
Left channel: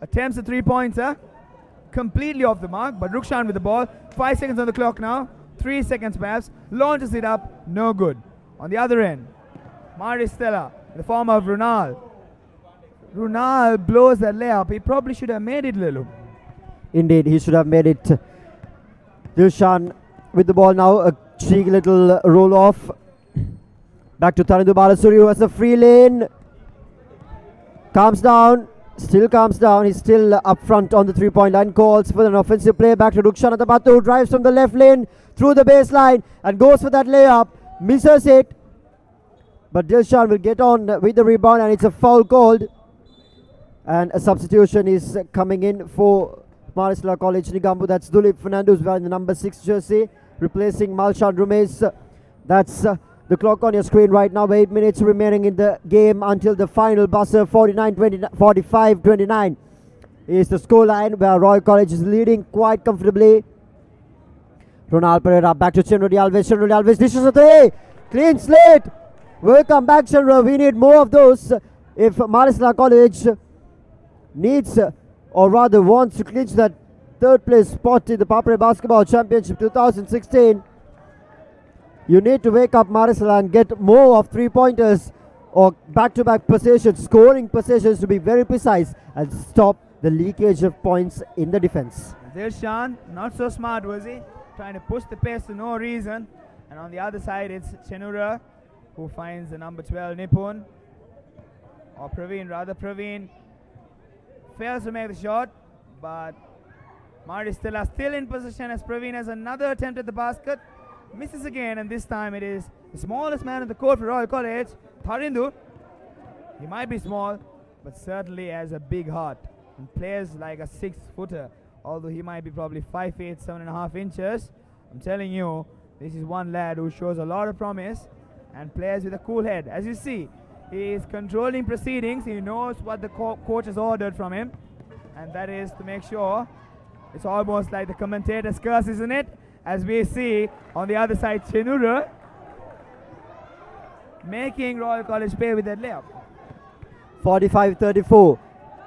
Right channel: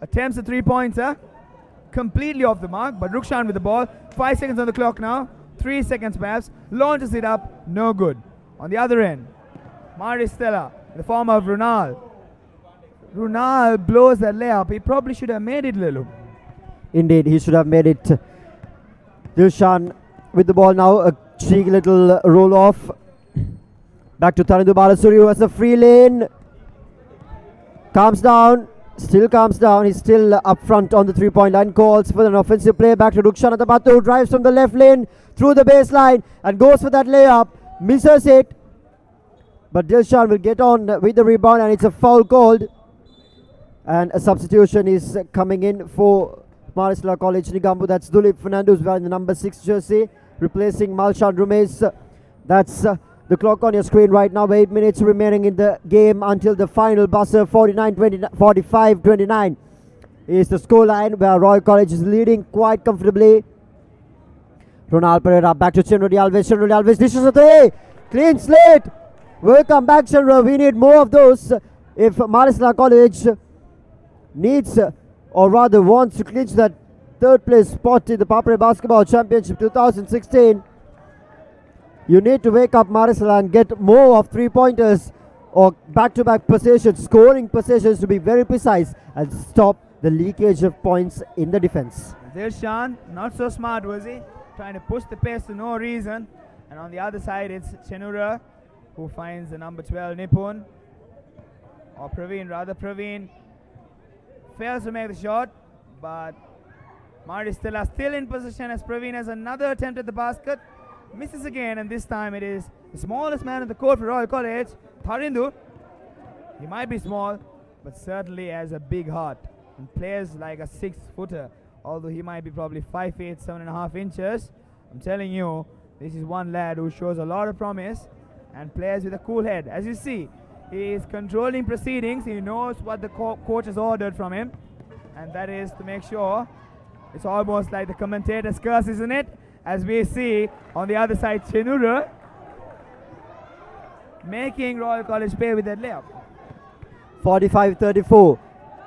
attempts a three-pointer, completely off the mark, but Rukshan with the ball, 5 seconds on the clock now, 3 seconds perhaps, launches it up, no good. On the other end, Maristella, in the form of Runal. Runal blows that layup. He probably should have made it, Lelu. Indeed, he should have made it. Dilshan with the ball now, a cheeky little roll off. Back to Tharindu Balasuri, who has a free lane. Calms down, still calms down. He's still up front on the three-point line. Calls for an offensive play. Back to Rukshan Atabatu, who drives from the left lane through the baseline and goes for that layup. Misses it. But Dilshan will get on with the rebound, and it's a foul called. And a substitution is coming in for Maristella College Nigambu. That's Dulip Fernandez wearing the number 6 jersey, replacing Malshan Rumes. That's the clock on your screen right now. 8 minutes remaining in the game until the final buzzer. 45-29 is the scoreline where Royal College is leading quite comfortably. Ronald Pereira back to Chenrudi Alves. Chenrudi Alves dishes a three. Clean slate. Welcome back, Chenrudi. We need more of those if Marisala College needs or rather wants to clinch that third place spot in the ThePapare Basketball Championship 2016. You need to wake up Marisala and get more of 3-pointers or back-to-back possessions, scoring possessions to be very precise, and stop the leakage of points in the defense. Dilshan, not so smart, was he? Trying to push the pace for no reason. And on the other side, it's Chenura who finds the number 12 Nipun. Or Praveen, rather. Praveen fails to make the shot, but Stella still in position as Praveen has another attempt at the basket. Misses again, and this time it is the smallest man on the court for Royal College, Tharindu. He might be small, but certainly has a big heart and plays like a 6-footer, although he might be probably 5 feet 7.5 inches. I'm telling you, this is one lad who shows a lot of promise and plays with a cool head. As you see, he is controlling proceedings. He knows what the coach has ordered from him, and that is to make sure. It's almost like the commentator's curse, isn't it? As we see on the other side, Chenura making Royal College pay with that layup. 45-34.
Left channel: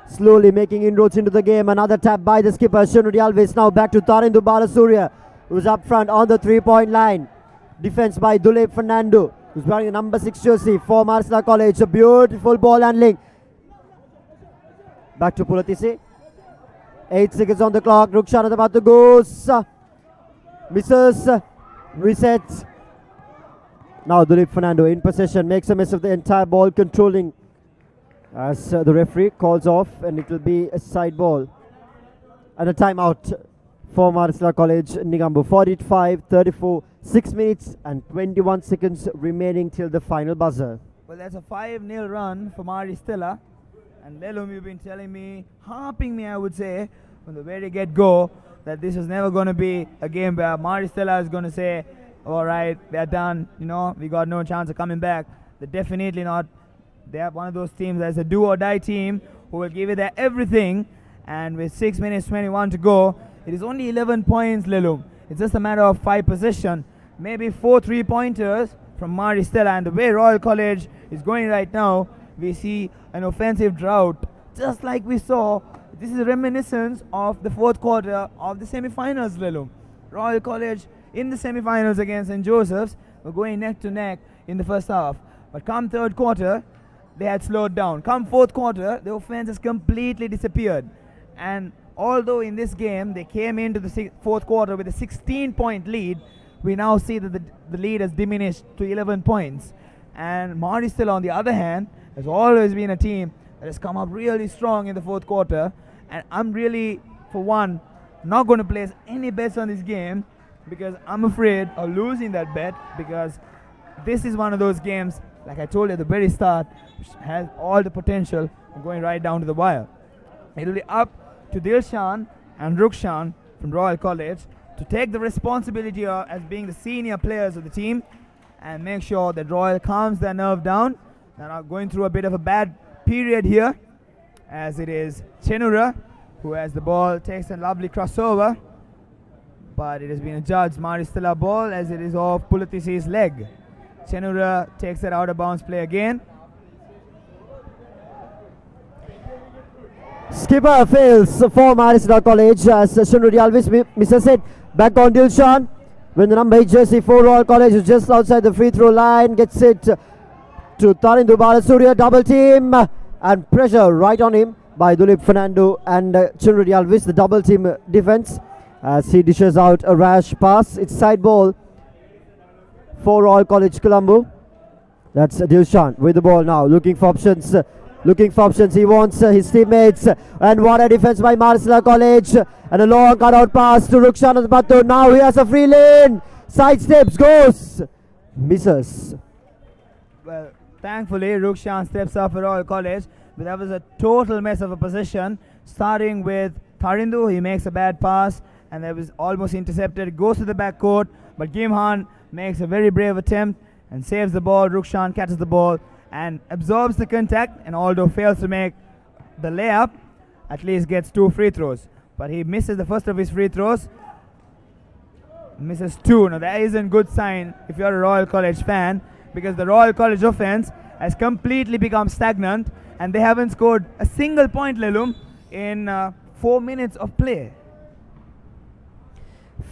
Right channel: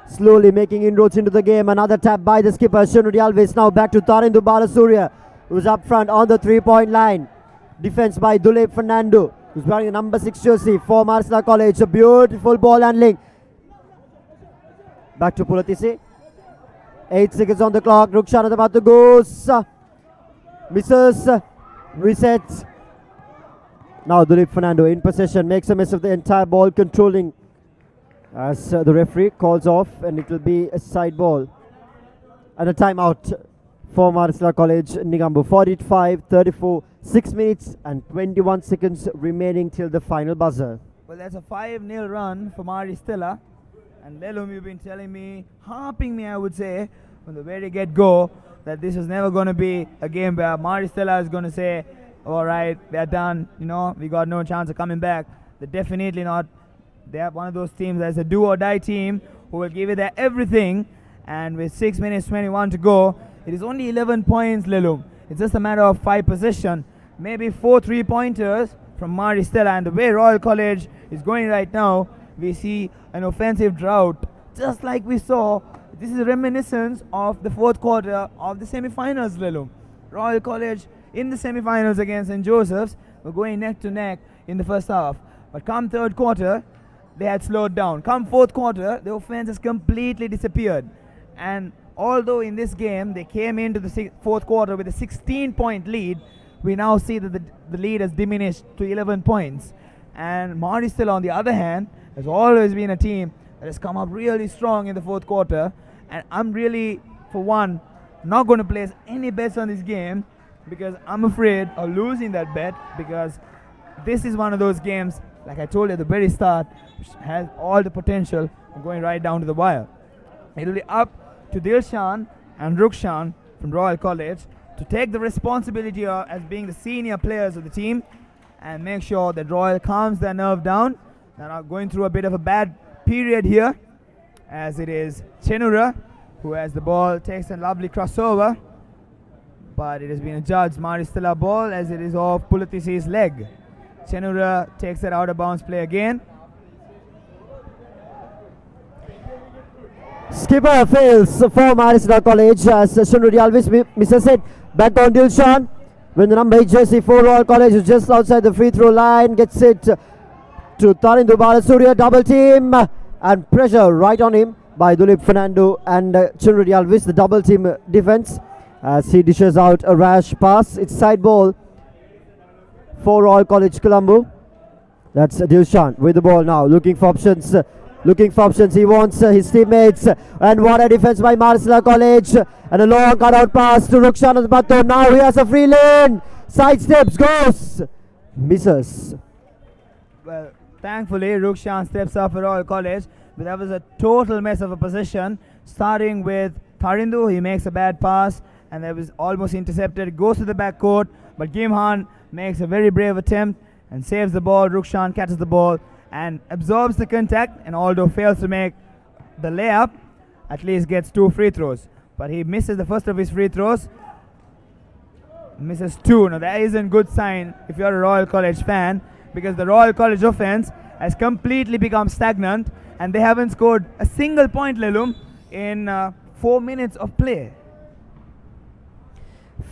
Slowly making inroads into the game. Another tap by the skipper, Chenrudi Alves. Now back to Tharindu Balasurya, who's up front on the 3-point line. Defense by Dulep Fernando, who's wearing the number 6 jersey for Marisala College. A beautiful ball handling. Back to Pulatisi. 8 seconds on the clock. Rukshan is about to go. Misses. Resets. Now Dulep Fernando in possession. Makes a mess of the entire ball controlling as the referee calls off, and it will be a side ball. And a timeout for Marisala College, Nigambu. 45-34. 6 minutes and 21 seconds remaining till the final buzzer. Well, that's a 5-0 run for Stella. And Lelum, you've been telling me, harping me, I would say, from the very get-go, that this is never going to be a game where Stella is going to say, all right, they're done, we got no chance of coming back. They're definitely not. They are one of those teams that's a do-or-die team who will give it their everything. And with 6 minutes 21 to go, it is only 11 points, Lelum. It's just a matter of 5 possession. Maybe 4 3-pointers from Stella. And the way Royal College is going right now, we see an offensive drought, just like we saw. This is a reminiscence of the 4th quarter of the semi-finals, Lelum. Royal College in the semi-finals against St. Joseph's were going neck to neck in the first half. But come 3rd quarter, they had slowed down. Come 4th quarter, the offense has completely disappeared. And although in this game they came into the 4th quarter with a 16-point lead, we now see that the lead has diminished to 11 points. And Stella, on the other hand, has always been a team that has come up really strong in the 4th quarter. And I'm really, for one, not going to place any bets on this game because I'm afraid of losing that bet, because this is one of those games, like I told you at the very start, which has all the potential of going right down to the wire. It'll be up to Dilshan and Rukshan from Royal College to take the responsibility as being the senior players of the team and make sure that Royal calms their nerve down. They're not going through a bit of a bad period here, as it is Chenura who has the ball, takes a lovely crossover, but it has been adjudged Stella ball as it is off Pulatisi's leg. Chenura takes that out of bounds play again. Skipper fails for Marisala College as Chenrudi Alves misses it. Back on Dilshan when the number 8 jersey for Royal College is just outside the free throw line. Gets it to Tharindu Balasurya. Double team and pressure right on him by Dulep Fernando and Chenrudi Alves. The double team defense as he dishes out a rash pass. It's side ball for Royal College Colombo. That's Dilshan with the ball now, looking for options. He wants his teammates. And what a defense by Marisala College. And a long cutout pass to Rukshan Batu. Now he has a free lane. Side steps, goes. Misses. Well, thankfully, Rukshan steps up for Royal College. But that was a total mess of a possession. Starting with Tharindu, he makes a bad pass. And that was almost intercepted. Goes to the backcourt. But Gimhan makes a very brave attempt and saves the ball. Rukshan catches the ball and absorbs the contact, and although fails to make the layup, at least gets 2 free throws. But he misses the first of his free throws. Misses 2. Now that isn't a good sign if you're a Royal College fan, because the Royal College offense has completely become stagnant and they haven't scored a single point, Lelum, in 4 minutes of play.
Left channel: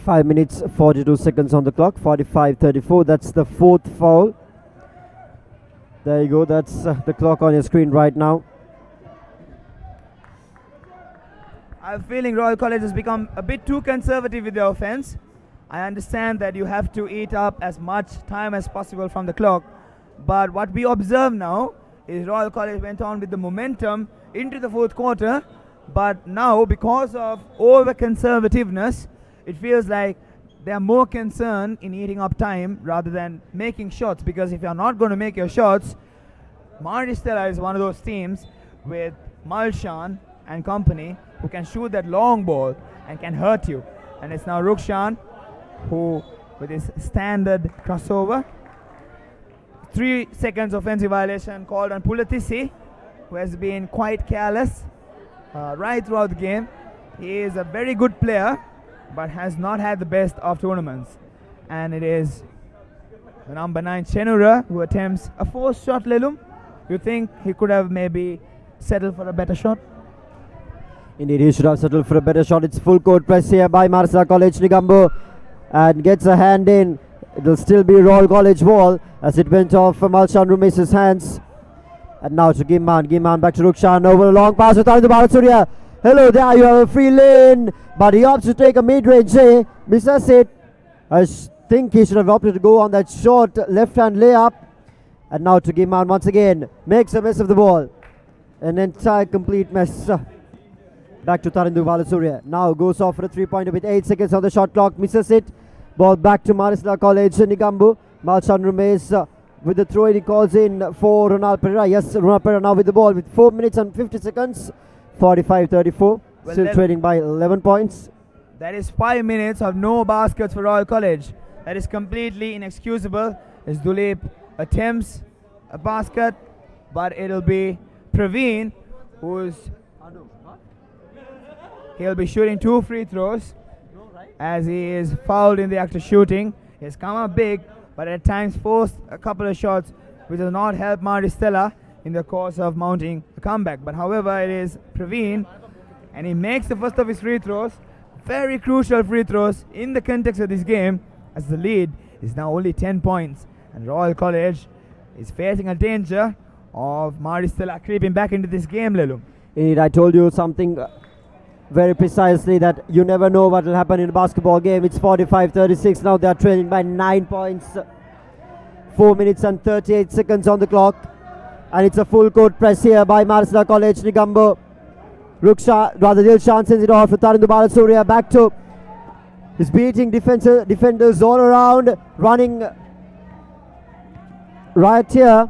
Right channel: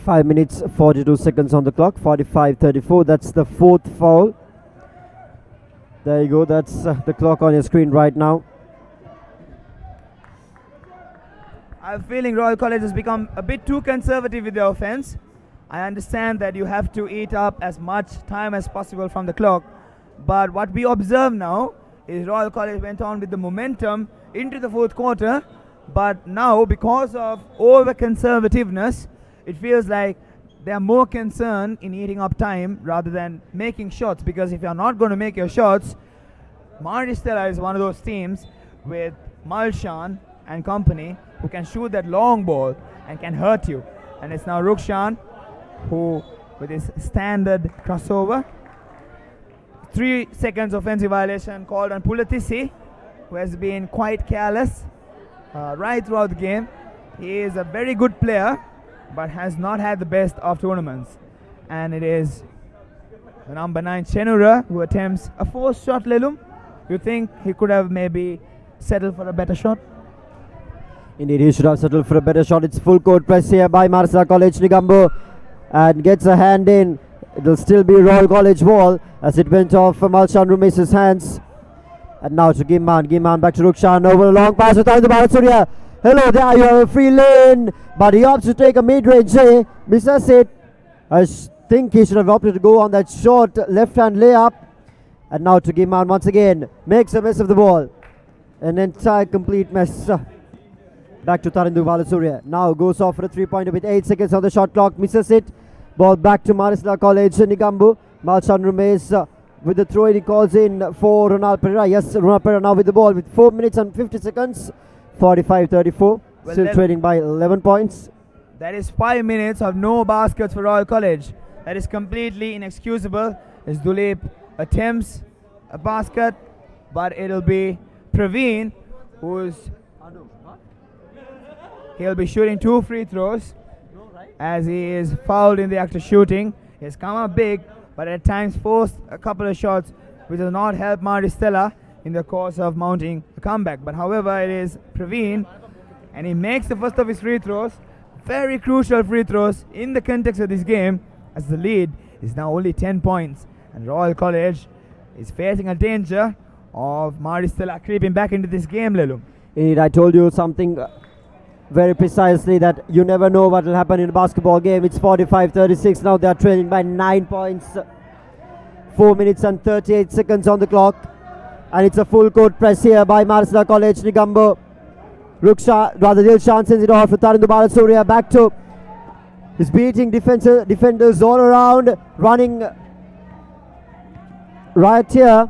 5 minutes 42 seconds on the clock. 45-34. That's the 4th foul. There you go. That's the clock on your screen right now. I'm feeling Royal College has become a bit too conservative with their offense. I understand that you have to eat up as much time as possible from the clock, but what we observe now is Royal College went on with the momentum into the 4th quarter, but now because of over-conservativeness, it feels like they are more concerned in eating up time rather than making shots, because if you're not going to make your shots, Stella is one of those teams with Malshan and company who can shoot that long ball and can hurt you. And it's now Rukshan who, with his standard crossover, 3 seconds offensive violation called on Pulatisi, who has been quite careless right throughout the game. He is a very good player, but has not had the best of tournaments. And it is the number 9 Chenura who attempts a forced shot, Lelum. You think he could have maybe settled for a better shot? Indeed, he should have settled for a better shot. It's full court press here by Marsa College. Nigambo and gets a hand in. It'll still be Royal College ball as it went off Malshan Rumesh' hands. And now to Gimman. Gimman back to Rukshan. Over a long pass with Tarindu Balasurya. Hello there, you have a free lane, but he opts to take a mid-range. Misses it. I think he should have opted to go on that short left-hand layup. And now to Gimman once again. Makes a mess of the ball. An entire complete mess. Back to Tarindu Balasurya. Now goes off for a 3-pointer with 8 seconds on the shot clock. Misses it. Ball back to Marista College. Nigambu. Malshan Rumesh with the throw. He calls in for Ronald Pereira. Yes, Ronald Pereira now with the ball with 4 minutes and 50 seconds. 45-34. Well, still trading by 11 points. That is 5 minutes of no baskets for Royal College. That is completely inexcusable. As Dulip attempts a basket, but it'll be Praveen he'll be shooting 2 free throws as he is fouled in the act of shooting. He's come up big, but at times forced a couple of shots which does not help Stella in the course of mounting a comeback. But however, it is Praveen, and he makes the first of his free throws. Very crucial free throws in the context of this game, as the lead is now only 10 points, and Royal College is facing a danger of Stella creeping back into this game, Lelu. Indeed, I told you something very precisely, that you never know what will happen in a basketball game. It's 45-36 now. They are trailing by 9 points. 4 minutes and 38 seconds on the clock. And it's a full court press here by Marsa College. Nigambo. Dilshan sends it off to Tarindu Balasurya. Back to his beating defenders all around. Running right here.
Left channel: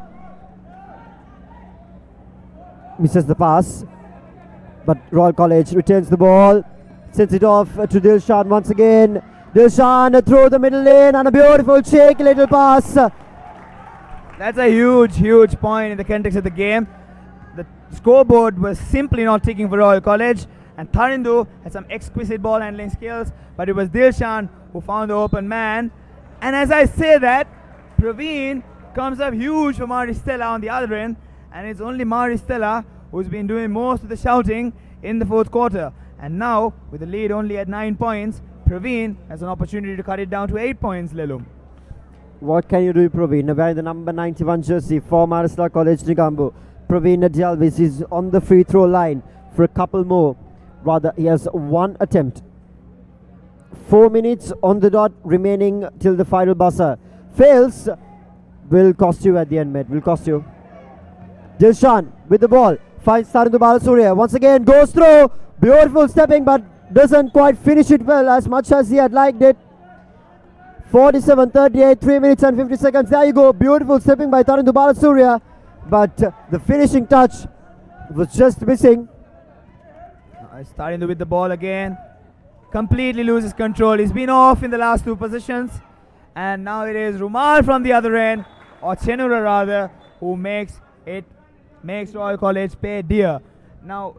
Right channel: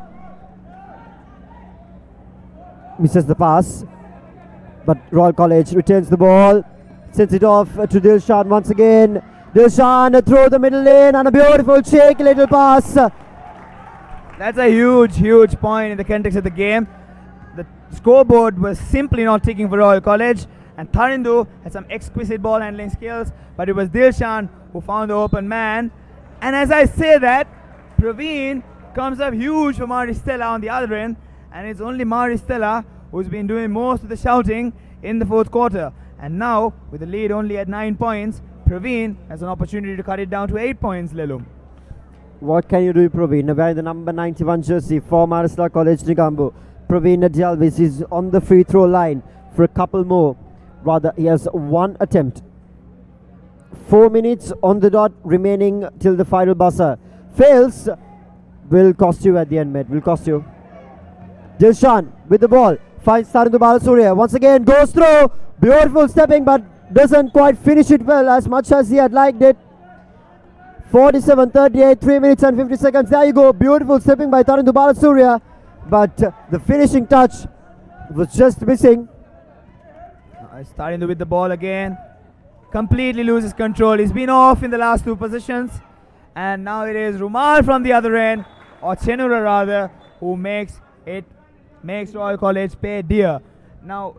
Misses the pass. But Royal College retains the ball. Sends it off to Dilshan once again. Dilshan through the middle lane and a beautiful shaky little pass. That's a huge point in the context of the game. The scoreboard was simply not ticking for Royal College, and Tarindu had some exquisite ball handling skills, but it was Dilshan who found the open man. And as I say that, Praveen comes up huge for Stella on the other end, and it's only Stella who's been doing most of the shouting in the 4th quarter. And now, with the lead only at 9 points, Praveen has an opportunity to cut it down to 8 points, Lelum. What can you do, Praveen? Wearing the number 91 jersey for Marsa College Nigambu. Praveen Jalvis is on the free throw line for a couple more. Rather, he has 1 attempt. 4 minutes on the dot remaining till the final buzzer. Fails. Will cost you at the end, mate. Will cost you. Dilshan with the ball. Finds Tarindu Balasurya. Once again goes through. Beautiful stepping, but doesn't quite finish it well as much as he had liked it. 47-38, 3 minutes and 50 seconds. There you go. Beautiful stepping by Tarindu Balasurya. But the finishing touch was just missing. Tarindu with the ball again. Completely loses control. He's been off in the last 2 positions. And now it is Rumal from the other end, or Chenura rather, who makes Royal College pay dear. Now,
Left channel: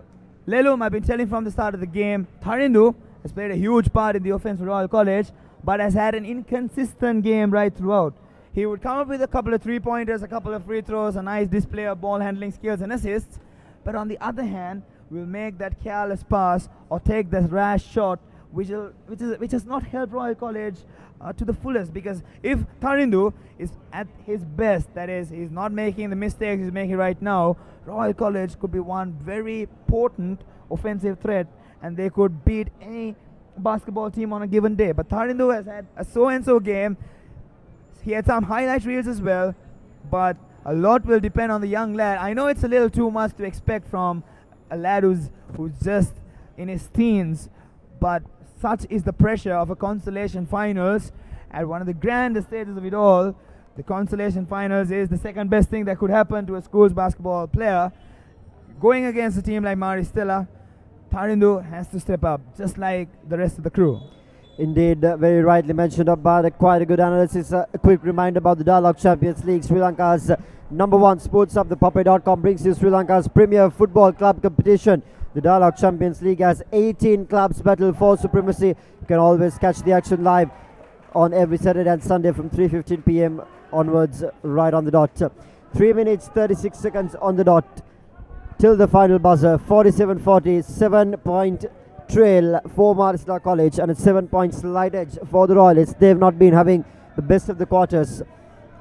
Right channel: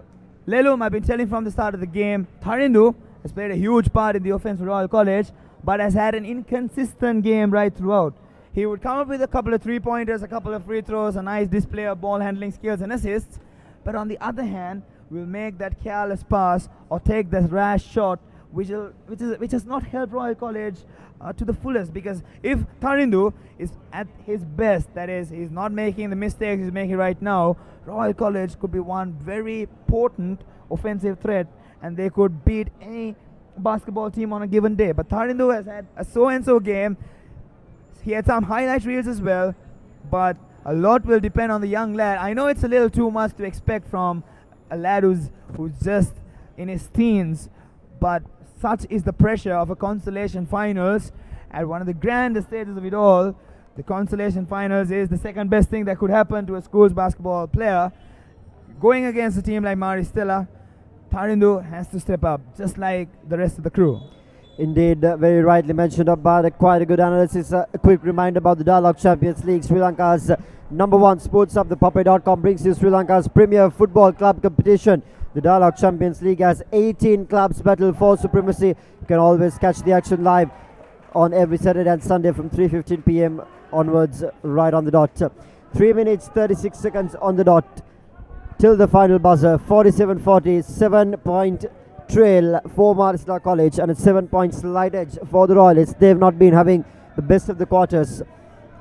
Lelum, I've been telling from the start of the game, Tharindu has played a huge part in the offense for Royal College, but has had an inconsistent game right throughout. He would come up with a couple of three-pointers, a couple of free throws, a nice display of ball handling skills and assists, but on the other hand, will make that careless pass or take that rash shot, which has not helped Royal College to the fullest. Because if Tharindu is at his best, that is, he's not making the mistakes he's making right now, Royal College could be one very potent offensive threat, and they could beat any basketball team on a given day. But Tharindu has had a so-and-so game. He had some highlight reels as well, but a lot will depend on the young lad. I know it's a little too much to expect from a lad who's just in his teens, but such is the pressure of a consolation finals at one of the grandest stages of it all. The consolation finals is the second best thing that could happen to a school's basketball player. Going against a team like Stella, Tharindu has to step up, just like the rest of the crew. Indeed, very rightly mentioned about quite a good analysis. A quick reminder about the Dialogue Champions League. Sri Lanka's #1 sports hub, ThePapare.com, brings you Sri Lanka's premier football club competition. The Dialogue Champions League has 18 clubs battle for supremacy. You can always catch the action live on every Saturday and Sunday from 3:15 p.m. onwards, right on the dot. 3 minutes 36 seconds on the dot till the final buzzer. 47-40, 7-point trail for Maristella College and a 7-point slight edge for the Royalists. They've not been having the best of the quarters.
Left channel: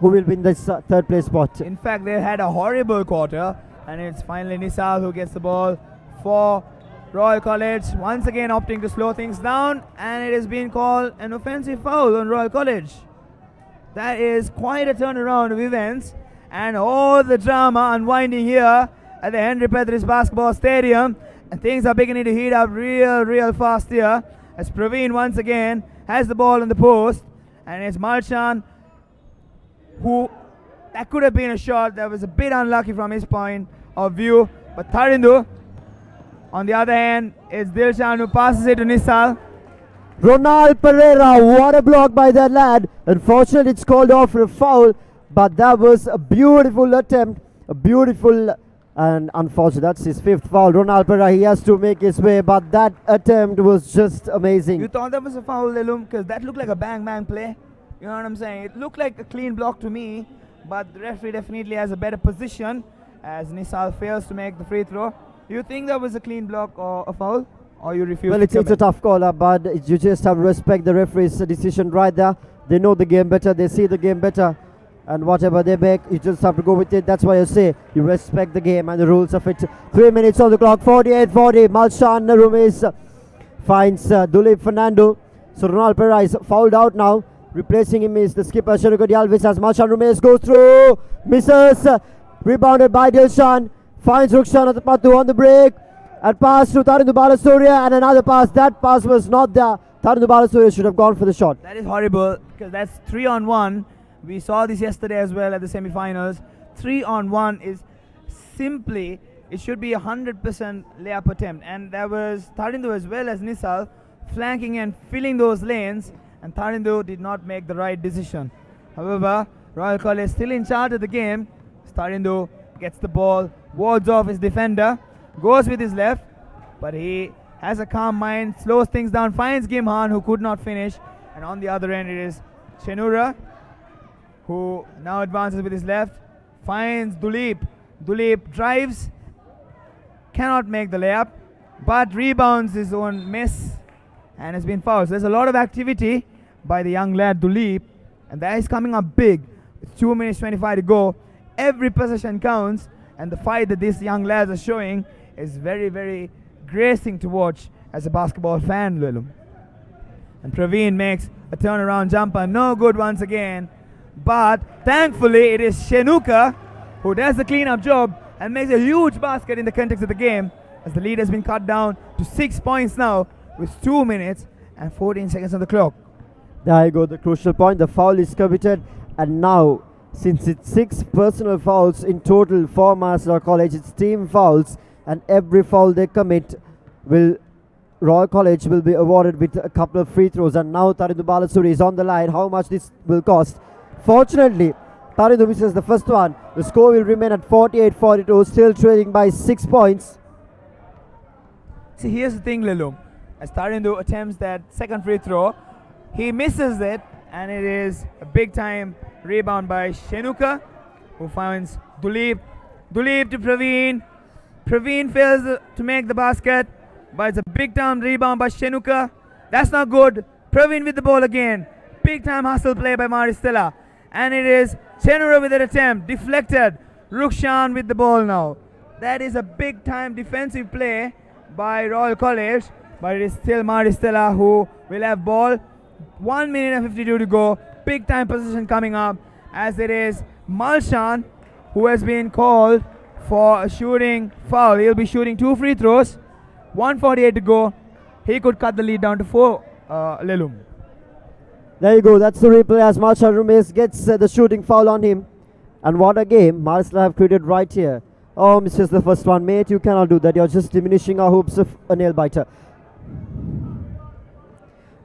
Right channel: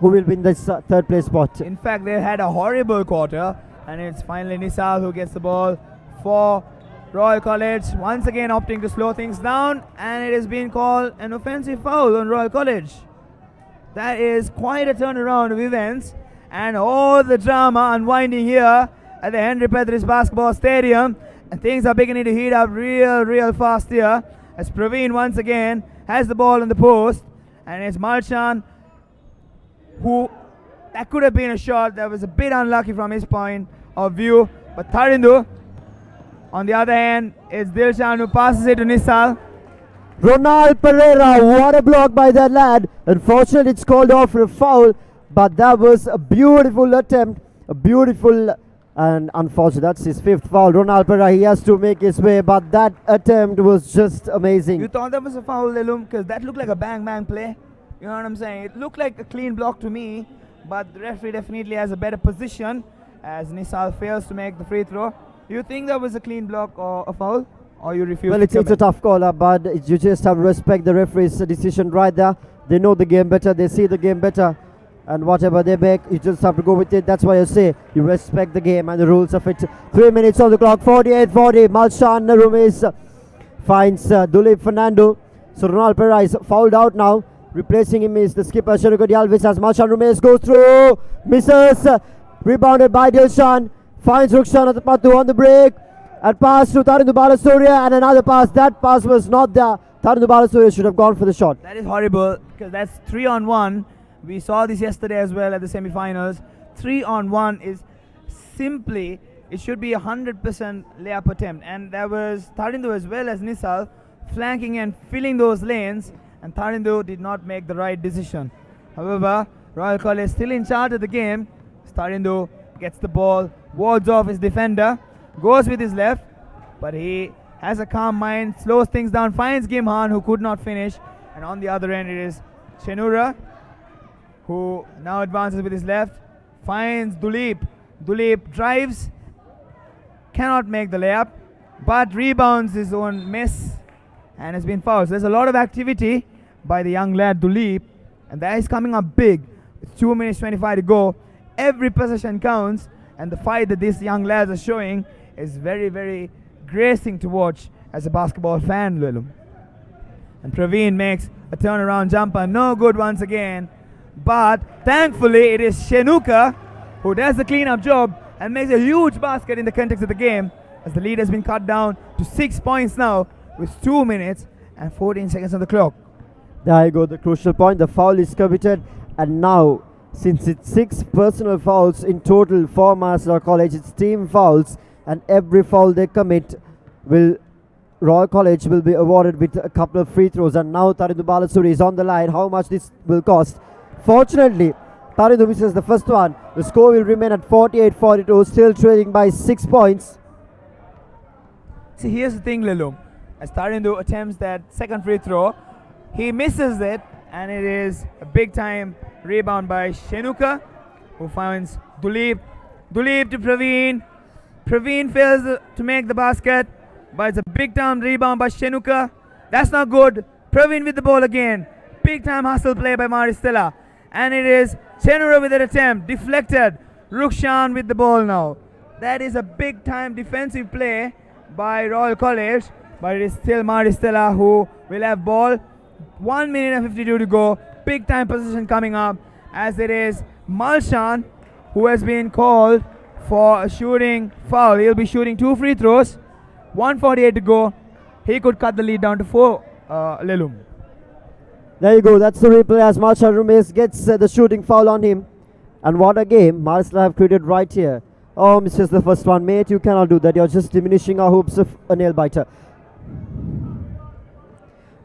Who will win this third place spot? In fact, they had a horrible quarter, and it's finally Nisal who gets the ball for Royal College, once again opting to slow things down, and it has been called an offensive foul on Royal College. That is quite a turnaround of events, and all the drama unwinding here at the Henry Pedris Basketball Stadium, and things are beginning to heat up real fast here, as Praveen once again has the ball in the post, and it's Malchan who, that could have been a shot that was a bit unlucky from his point of view, but Tharindu, on the other hand, is Dilshan who passes it to Nisal. Ronald Pereira, what a block by that lad. Unfortunately, it's called off for a foul, but that was a beautiful attempt, a beautiful and unfortunate. That's his 5th foul. Ronald Pereira, he has to make his way, but that attempt was just amazing. You thought that was a foul, Lelum? Because that looked like a bang play. You know what I'm saying? It looked like a clean block to me, but the referee definitely has a better position as Nisal fails to make the free throw. You think that was a clean block or a foul? Or you refuse? Well, it's a tough call, but you just have to respect the referee's decision right there. They know the game better, they see the game better, and whatever they make, you just have to go with it. That's why I say you respect the game and the rules of it. 3 minutes on the clock, 48-40. Malshan Rumes finds Dulip Fernando. So Ronald Pereira is fouled out now. Replacing him is the skipper Shanuka Alves as Malshan Rumes goes through, misses, rebounded by Dilshan. Finds Rukshan at the Patu on the break. And pass to Tharindu Balasuriya, and another pass. That pass was not there. Tharindu Balasuriya should have gone for the shot. That is horrible, because that's 3-on-1. We saw this yesterday as well at the semi-finals. 3-on-1 is simply, it should be 100% layup attempt. And there was Tharindu as well as Nisal flanking and filling those lanes, and Tharindu did not make the right decision. However, Royal College still in charge of the game. Tharindu gets the ball, wards off his defender, goes with his left, but he has a calm mind, slows things down, finds Gimhan who could not finish, and on the other end it is Chenura who now advances with his left, finds Dulip. Dulip drives, cannot make the layup, but rebounds his own miss and has been fouled. So there's a lot of activity by the young lad Dulip, and that is coming up big. With 2 minutes 25 to go. Every possession counts, and the fight that these young lads are showing is very gracing to watch as a basketball fan, Lulu. And Praveen makes a turnaround jumper, no good once again, but thankfully it is Shenuka who does the cleanup job and makes a huge basket in the context of the game, as the lead has been cut down to 6 points now with 2 minutes and 14 seconds on the clock. There you go, the crucial point. The foul is committed, and now, since it's 6 personal fouls in total for Maristella College, it's team fouls, and every foul they commit Royal College will be awarded with a couple of free throws. And now Tharindu Balasuri is on the line. How much this will cost? Fortunately, Tharindu misses the first one. The score will remain at 48-42, still trailing by 6 points. See, here's the thing, Lilum. As Tarindu attempts that second free throw, he misses it, and it is a big time rebound by Shenuka, who finds Duleep. Duleep to Praveen. Praveen fails to make the basket, but it's a big time rebound by Shenuka. That's not good. Praveen with the ball again. Big time hustle play by Stella. And it is Chenura with an attempt. Deflected. Rukshan with the ball now. That is a big time defensive play by Royal College, but it is still Stella who will have ball. 1 minute and 52 to go. Big time position coming up, as it is Malshan who has been called for a shooting foul. He'll be shooting 2 free throws. 1:48 to go. He could cut the lead down to 4. Lelum. There you go. That's the replay as Malshan Rumes gets the shooting foul on him. And what a game Maristella have created right here. Oh, misses the first one, mate. You cannot do that. You're just diminishing our hopes of a nail biter.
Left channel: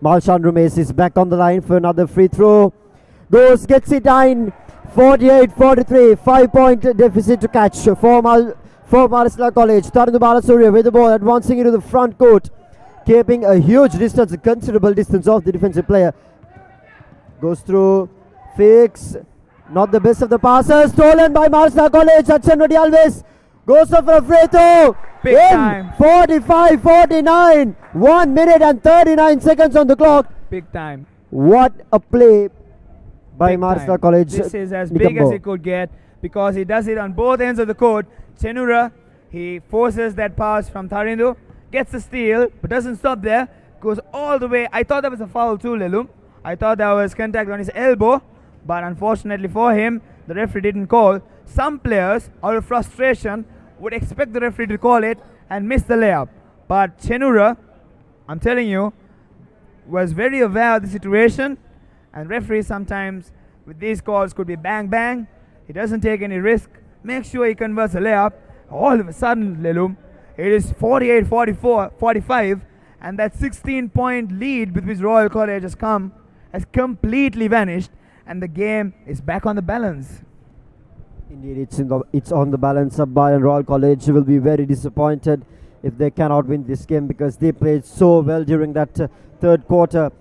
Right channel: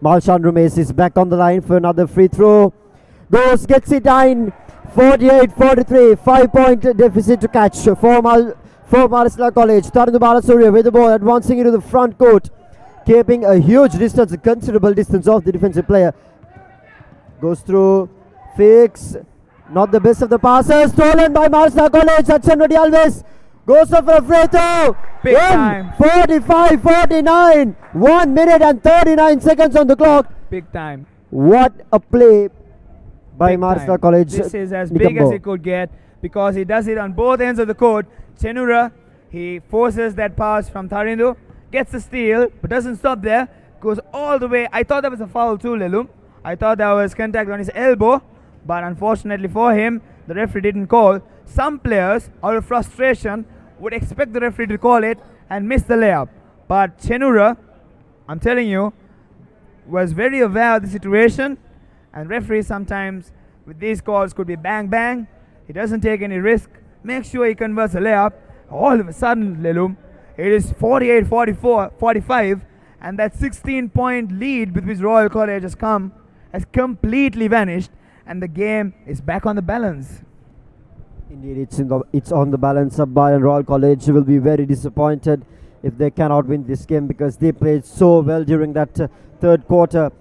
Malshan Rumes is back on the line for another free throw. Goes, gets it in. 48-43. 5-point deficit to catch for Maristella College. Tarindu Balasuriya with the ball, advancing into the front court. Keeping a huge distance, a considerable distance off the defensive player. Goes through, fakes. Not the best of the passes. Stolen by Maristella College. Achenradi Alves goes for a free throw. Big time. 45-49. 1 minute and 39 seconds on the clock. Big time. What a play by Maristella College. This is as big as it could get, because he does it on both ends of the court. Chenura, he forces that pass from Tarindu, gets the steal, but doesn't stop there. Goes all the way. I thought that was a foul too, Lelum. I thought that was contact on his elbow, but unfortunately for him, the referee didn't call. Some players, out of frustration, would expect the referee to call it and miss the layup. But Chenura, I'm telling you, was very aware of the situation, and referees sometimes with these calls could be bang bang. He doesn't take any risk. Make sure he converts a layup. All of a sudden, Lelum, it is 48-45, and that 16-point lead with which Royal College has completely vanished, and the game is back on the balance. Indeed, it's on the balance up by, and Royal College will be very disappointed if they cannot win this game, because they played so well during that third quarter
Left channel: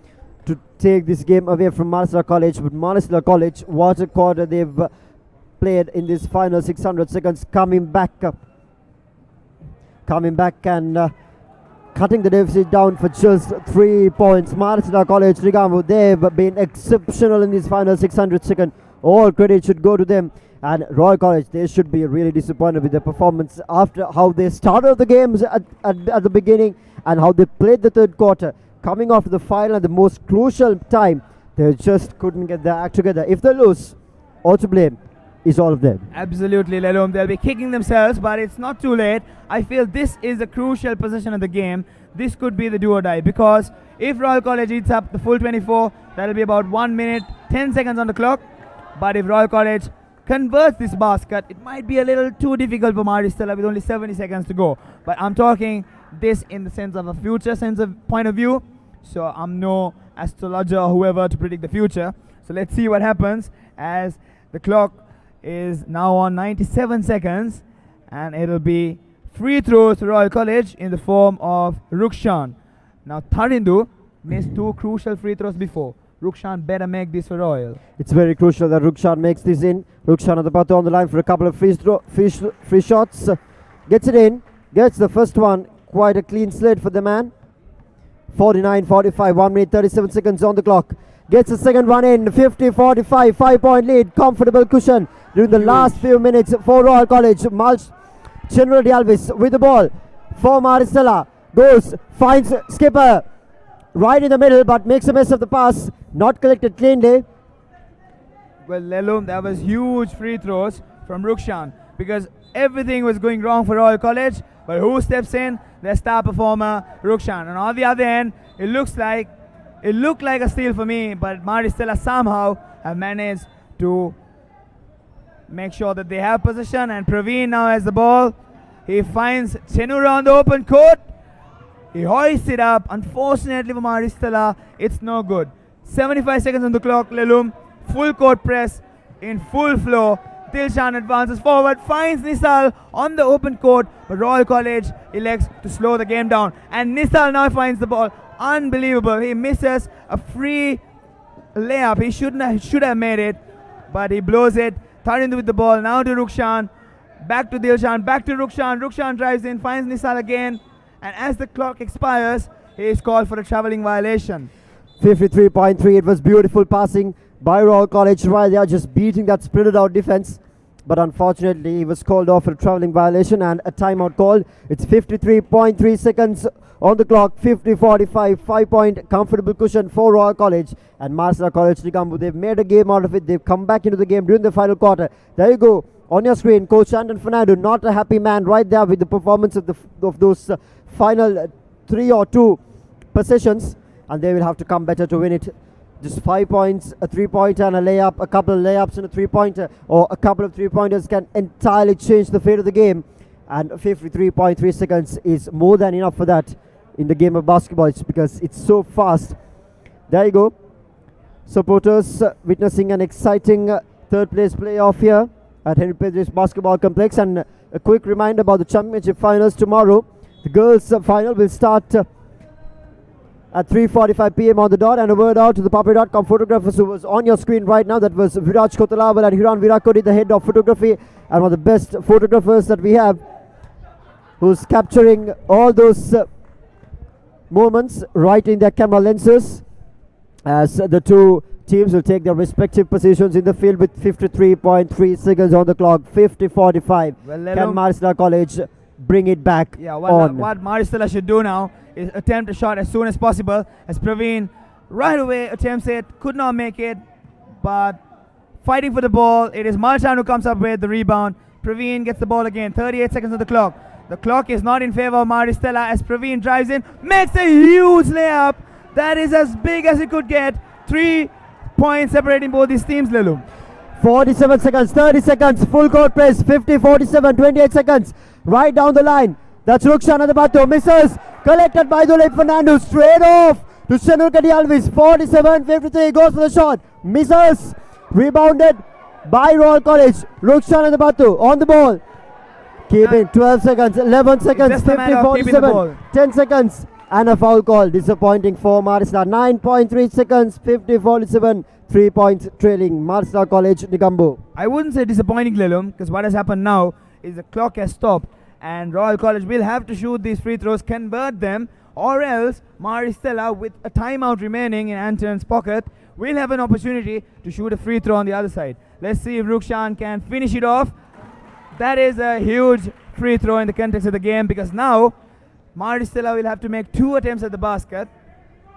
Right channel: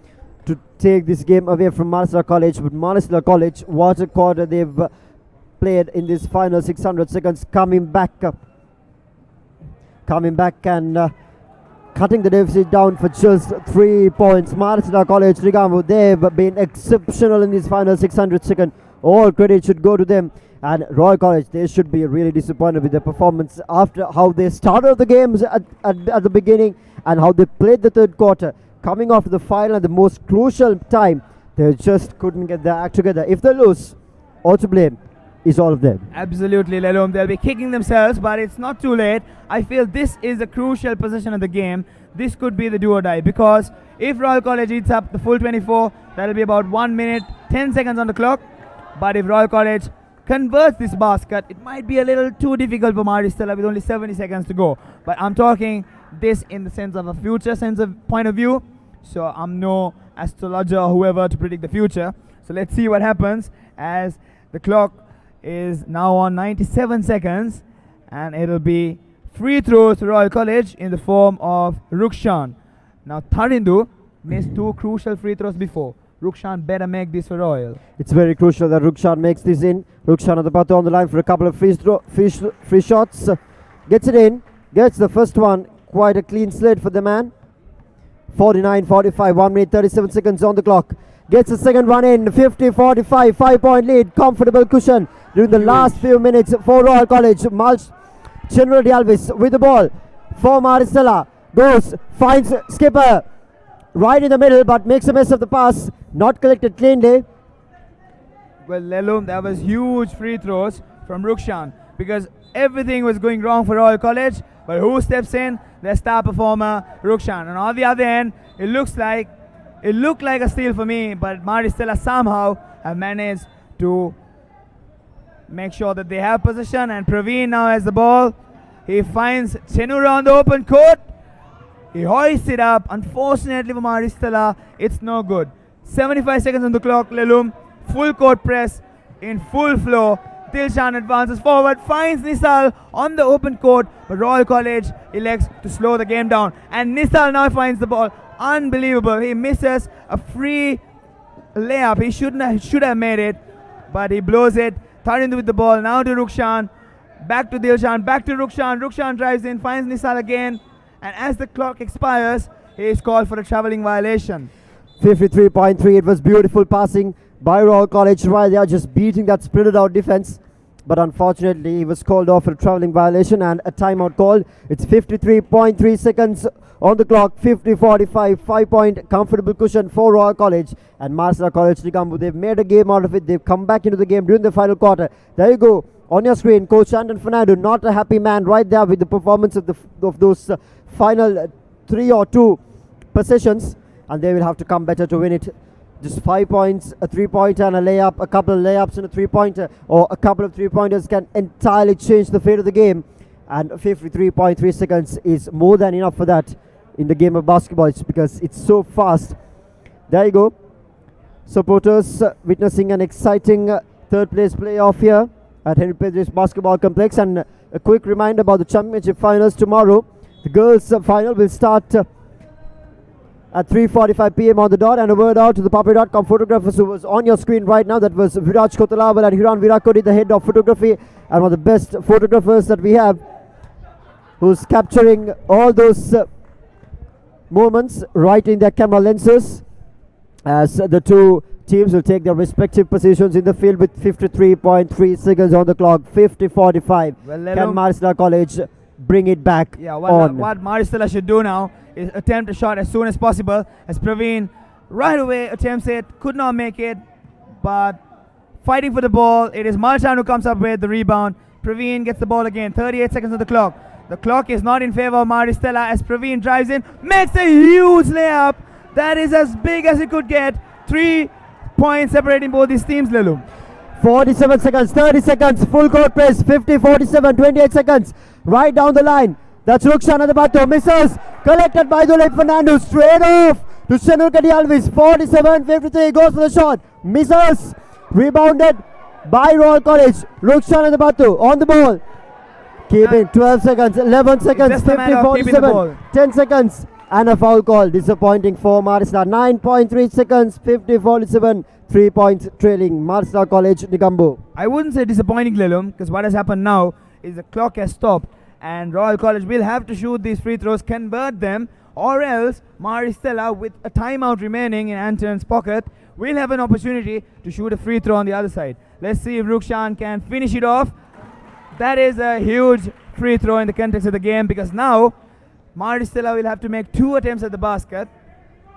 to take this game away from Maristella College. But Maristella College, what a quarter they've played in this final 600 seconds, coming back and cutting the deficit down for just 3 points. Maristella College, Rigamu, they've been exceptional in this final 600 seconds. All credit should go to them. And Royal College, they should be really disappointed with their performance after how they started the games at the beginning and how they played the third quarter. Coming off the final at the most crucial time, they just couldn't get their act together. If they lose, all to blame is all of them. Absolutely, Lelum. They'll be kicking themselves, but it's not too late. I feel this is a crucial position of the game. This could be the do or die, because if Royal College eats up the full 24, that'll be about 1 minute, 10 seconds on the clock. But if Royal College converts this basket, it might be a little too difficult for Maristella with only 70 seconds to go. But I'm talking this in the sense of a future sense of point of view. So I'm no astrologer or whoever to predict the future. So let's see what happens, as the clock is now on 97 seconds, and it'll be free throws to Royal College in the form of Rukshan. Now Tarindu missed 2 crucial free throws before. Rukshan better make this for Royal. It's very crucial that Rukshan makes this in. Rukshan at the bottom on the line for a couple of free shots. Gets it in. Gets the first one. Quite a clean slate for the man. 49-45. 1 minute 37 seconds on the clock. Gets the second one in. 50-45. 5-point lead. Comfortable cushion during the last few minutes for Royal College. Chenradi Alves with the ball for Maristella. Goes. Finds skipper right in the middle, but makes a mess of the pass. Not collected cleanly. Well, Lelum, that was huge free throws from Rukshan, because everything was going wrong for Royal College. But who steps in? Their star performer, Rukshan. And on the other end, it looked like a steal for me, but Maristella somehow have managed to make sure that they have possession. And Praveen now has the ball. He finds Chenura on the open court. He hoists it up. Unfortunately for Maristella, it's no good. 75 seconds on the clock, Lelum. Full court press in full flow. Dilshan advances forward, finds Nisal on the open court, but Royal College elects to slow the game down. And Nisal now finds the ball. Unbelievable. He misses a free layup. He should have made it, but he blows it. Tharindu with the ball. Now to Rukshan. Back to Dilshan. Back to Rukshan. Rukshan drives in, finds Nisal again. And as the clock expires, he is called for a travelling violation. 53.3. It was beautiful passing by Royal College right there, just beating that sprinted out defense. But unfortunately, he was called off for a travelling violation and a timeout called. It's 53.3 seconds on the clock. 50-45, 5-point comfortable cushion for Royal College and Marsala College Nigambu. They've made a game out of it. They've come back into the game during the final quarter. There you go. On your screen, Coach Anton Fernando, not a happy man right there with the performance of those final 3 or 2 possessions. And they will have to come better to win it. Just 5 points, a 3-pointer and a layup, a couple of layups and a 3-pointer, or a couple of 3-pointers can entirely change the fate of the game. And 53.3 seconds is more than enough for that in the game of basketball. It's because it's so fast. There you go. Supporters witnessing an exciting third place playoff here at Henry Pedris Basketball Complex. And a quick reminder about the championship finals tomorrow. The girls' final will start at 3:45 p.m. on the dot. And a word out to the papare.com photographers who was on your screen right now. That was Viraj Kotalawal and Hiran Virakodi, the head of photography and one of the best photographers that we have, who's capturing all those moments right in their camera lenses as the two teams will take their respective positions in the field with 53.3 seconds on the clock. 50-45. Can Marisala College bring it back? Yeah, what Marisala should do now is attempt a shot as soon as possible, as Praveen right away attempts it, could not make it, but fighting for the ball. It is Malchan who comes up with the rebound. Praveen gets the ball again. 38 seconds on the clock. The clock is not in favor of Maristella as Praveen drives in, makes a huge layup. That is as big as it could get. 3 points separating both these teams, Lelu. 47 seconds, 30 seconds, full court press, 50, 47, 28 seconds, right down the line. That's Rukshan at the bato, misses, collected by Dulip Fernando, straight off to Shenur Kadi Alvis. 47-53, goes for the shot, misses, rebounded by Royal College. Rukshan at the bato, on the ball, keeping 12 seconds, 11 seconds, 50, 47, 10 seconds. And a foul call, disappointing for Marisala. 9.3 seconds, 50-47, 3 points trailing Marisala College Nigambu. I wouldn't say disappointing, Lelum, because what has happened now is the clock has stopped and Royal College will have to shoot these free throws, convert them, or else Maristella, with a timeout remaining in Anton's pocket, will have an opportunity to shoot a free throw on the other side. Let's see if Rukshan can finish it off. That is a huge free throw in the context of the game, because now Maristella will have to make 2 attempts at the basket,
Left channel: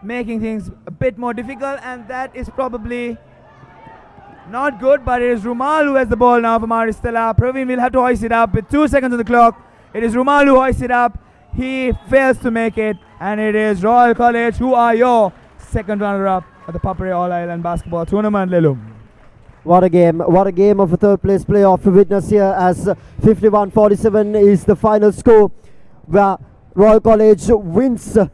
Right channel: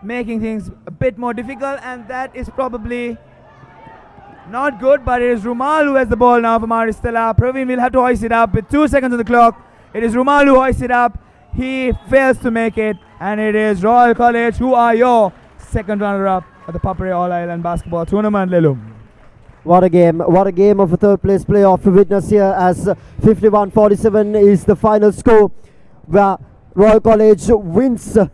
making things a bit more difficult, and that is probably not good. But it is Rumal who has the ball now for Maristella. Praveen will have to hoist it up with 2 seconds on the clock. It is Rumal who hoists it up. He fails to make it, and it is Royal College who are your second runner-up at the Papare All-Ireland Basketball Tournament, Lelu. What a game of a third place playoff to witness here, as 51-47 is the final score, where Royal College wins the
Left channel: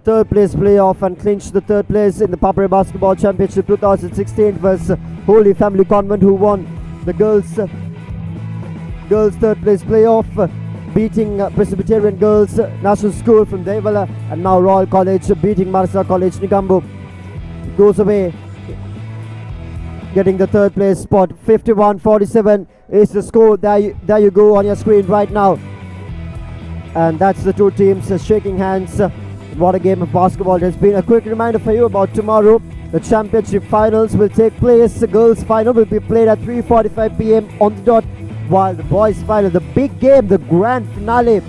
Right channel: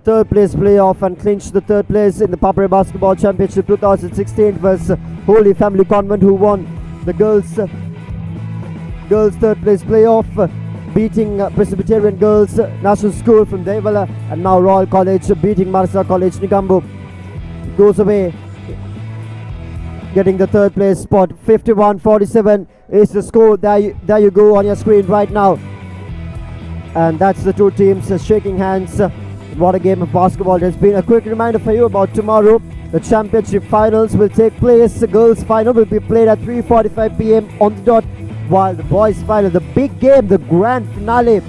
third place playoff and clinch the third place in the Papare Basketball Championship 2016. It was Holy Family Convent who won the girls third place playoff, beating Presbyterian Girls National School from Devala, and now Royal College beating Marisala College Nigambu goes away, getting the third place spot. 51-47 is the score. There you go on your screen right now. And that's the two teams shaking hands. What a game of basketball it has been. A quick reminder for you about tomorrow. The championship finals will take place. The girls' final will be played at 3:45 p.m. on the dot, while the boys' final, the big game, the grand finale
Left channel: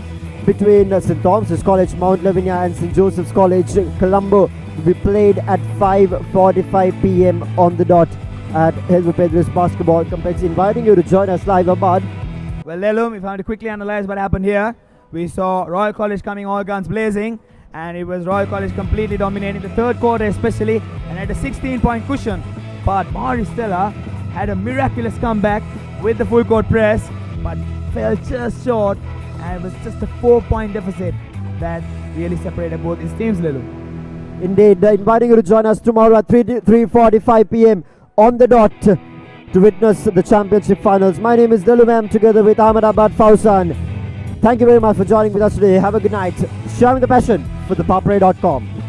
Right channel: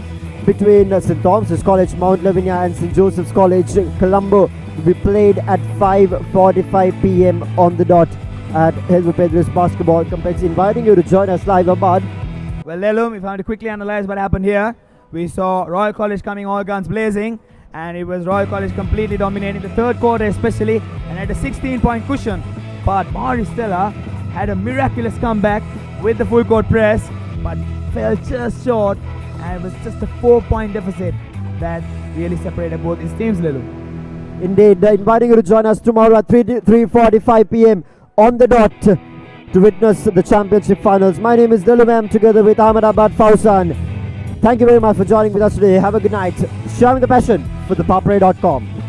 between St. Thomas's College Mount Lavinia and St. Joseph's College Colombo, will be played at 5:45 p.m. on the dot at Henry Pedris Basketball Complex. Inviting you to join us live, Ahmad. Well, Lelum, if I have to quickly analyze what happened here, we saw Royal College coming all guns blazing, and it was Royal College completely dominating the third quarter especially, and had a 16-point cushion. But Maristella had a miraculous comeback with the full court press, but fell just short, and it was just a 4-point deficit that really separated both these teams, Lelu. Indeed, inviting you to join us tomorrow at 3:45 p.m. on the dot to witness the championship finals. My name is Delumem together with Ahmedabad Fausan. Thank you very much for joining with us today. Have a good night. Sharing the passion for ThePapare.com.